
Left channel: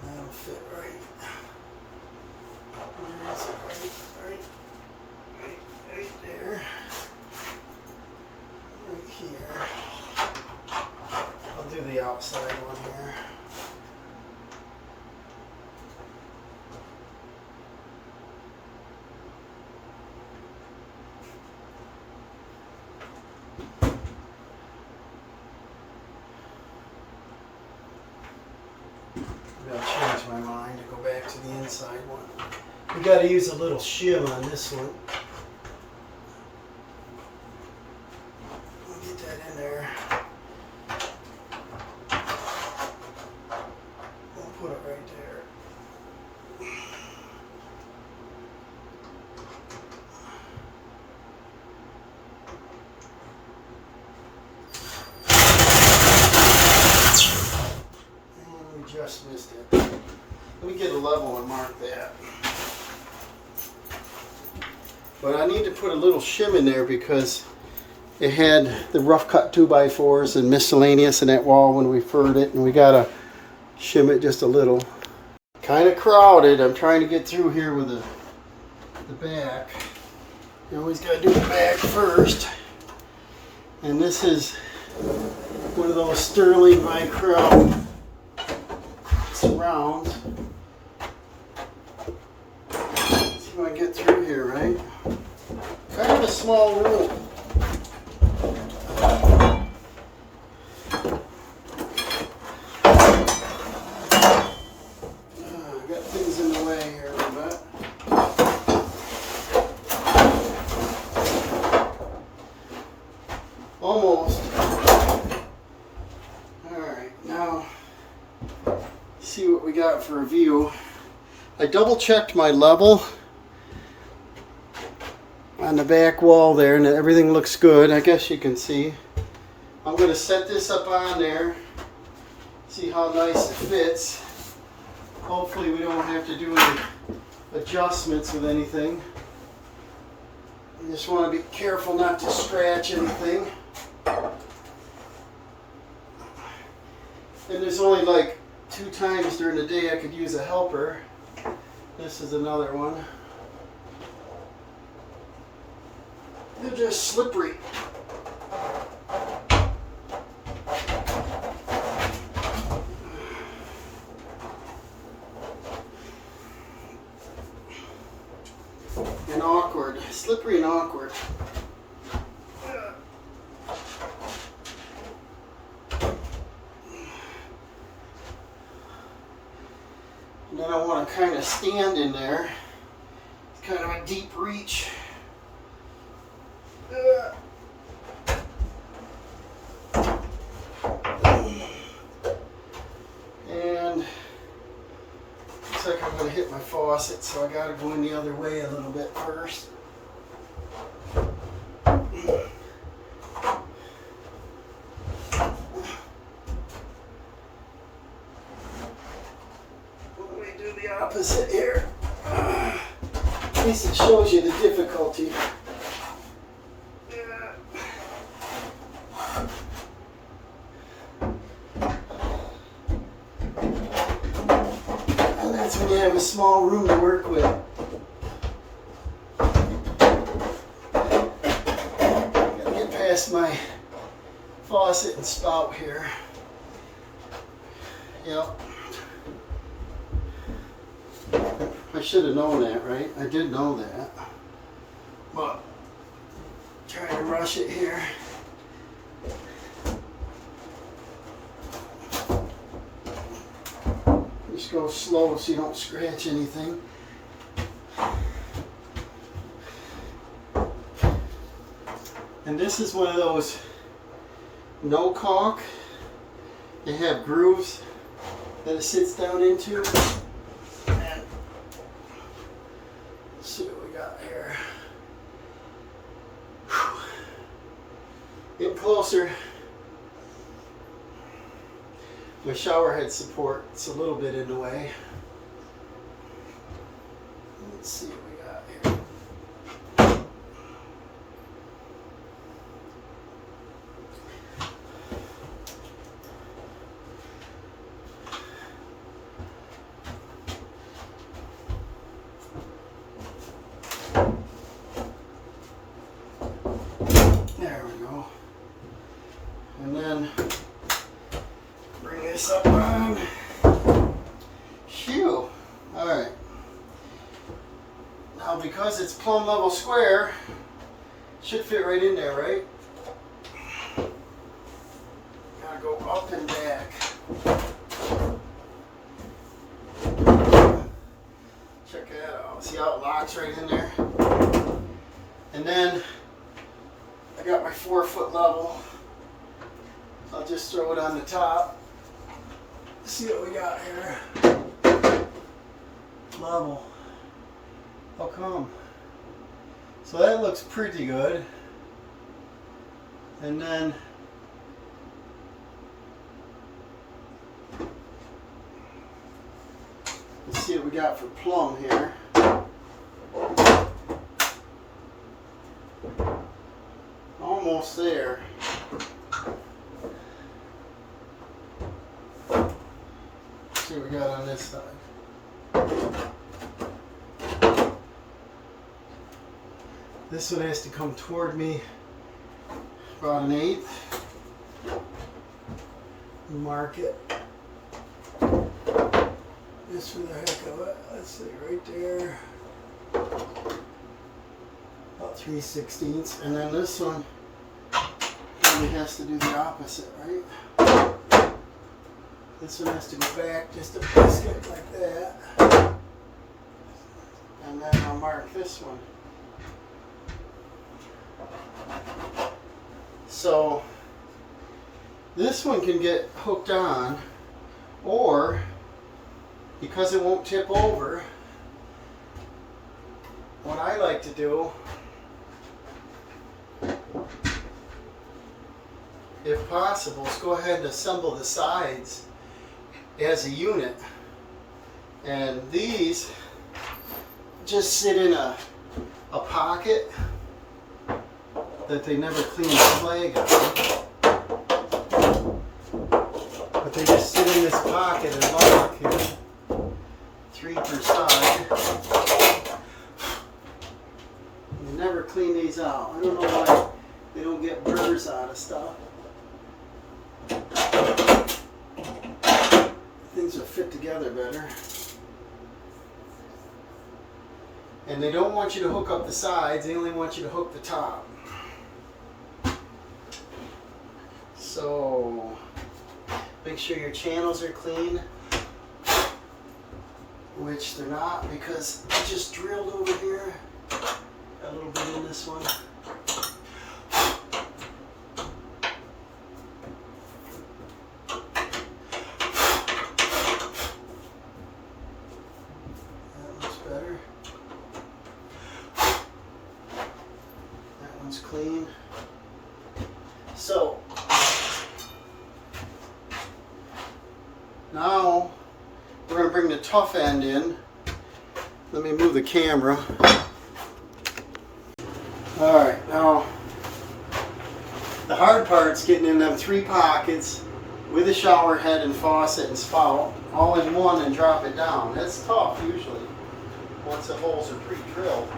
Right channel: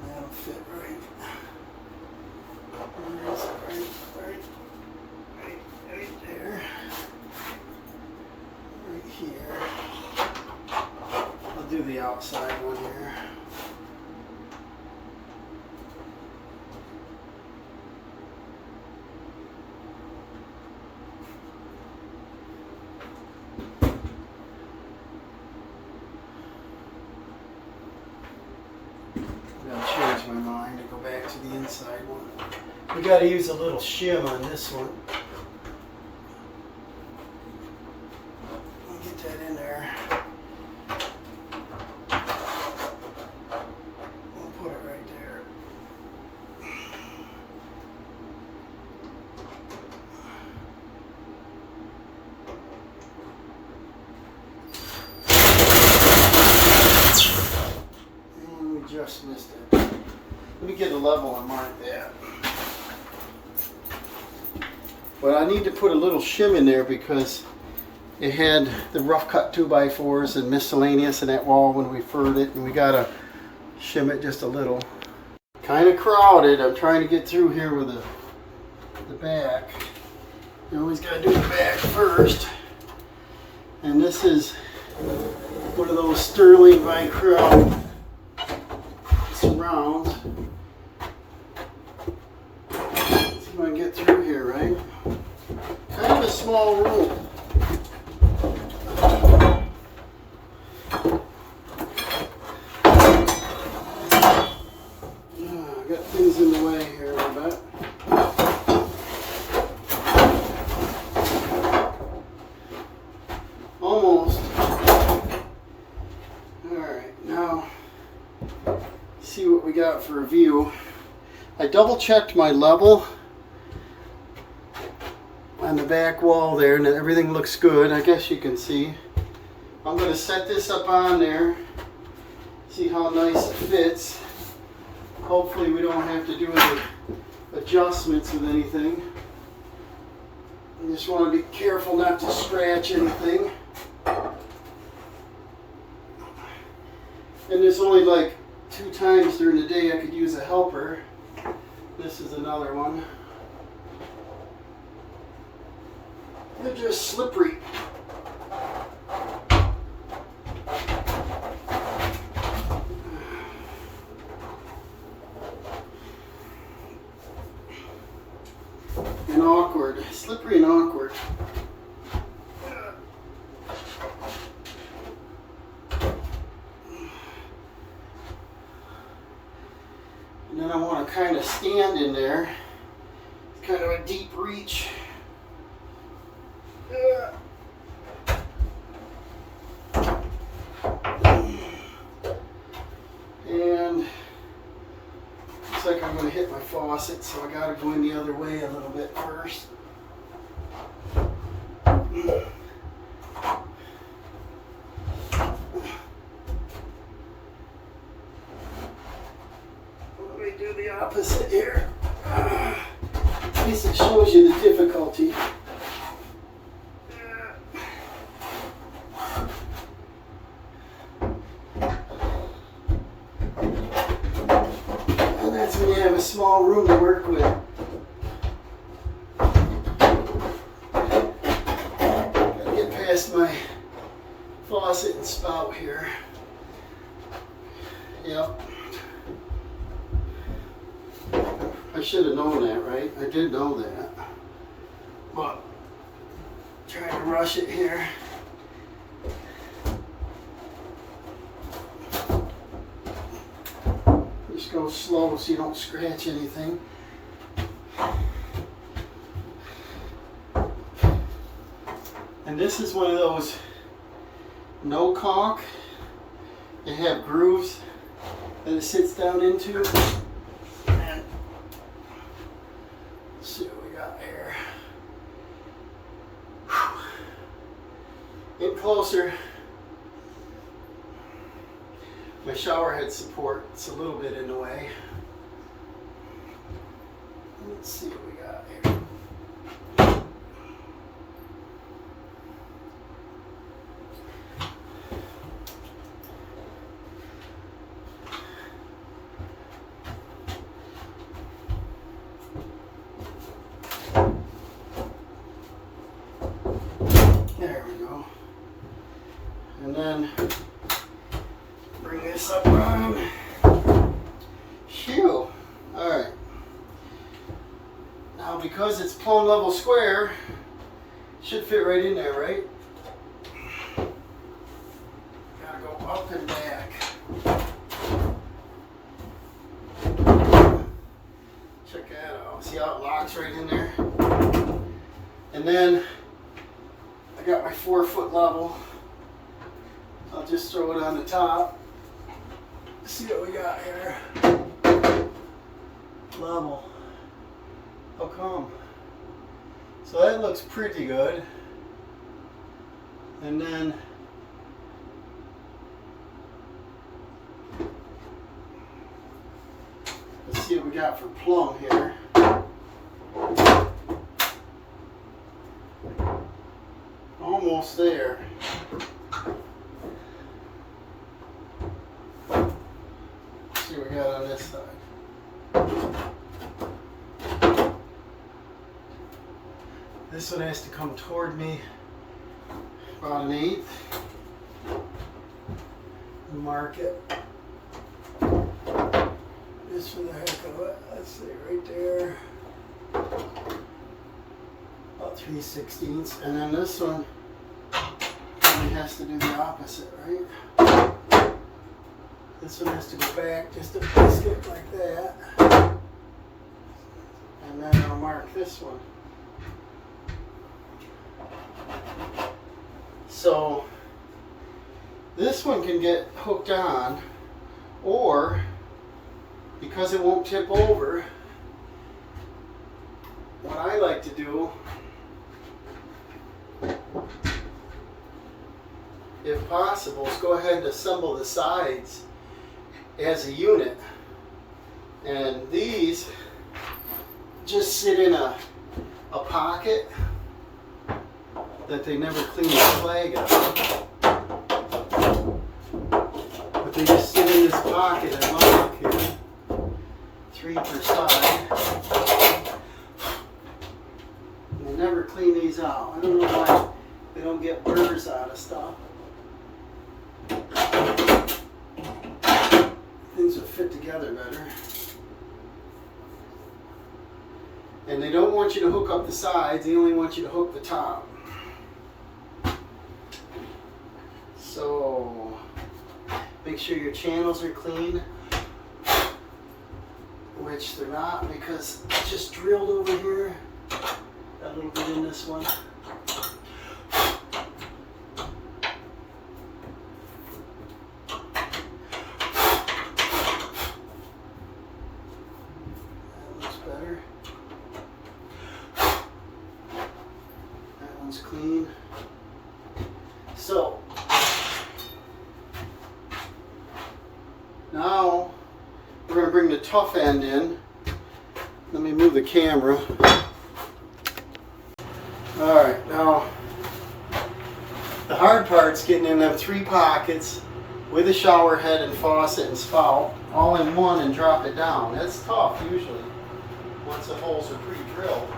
That'll fit right. That's right there. Right here. I'll do the outside one here. I'm gonna change my mind to go back to the inside one. We got to use a little shim on this one. Get that in there. We'll put it right there. And we just missed it. Let me get a level and mark that. But I need to put a little shim in there because it had the rough cut 2x4s and miscellaneous in that wall when we furred it, and we gotta shim it just a little. Kind of crowded. I'm trying to get through here with the back. You always gotta do the back first. And this is one of those Sterling by Crown surrounds. See if I can get through here, right? Kind of a small room. I got things in the way here a little bit. Almost. Alright, now see what we got for a view. I double checked my level on the back wall there, and everything looks good. I guess you can see. I'm going to set this up on there, see how nice it fits. Hopefully we don't have to do any adjustments with anything. I just want to be careful not to scratch anything. And there's only like 2 times during the day I could use a helper. This is another one. They're just slippery. And awkward. Slippery and awkward. And then I want to kind of stand in there. It's kind of a deep reach. faucet, so I gotta go in the other way a little bit first. Let me do the opposite here. At least it shows you the difficulty. And that's when you have a small room to work with. Gotta get past my faucet and spout here. Yep. I should have known that, right? I did know that. But trying to rush it here. Just go slow so you don't scratch anything. And this is one of those no caulk. They have grooves that it sits down into. And let's see what we got here. Get closer. My shower head support, it's a little bit in the way. Let's see what we got here. There we go. And then bring this up on. Phew. Alright. Now because it's plumb level square, should fit right in there, right? Gotta go up and back. Check that out. See how it locks right in there? And then I got my 4-foot level. I'll just throw it on the top. See what we got here. Level. How come? So that looks pretty good. And then let's see what we got for plumb here. Almost there. See what we got on this side. This one has to come toward me about 1/8. Mark it. Just for the heck of it. Let's see, right there. About 3/16. And then this one probably has to do the opposite, right? This one has to go back just a biscuit like that. And then I'll mark this one. So this one can get hooked on, or because it won't tip over, what I like to do, if possible, is go ahead and assemble the sides as a unit. And these just sit in a pocket that they never clean the flag out. But they just sit in this pocket and lock here. 3 per side. They never clean these out. I don't know why they don't get burrs out of stuff. Things will fit together better. And they don't want you to hook up the sides, they only want you to hook the top. So make sure your channels are clean, which they're not because I just drilled over here. Got a little bit in this one. So now we're going to bring the tough end in. Let me move the camera. Alright, now the hard part's getting in them 3 pockets with a shower head and faucet and spout all in one and drop it down. That's tough usually once the holes are pre-drilled.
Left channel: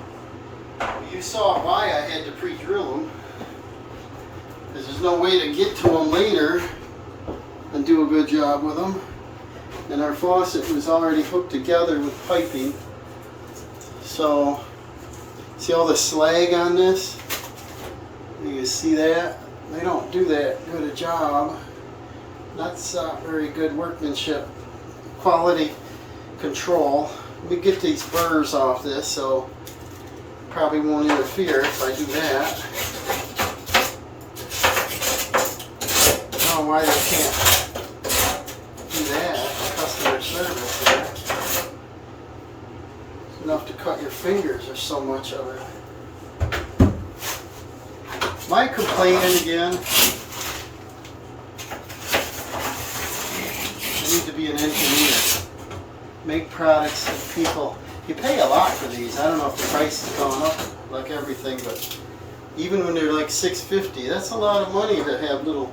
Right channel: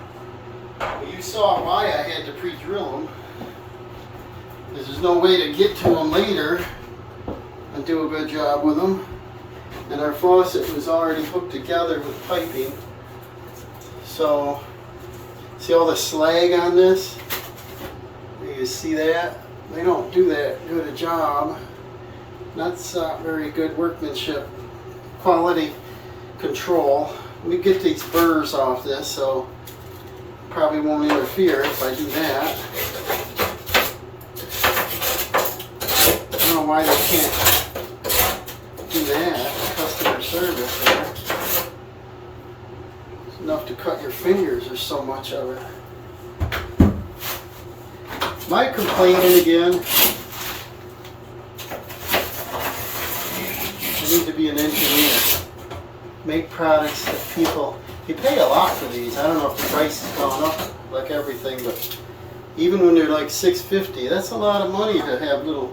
Well, you saw why I had to pre-drill them. There's no way to get to them later and do a good job with them. And our faucet was already hooked together with piping. So, see all the slag on this? You can see that? They don't do that good a job. That's not very good workmanship. Quality control. Let me get these burrs off this, so probably won't interfere if I do that. I don't know why they can't do that. Customer service there. It's enough to cut your fingers. There's so much of it. Am I complaining again? I need to be an engineer. Make products that people, you pay a lot for these. I don't know if the price has gone up like everything, but even when they're like $6.50, that's a lot of money to have little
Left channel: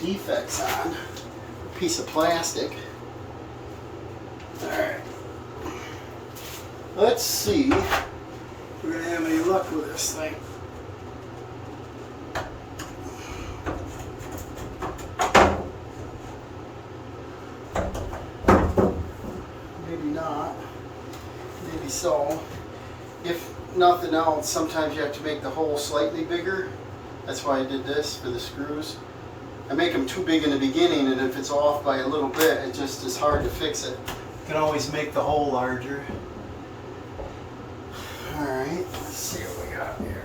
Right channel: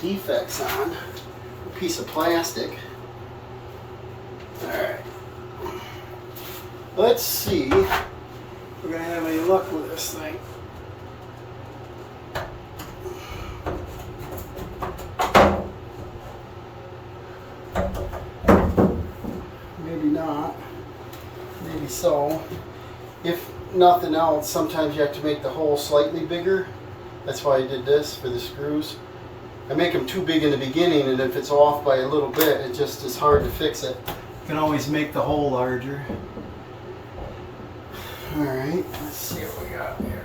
defects on a piece of plastic. Alright. Let's see if we're going to have any luck with this thing. Maybe not. Maybe so. If nothing else, sometimes you have to make the hole slightly bigger. That's why I did this for the screws. I make them too big in the beginning, and if it's off by a little bit, it just is hard to fix it. You can always make the hole larger. Alright, let's see what we got here.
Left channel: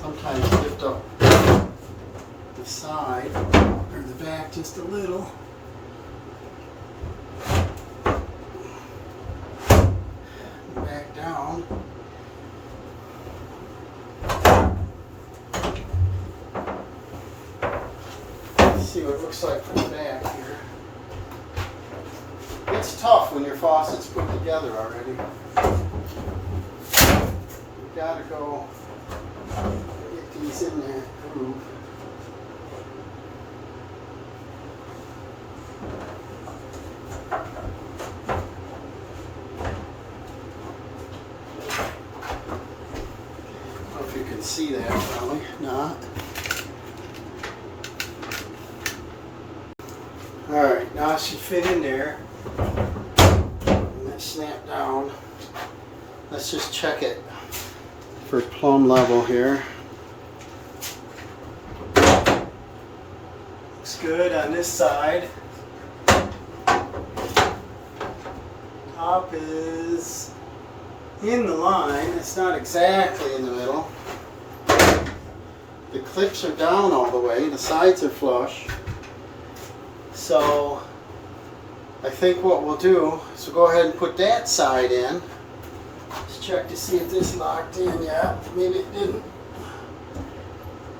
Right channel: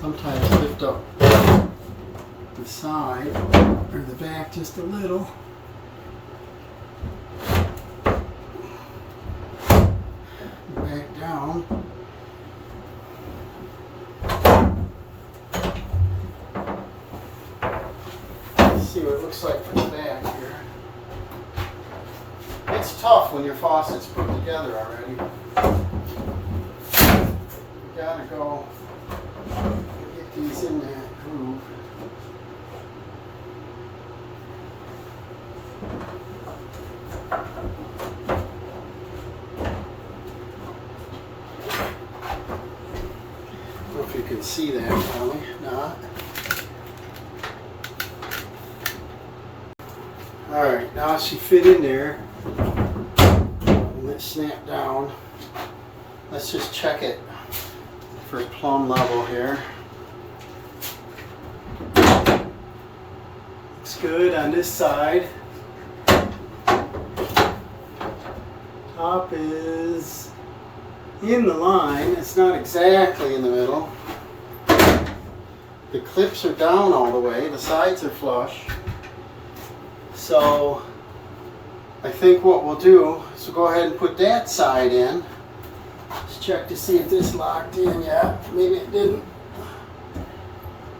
Sometimes lift up the side or the back just a little. Back down. Let's see what it looks like from the back here. It's tough when your faucet's put together already. You gotta go get these in that groove. I don't know if you can see that, probably not. Alright, now it should fit in there. And that snapped down. Let's just check it for plumb level here. Looks good on this side. Top is in the line. It's not exactly in the middle. The clips are down all the way. The sides are flush. So I think what we'll do is we'll go ahead and put that side in. Let's check to see if this locked in yet. Maybe it didn't.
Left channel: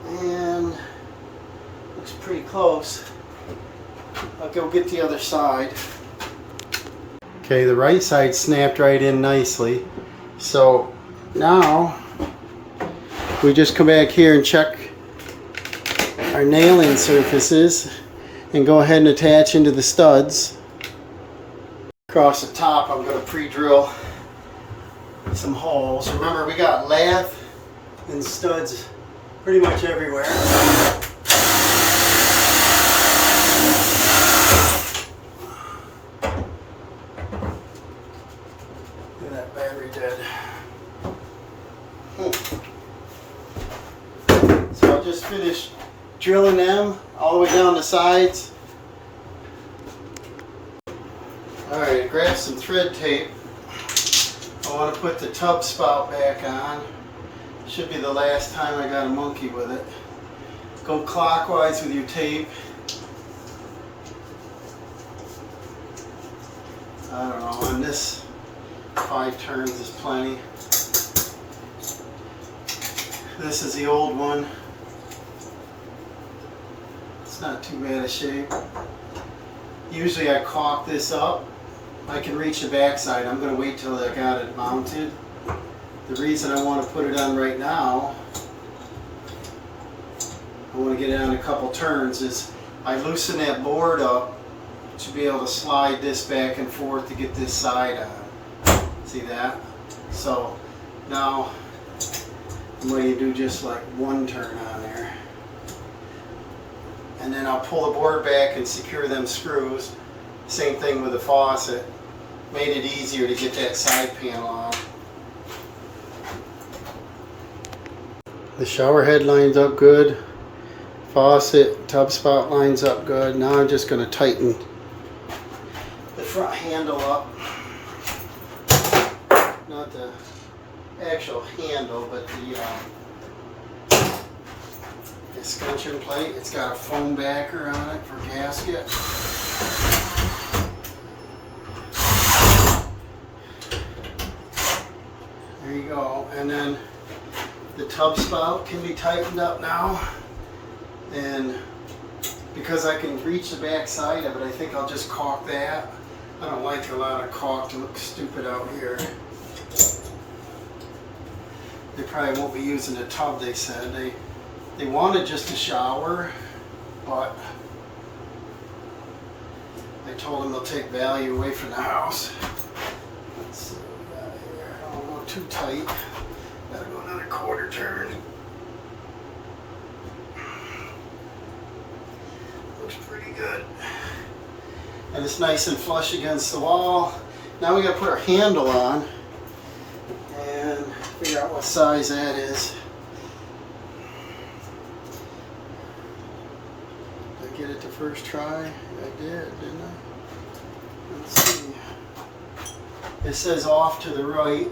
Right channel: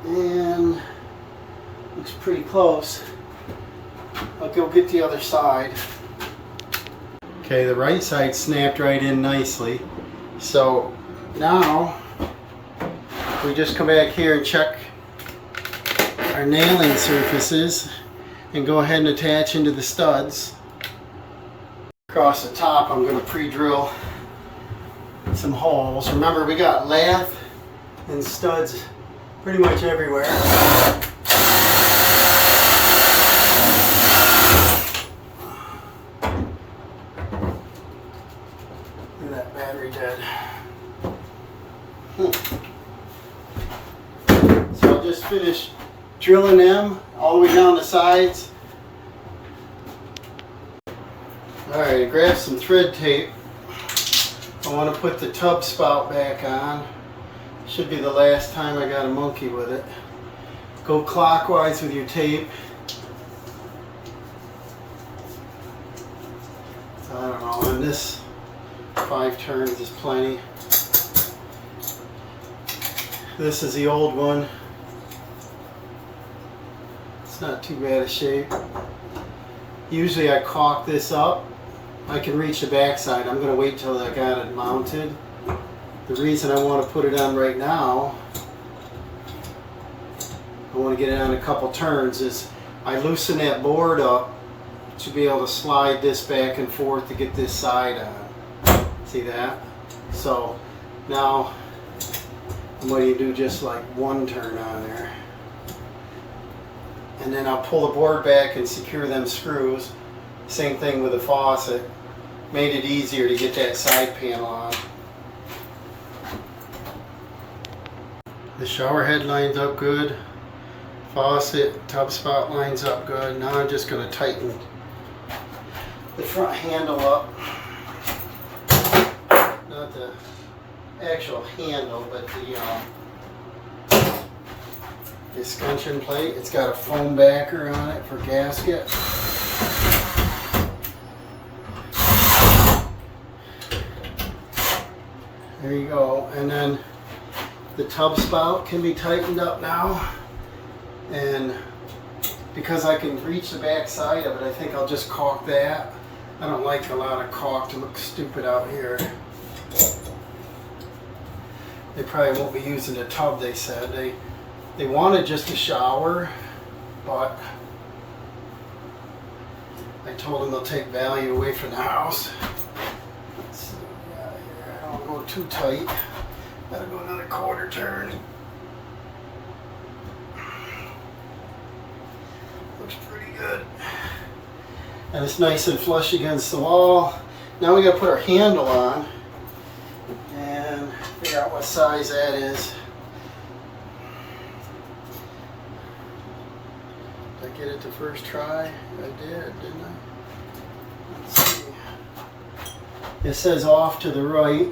And looks pretty close. I'll go get the other side. Okay, the right side snapped right in nicely. So now we just come back here and check our nailing surfaces and go ahead and attach into the studs. Across the top I'm going to pre-drill some holes. Remember, we got lath and studs pretty much everywhere. Look at that battery dead. So I'll just finish drilling them all the way down the sides. Alright, grab some thread tape. I want to put the tub spout back on. Should be the last time I got a monkey with it. Go clockwise with your tape. I don't know, and this 5 turns is plenty. This is the old one. It's not too bad a shape. Usually I caulk this up. I can reach the backside. I'm going to wait till I got it mounted. The reason I want to put it on right now, I want to get it on a couple turns, is I loosen that board up to be able to slide this back and forth to get this side on. See that? So now I'm going to do just like 1 turn on there. And then I'll pull the board back and secure them screws. Same thing with the faucet. Made it easier to get that side panel on. The shower head lines up good. Faucet, tub spout lines up good. Now I'm just going to tighten the front handle up. Not the actual handle, but the escutcheon plate. It's got a foam backer on it for gasket. There you go. And then the tub spout can be tightened up now. And because I can reach the back side of it, I think I'll just caulk that. I don't like a lot of caulk to look stupid out here. They probably won't be using the tub, they said. They wanted just a shower, but I told them they'll take value away from the house. Let's see, I don't go too tight. Gotta go another 1/4 turn. Looks pretty good. And it's nice and flush against the wall. Now we gotta put our handle on and figure out what size that is. Did I get it the first try? I did, didn't I? Let's see. It says off to the right.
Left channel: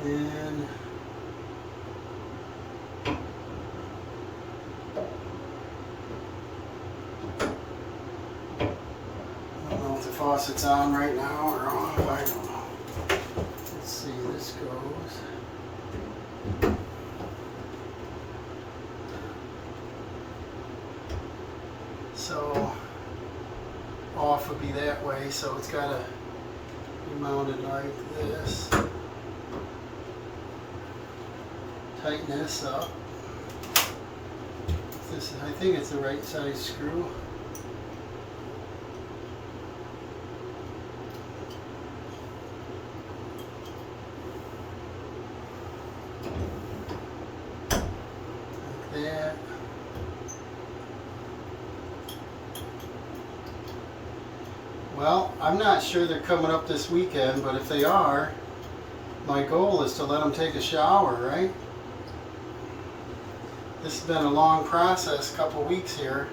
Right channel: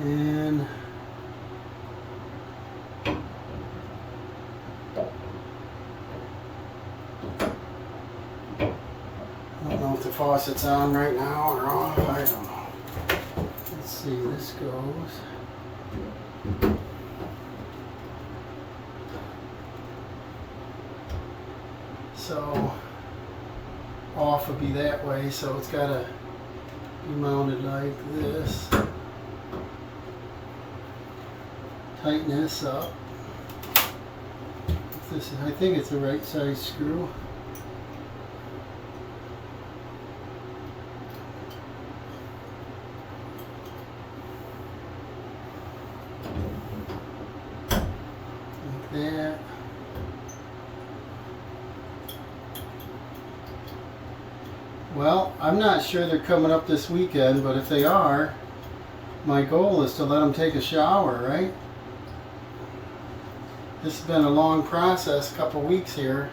And I don't know if the faucet's on right now or off. I don't know. Let's see, this goes. So off would be that way, so it's got to be mounted like this. Tighten this up. This is, I think it's the right size screw. Like that. Well, I'm not sure they're coming up this weekend, but if they are, my goal is to let them take a shower, right? This has been a long process, a couple of weeks here.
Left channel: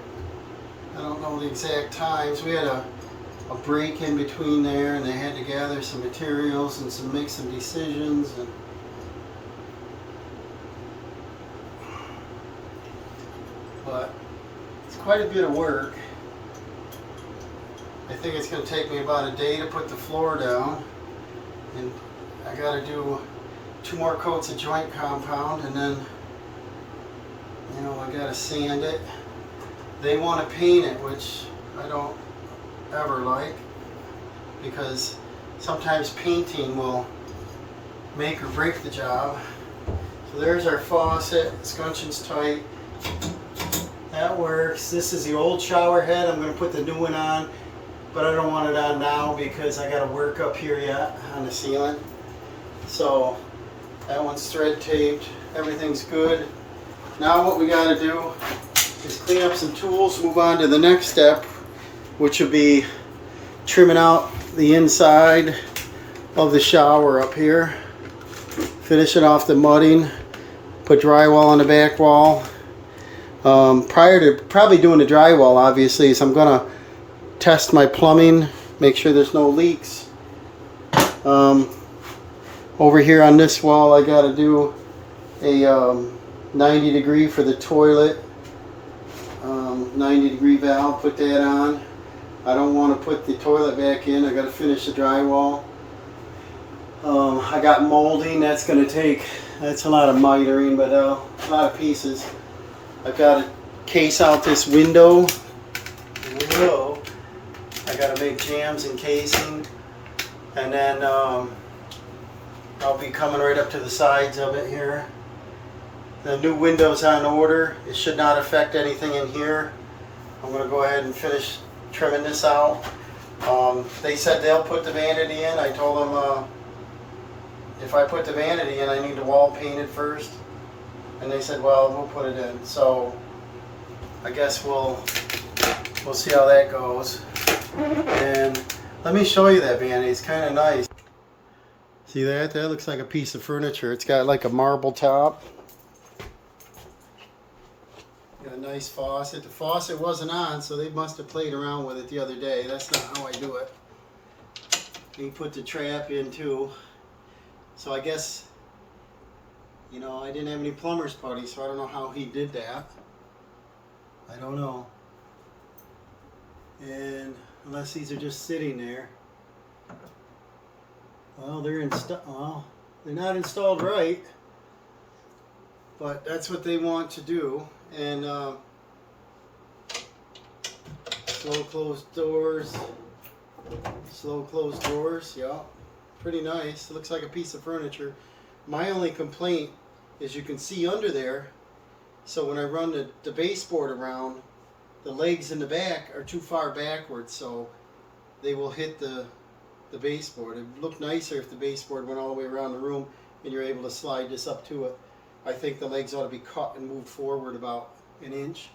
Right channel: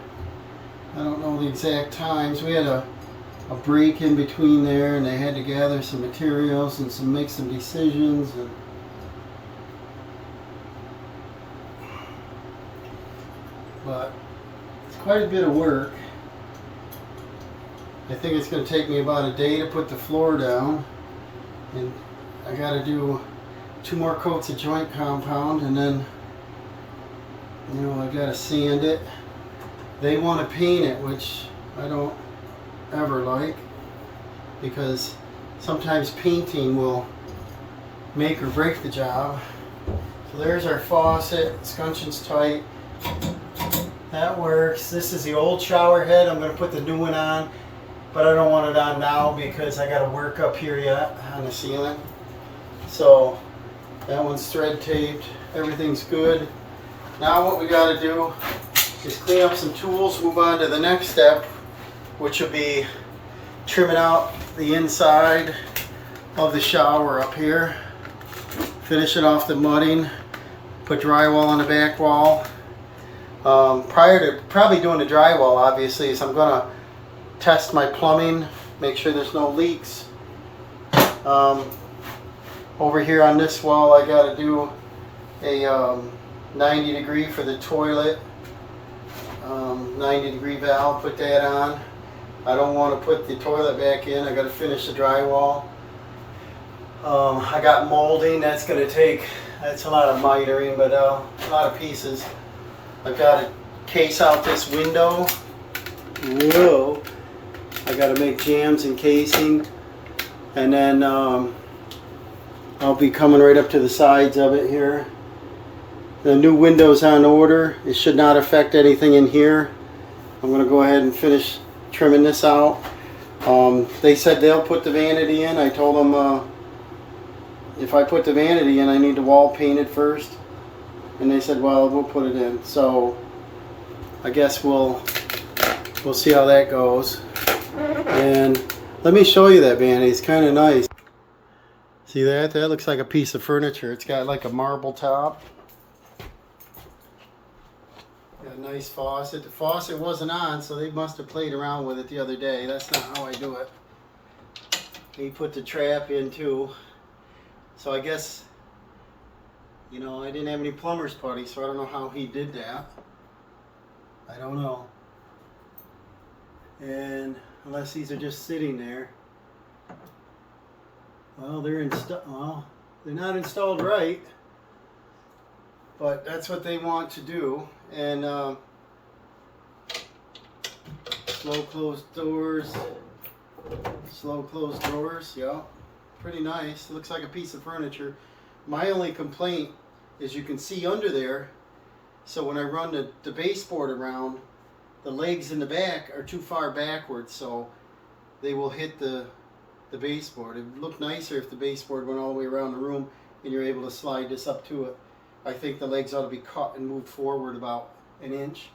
I don't know the exact times. We had a break in between there, and they had to gather some materials and make some decisions. But it's quite a bit of work. I think it's going to take me about a day to put the floor down. And I got to do 2 more coats of joint compound, and then I got to sand it. They want to paint it, which I don't ever like, because sometimes painting will make or break the job. So there's our faucet. Escutcheon's tight. That works. This is the old shower head. I'm going to put the new one on, but I don't want it on now because I got to work up here yet on the ceiling. So that one's thread taped. Everything's good. Now what we got to do is clean up some tools, move on to the next step, which will be trimming out the inside of the shower up here, finishing off the mudding, put drywall on the back wall. Prior to probably doing the drywall, obviously, is I'm going to test my plumbing, make sure there's no leaks. Over here on this wall, I got to do a 90 degree for the toilet. 90 degree valve, put that on. I don't want to put the toilet back in. I got to finish the drywall. I got molding. That's going to take, that's a lot of mitering, but a lot of pieces. I've got to case out this window. Whoa. I got to make jambs and casing. And then I'll be coming right up to the sides of it here. The new window's on order. It should not affect anything in here. I'm going to go ahead and finish trimming this out. They said they'll put the vanity in. I told them if I put the vanity in, I need the wall painted first. And they said, well, we'll put it in. So I guess we'll see how that goes. And let me show you that vanity. It's kind of nice. See that? That looks like a piece of furniture. It's got like a marble top. Got a nice faucet. The faucet wasn't on, so they must have played around with it the other day. That's not how I do it. He put the trap in too. So I guess, you know, I didn't have any plumber's putty, so I don't know how he did that. I don't know. And unless these are just sitting there. Well, they're not installed right. But that's what they want to do. And slow closed doors. Slow closed doors, yeah. Pretty nice. It looks like a piece of furniture. My only complaint is you can see under there. So when I run the baseboard around, the legs in the back are too far backwards, so they will hit the baseboard. It would look nicer if the baseboard went all the way around the room and you're able to slide this up to it. I think the legs ought to be cut and moved forward about an inch.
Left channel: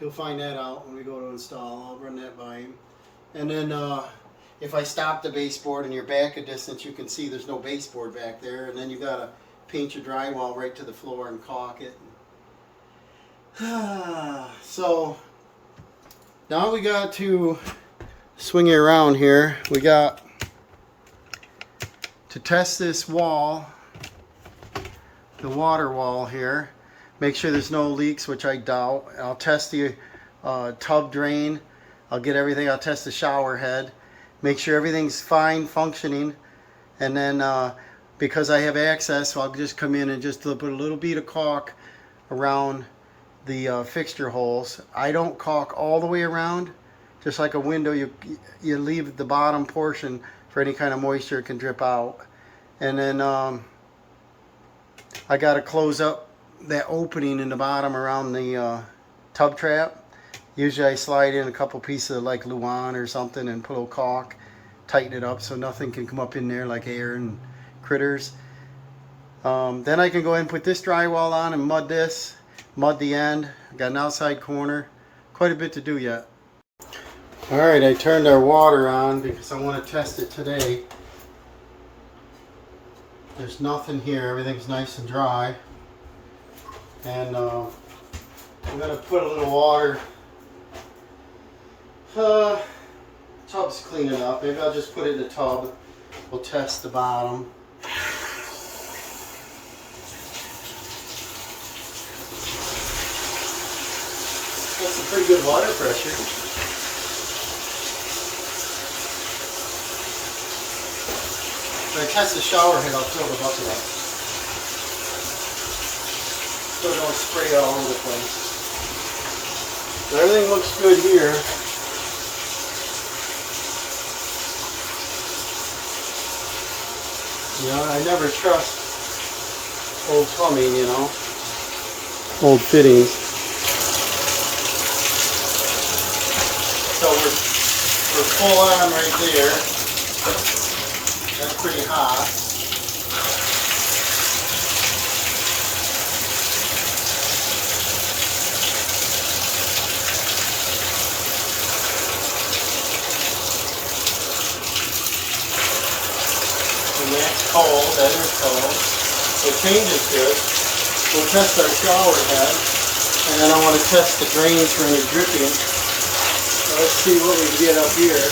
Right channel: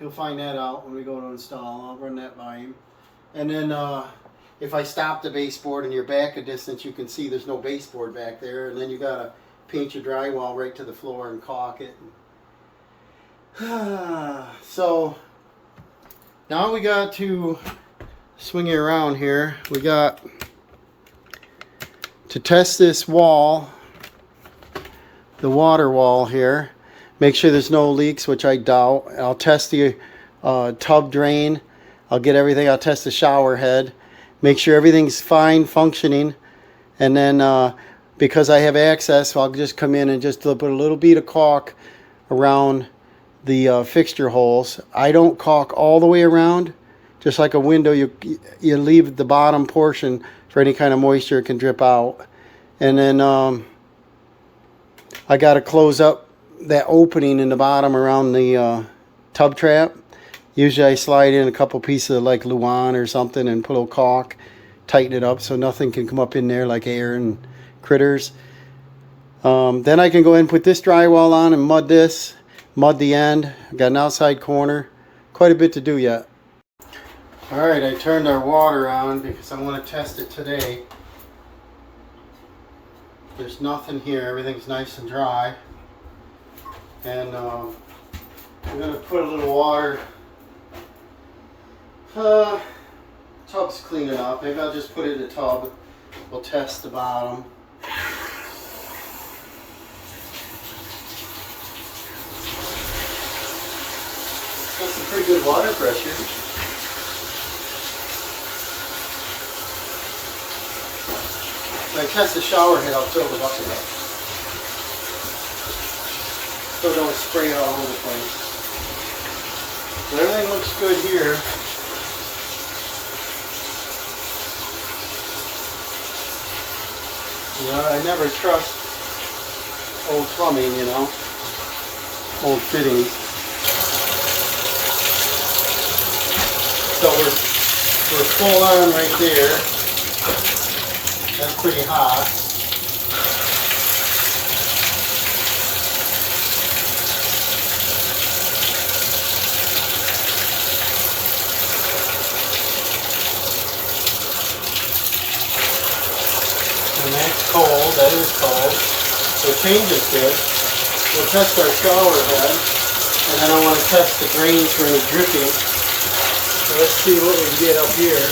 He'll find that out when we go to install. I'll run that by him. And then if I stop the baseboard and you're back a distance, you can see there's no baseboard back there. And then you got to paint your drywall right to the floor and caulk it. So now we got to swing it around here. We got to test this wall, the water wall here. Make sure there's no leaks, which I doubt. I'll test the tub drain. I'll get everything. I'll test the shower head. Make sure everything's fine, functioning. And then because I have access, I'll just come in and just put a little bead of caulk around the fixture holes. I don't caulk all the way around. Just like a window, you leave the bottom portion for any kind of moisture it can drip out. And then I got to close up that opening in the bottom around the tub trap. Usually I slide in a couple pieces of like Luan or something and put a little caulk, tighten it up so nothing can come up in there like air and critters. Then I can go ahead and put this drywall on and mud this, mud the end. I've got an outside corner. Quite a bit to do yet. Alright, I turned our water on because I want to test it today. There's nothing here, everything's nice and dry. And I'm going to put a little water. Tub's cleaning up. Maybe I'll just put it in the tub. We'll test the bottom. That's some pretty good water pressure. When I test the shower head, I'll fill the bucket up. So don't spray all over the place. So everything looks good here. You know, I never trust old plumbing, you know, old fittings. So we're full on right there. That's pretty hot. And that's cold, that is cold. So changes good. We'll test our shower head. And then I want to test the drains for any dripping. So let's see what we can get up here.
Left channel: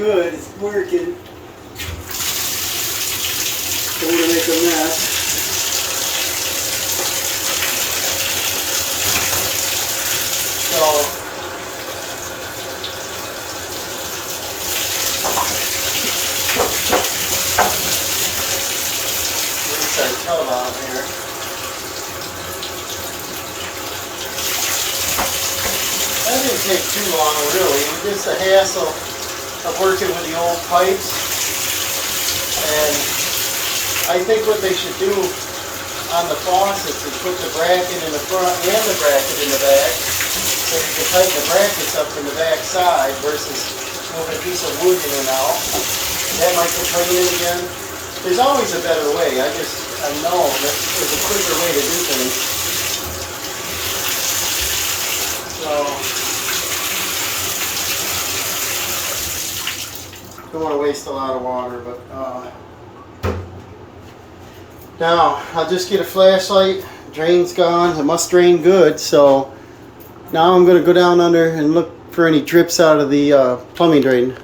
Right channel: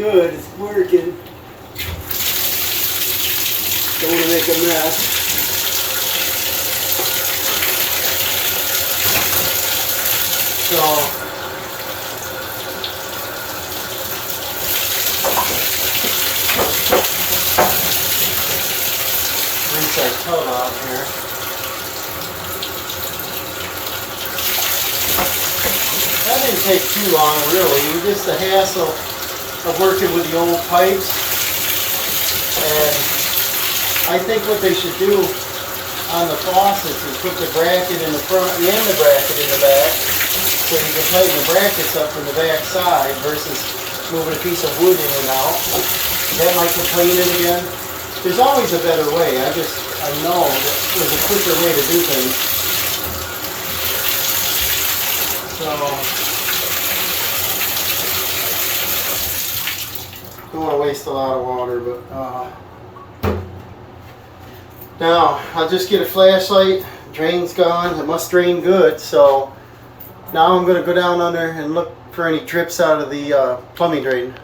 good. It's working. Don't want to make a mess. So rinse our tub out here. That didn't take too long, really. Just the hassle of working with the old pipes. And I think what they should do on the faucets is put the bracket in the front and the bracket in the back, so you can tighten the brackets up in the back side versus moving a piece of wood in and out. That might clean it again. There's always a better way. I know that there's a quicker way to do things. So don't want to waste a lot of water, but now I'll just get a flashlight. Drain's gone. It must drain good. So now I'm going to go down under and look for any drips out of the plumbing drain.